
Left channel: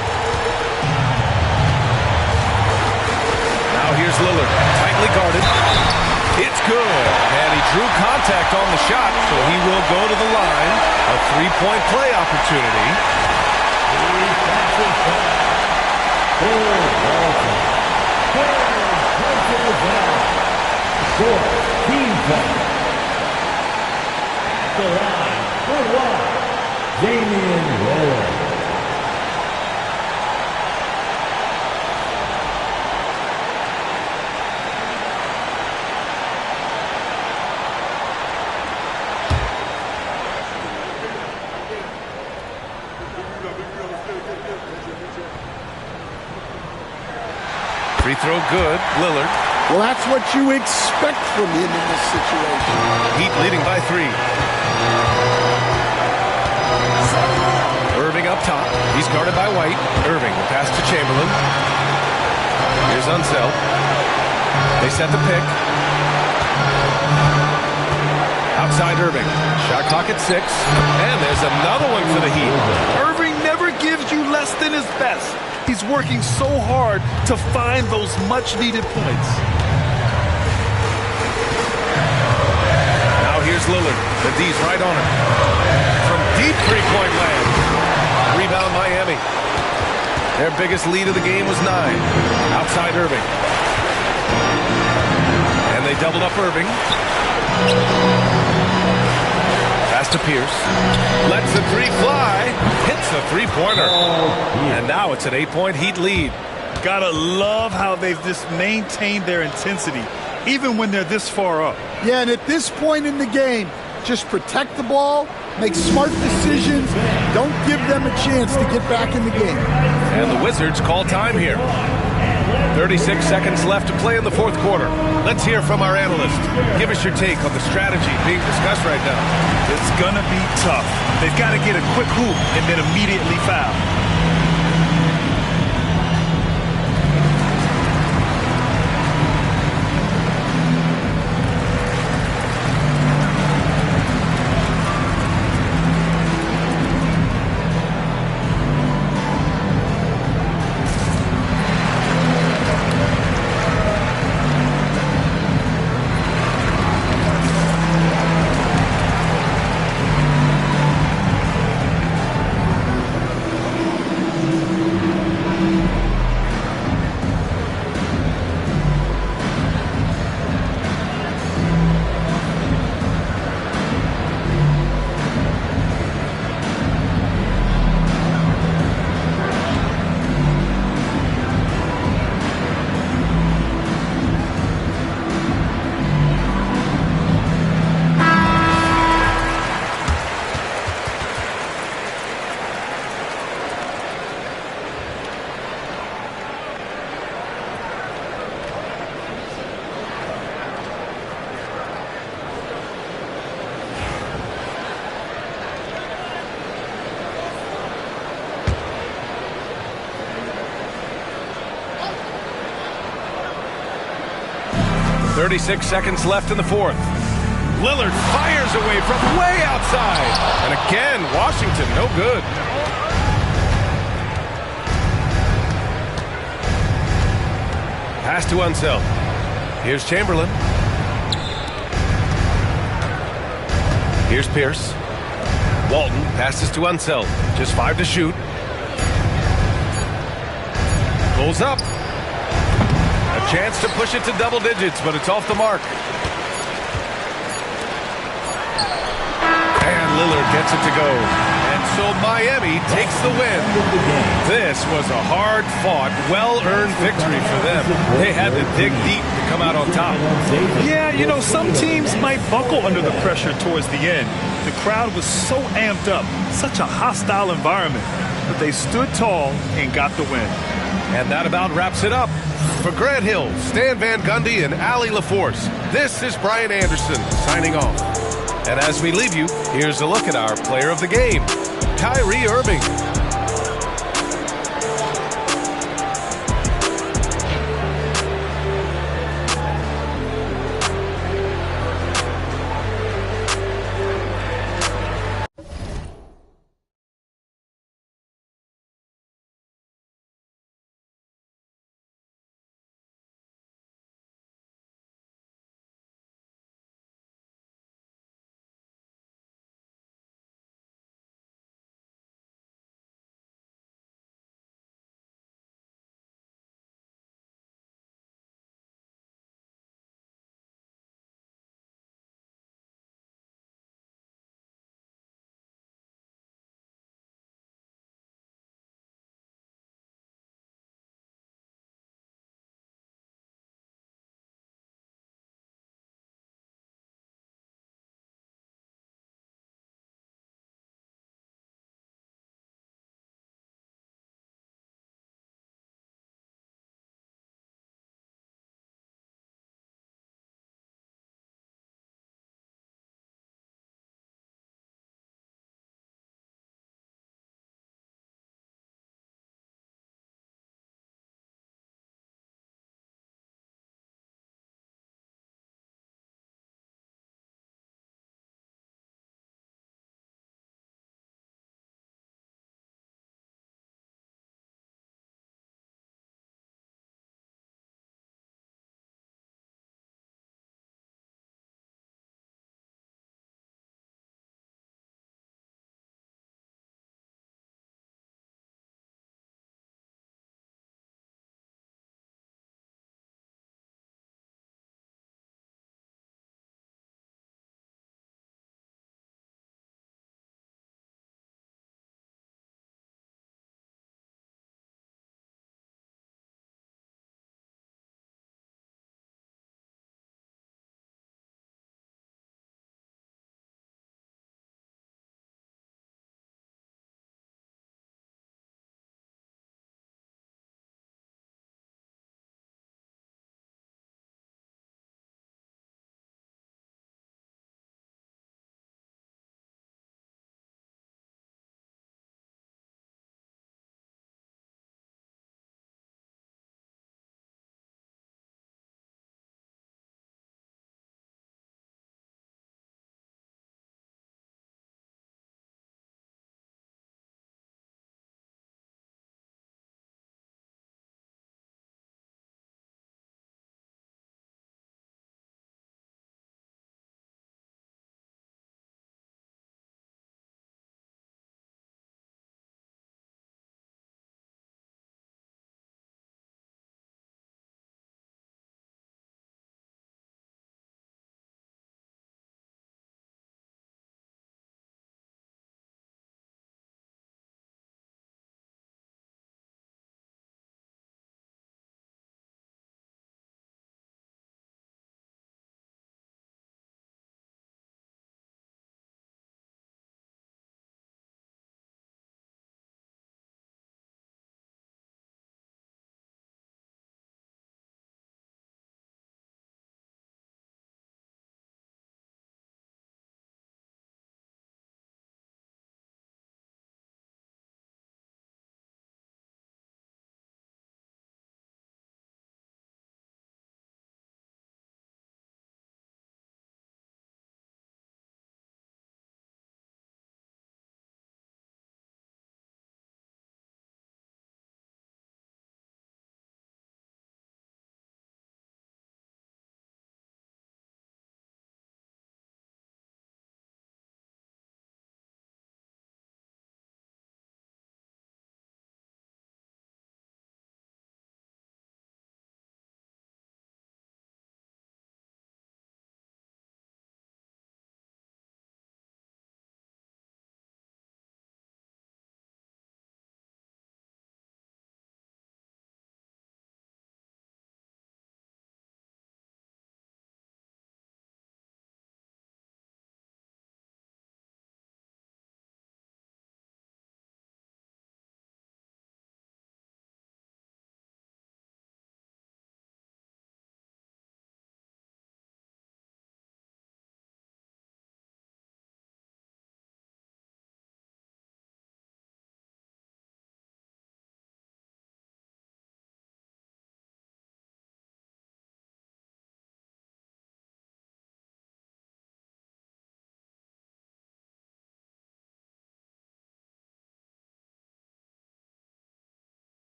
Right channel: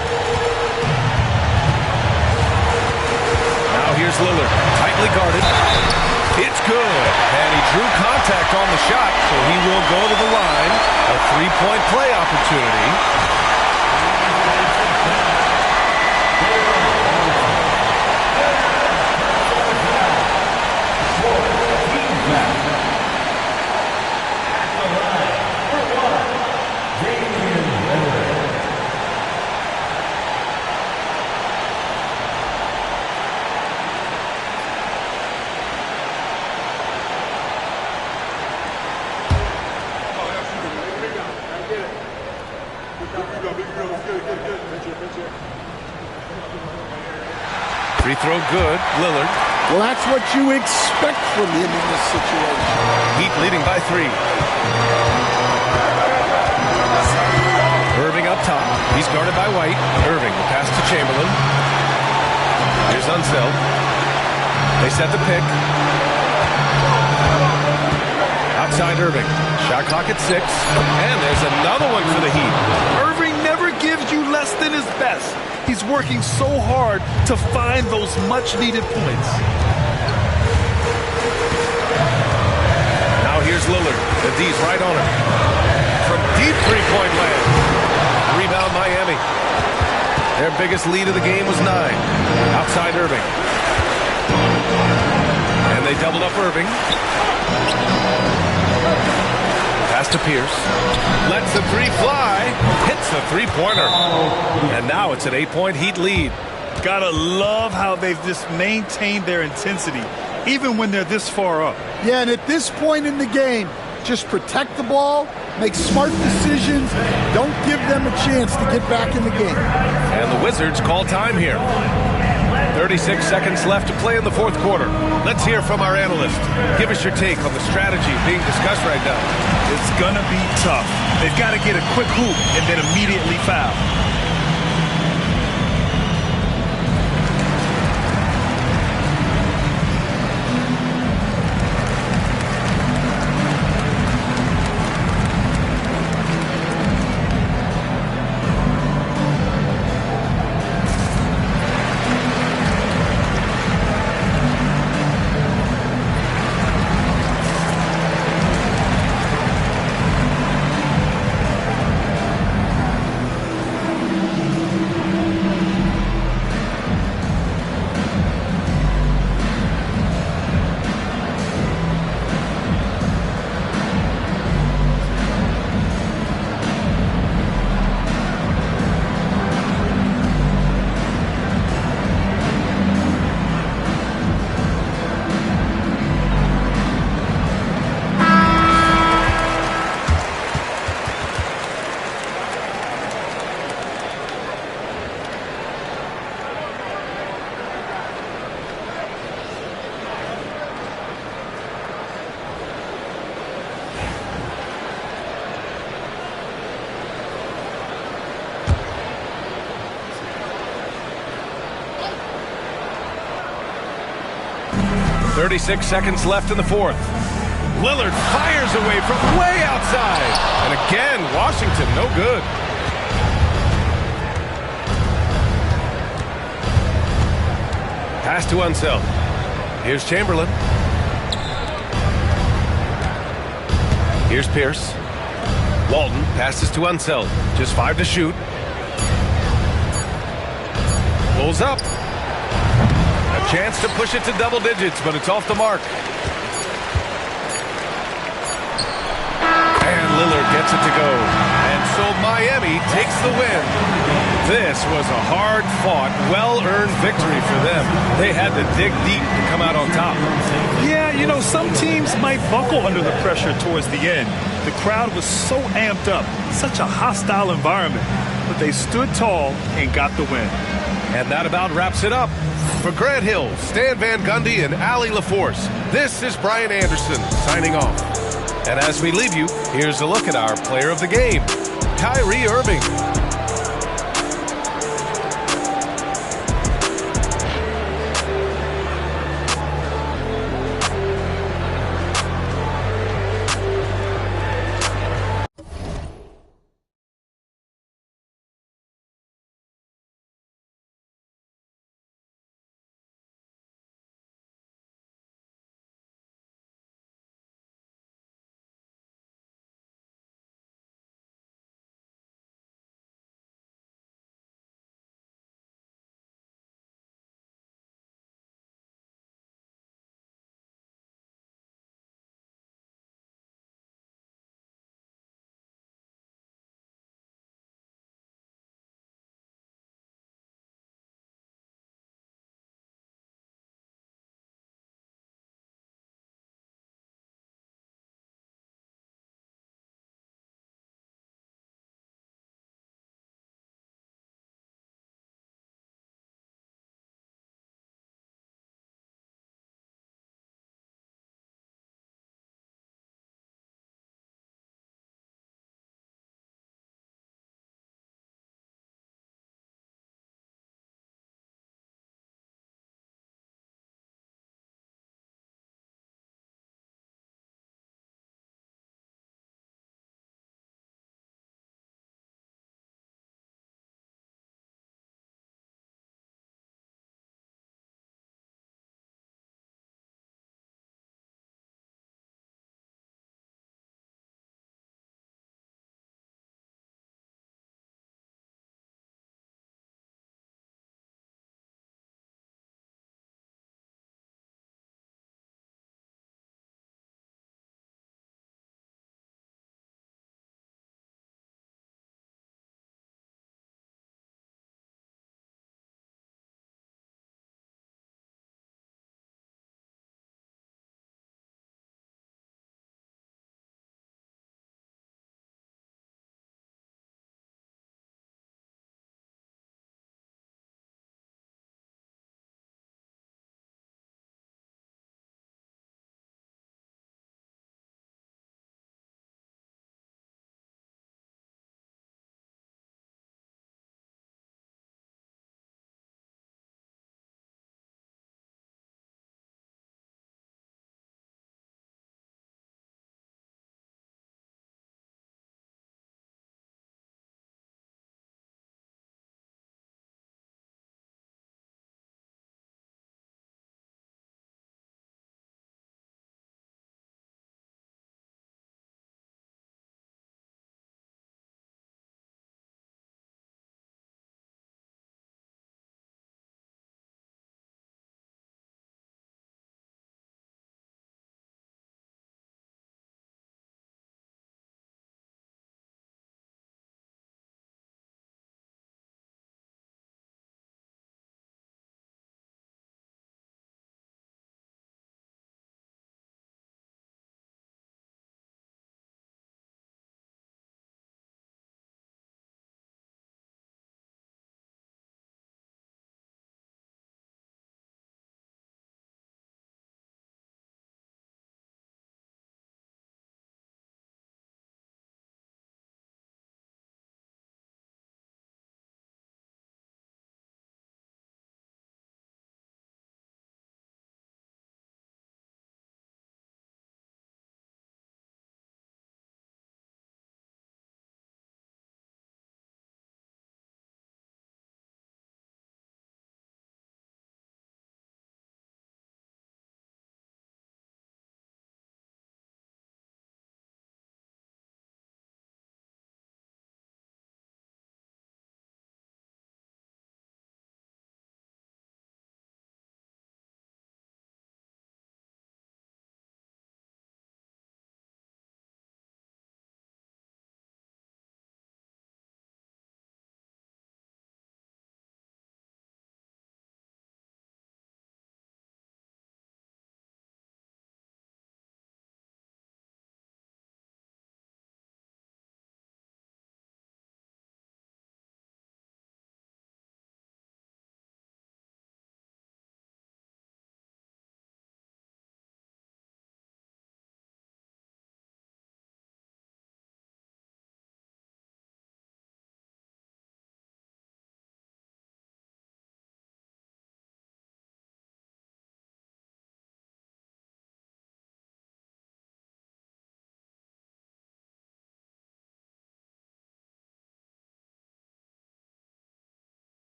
Now here's Lillard, tightly guarded. It's good, and he drew contact on the shot, so he will go to the line. A three-point play opportunity. Team foul. At the line, for one, Damian Lillard. Free throw good, Lillard. Well, that's what you expect from him in this situation. Heat leading by 3. Irving up top. He's guarded by White. Irving, the pass to Chamberlain. Here's Unseld. They set the pick. Outside Irving. Shot clock at 6. And there's another one for the Heat. Irving never gives you less than his best. He's working so hard to find those much-needed points. Now here's Lillard. The D's right on him. From deep three-point land. Rebound Miami. Their biggest lead of the game was 9. Outside Irving. And they doubled up Irving. Pass to Pierce. Lets the three fly. Hits a three-pointer. And now it's an 8-point Heat lead. Gotta love how they've just maintained their intensity, even when they're this far up. Yeah, and at this point in the game, just protect the ball, make smart decisions, don't give them a chance to get back in the game. And the Wizards call time here. 36 seconds left to play in the fourth quarter. Let's hear from our analyst. Give us your take on the strategy being discussed right now. It's gonna be tough. They've got to get a quick hoop and then immediately foul. .36 seconds left in the fourth. Lillard fires away from way outside. And again, Washington no good. Pass to Unseld. Here's Chamberlain. Here's Pierce. Walton passes to Unseld. Just 5 to shoot. Pulls up. A chance to push it to double digits, but it's off the mark. And Lillard gets it to go. And so Miami takes the win. This was a hard-fought, well-earned victory for them. They had to dig deep to come out on top. Yeah, you know, some teams might buckle under the pressure towards the end. The crowd was so amped up, such a hostile environment. but they stood tall and got the win. And that about wraps it up. For Grant Hill, Stan Van Gundy, and Allie LaForce, this is Brian Anderson signing off. And as we leave you, here's a look at our player of the game, Kyrie Irving.